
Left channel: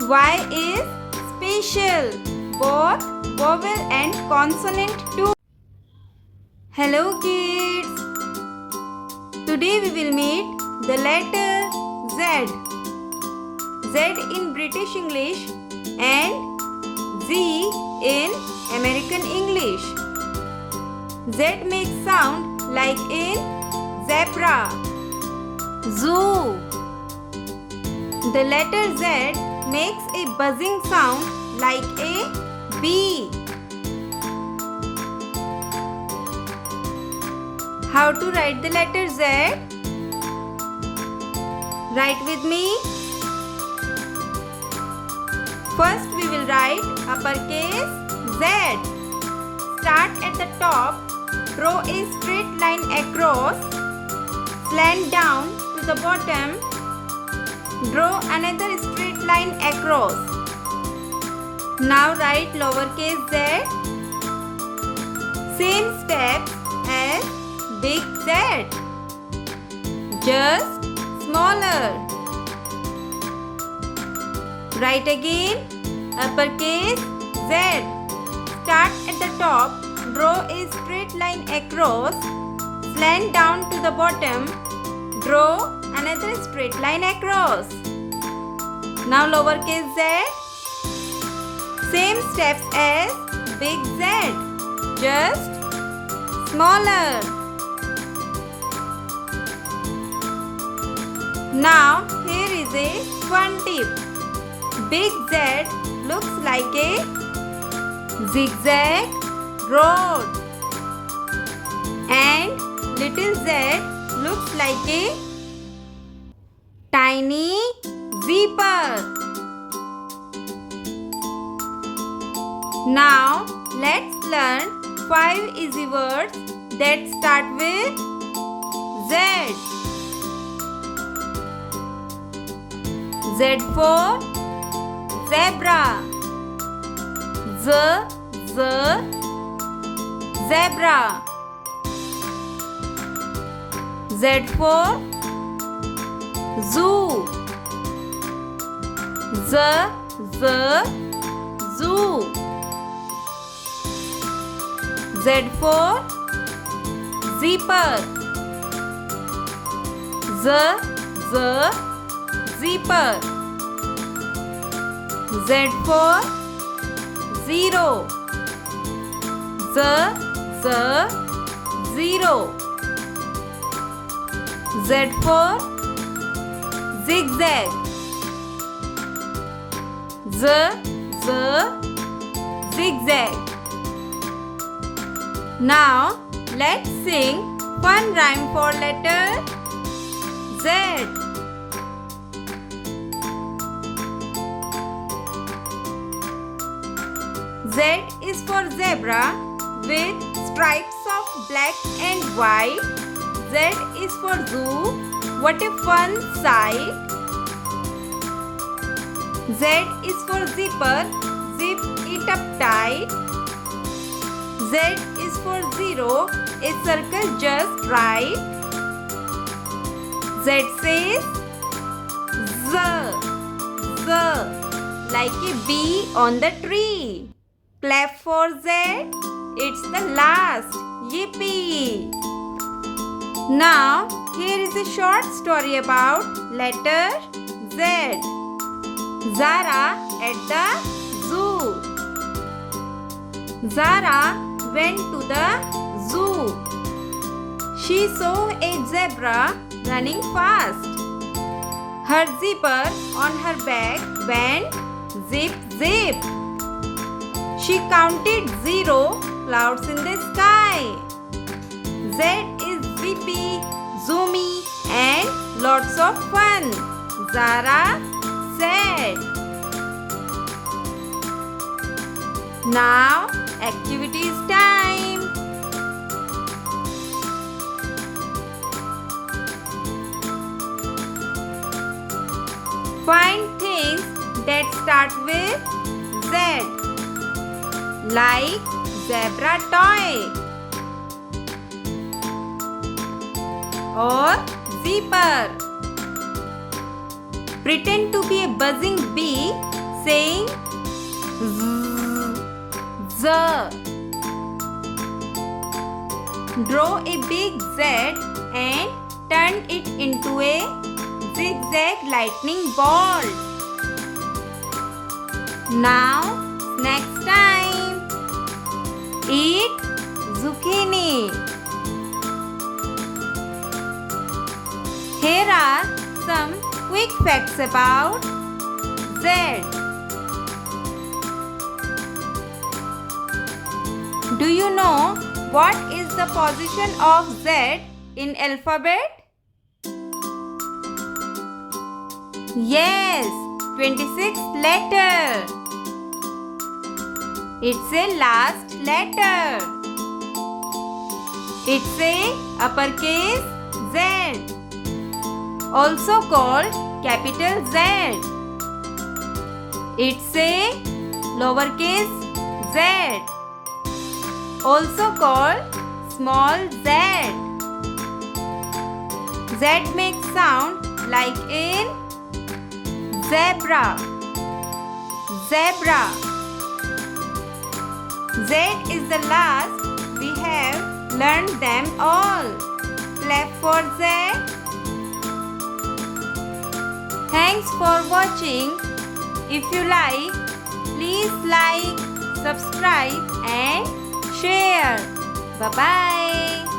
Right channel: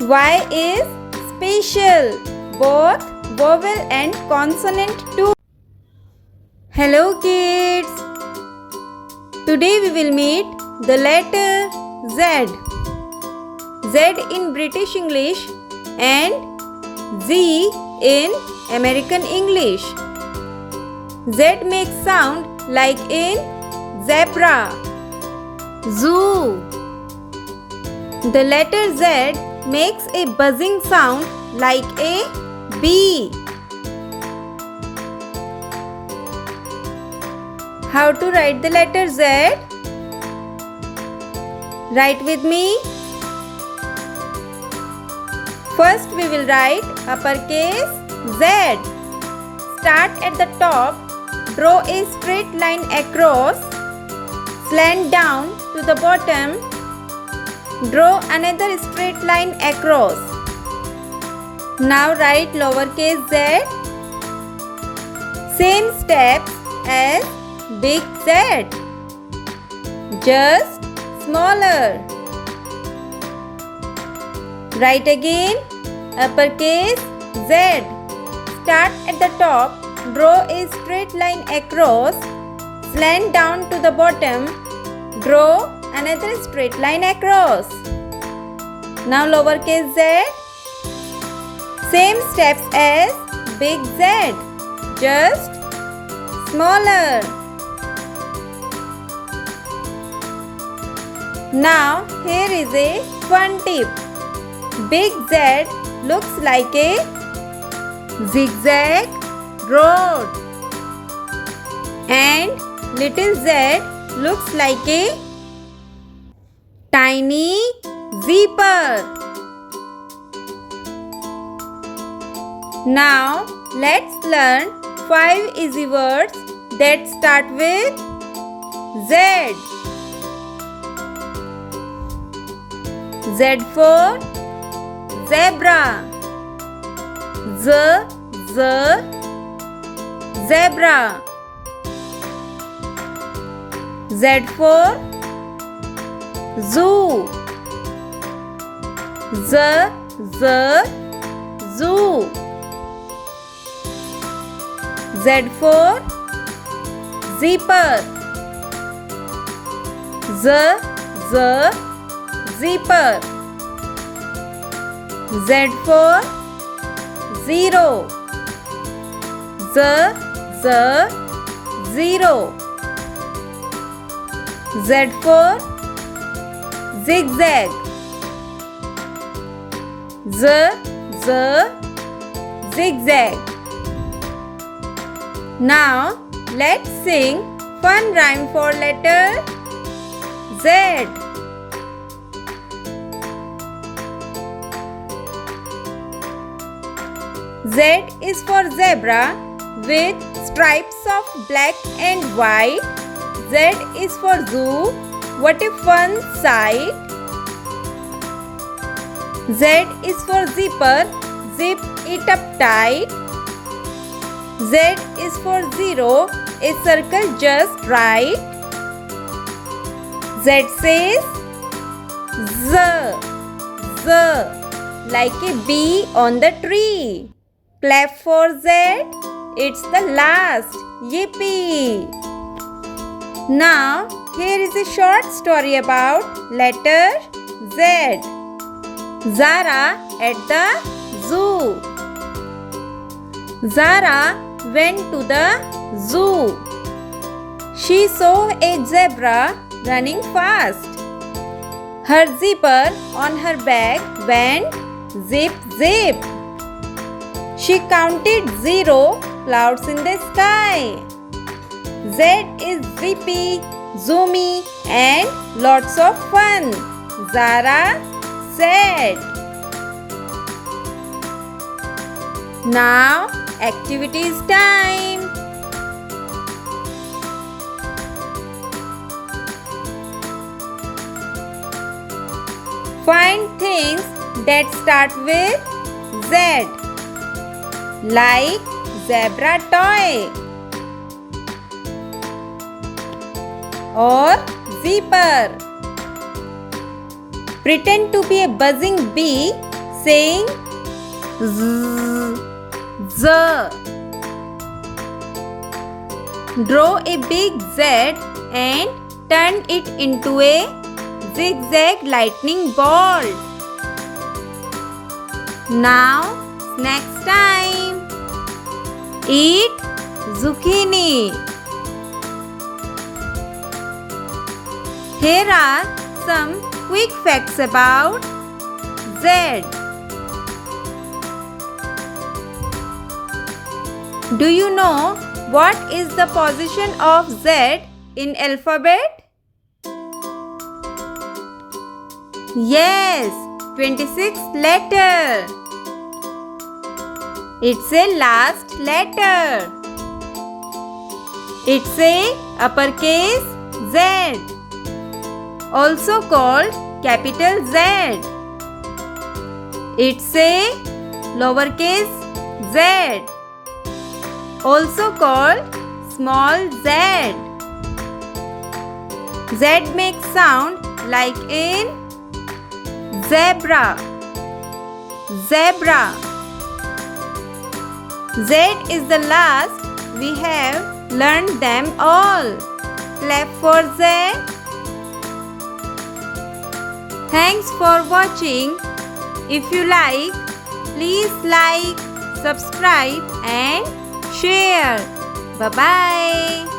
Y is special, both vowel and consonant too. Hello kids! Today we will meet the letter Z. Z Z in British English and Z in American English. Z makes sound like in zebra, zoo. The letter Z makes a buzzing sound like a bee. How to write the letter Z? Write with me. First we will write uppercase Z. Start at the top, draw a straight line across, slant down to the bottom, draw another straight line across. Now write lowercase z. Same steps as big Z, just smaller. Write again uppercase Z. Start at the top, draw a straight line across, slant down to the bottom, draw another straight line across. Now lowercase z. Same steps as big Z, just smaller. Now here is a fun tip. Big Z looks like a zigzag road and little z looks like a tiny zipper. Now let's learn 5 easy words that start with Z. Z for zebra. Z, zebra. Z for zoo. Z, zoo. Z for zipper. Z, zipper. Z for zero. Z, zero. Z for zigzag. Z, zigzag. Now let's sing fun rhyme for letter Z. Z is for zebra with stripes of black and white. Z is for zoo. What a fun sight. Z is for zipper. Zip it up tight. Z is for zero. A circle just right. Z says Z, like a bee on the tree. Clap for Z. It's the last. Yippee! Now, here is a short story about letter Z. Zara at the zoo. Zara went to the zoo. She saw a zebra running fast. Her zipper on her back went zip, zip. She counted 0 clouds in the sky. Z is zippy, zoomy and lots of fun. Zara said. Now activities time. Find things that start with Z, like zebra toy or zipper. Pretend to be a buzzing bee saying Z, Z. Draw a big Z and turn it into a zigzag lightning ball. Now, snacks time. Eat zucchini. Here are some quick facts about Z. Do you know what is the position of Z in alphabet? Yes, 26th letter. It's a last letter. It's a uppercase Z, also called capital Z. It's a lowercase z, also called small z. Z makes sound like in zebra. Zebra. Z is the last. We have learned them all. Clap for Z. Thanks for watching. If you like, please like, subscribe and share. Bye-bye.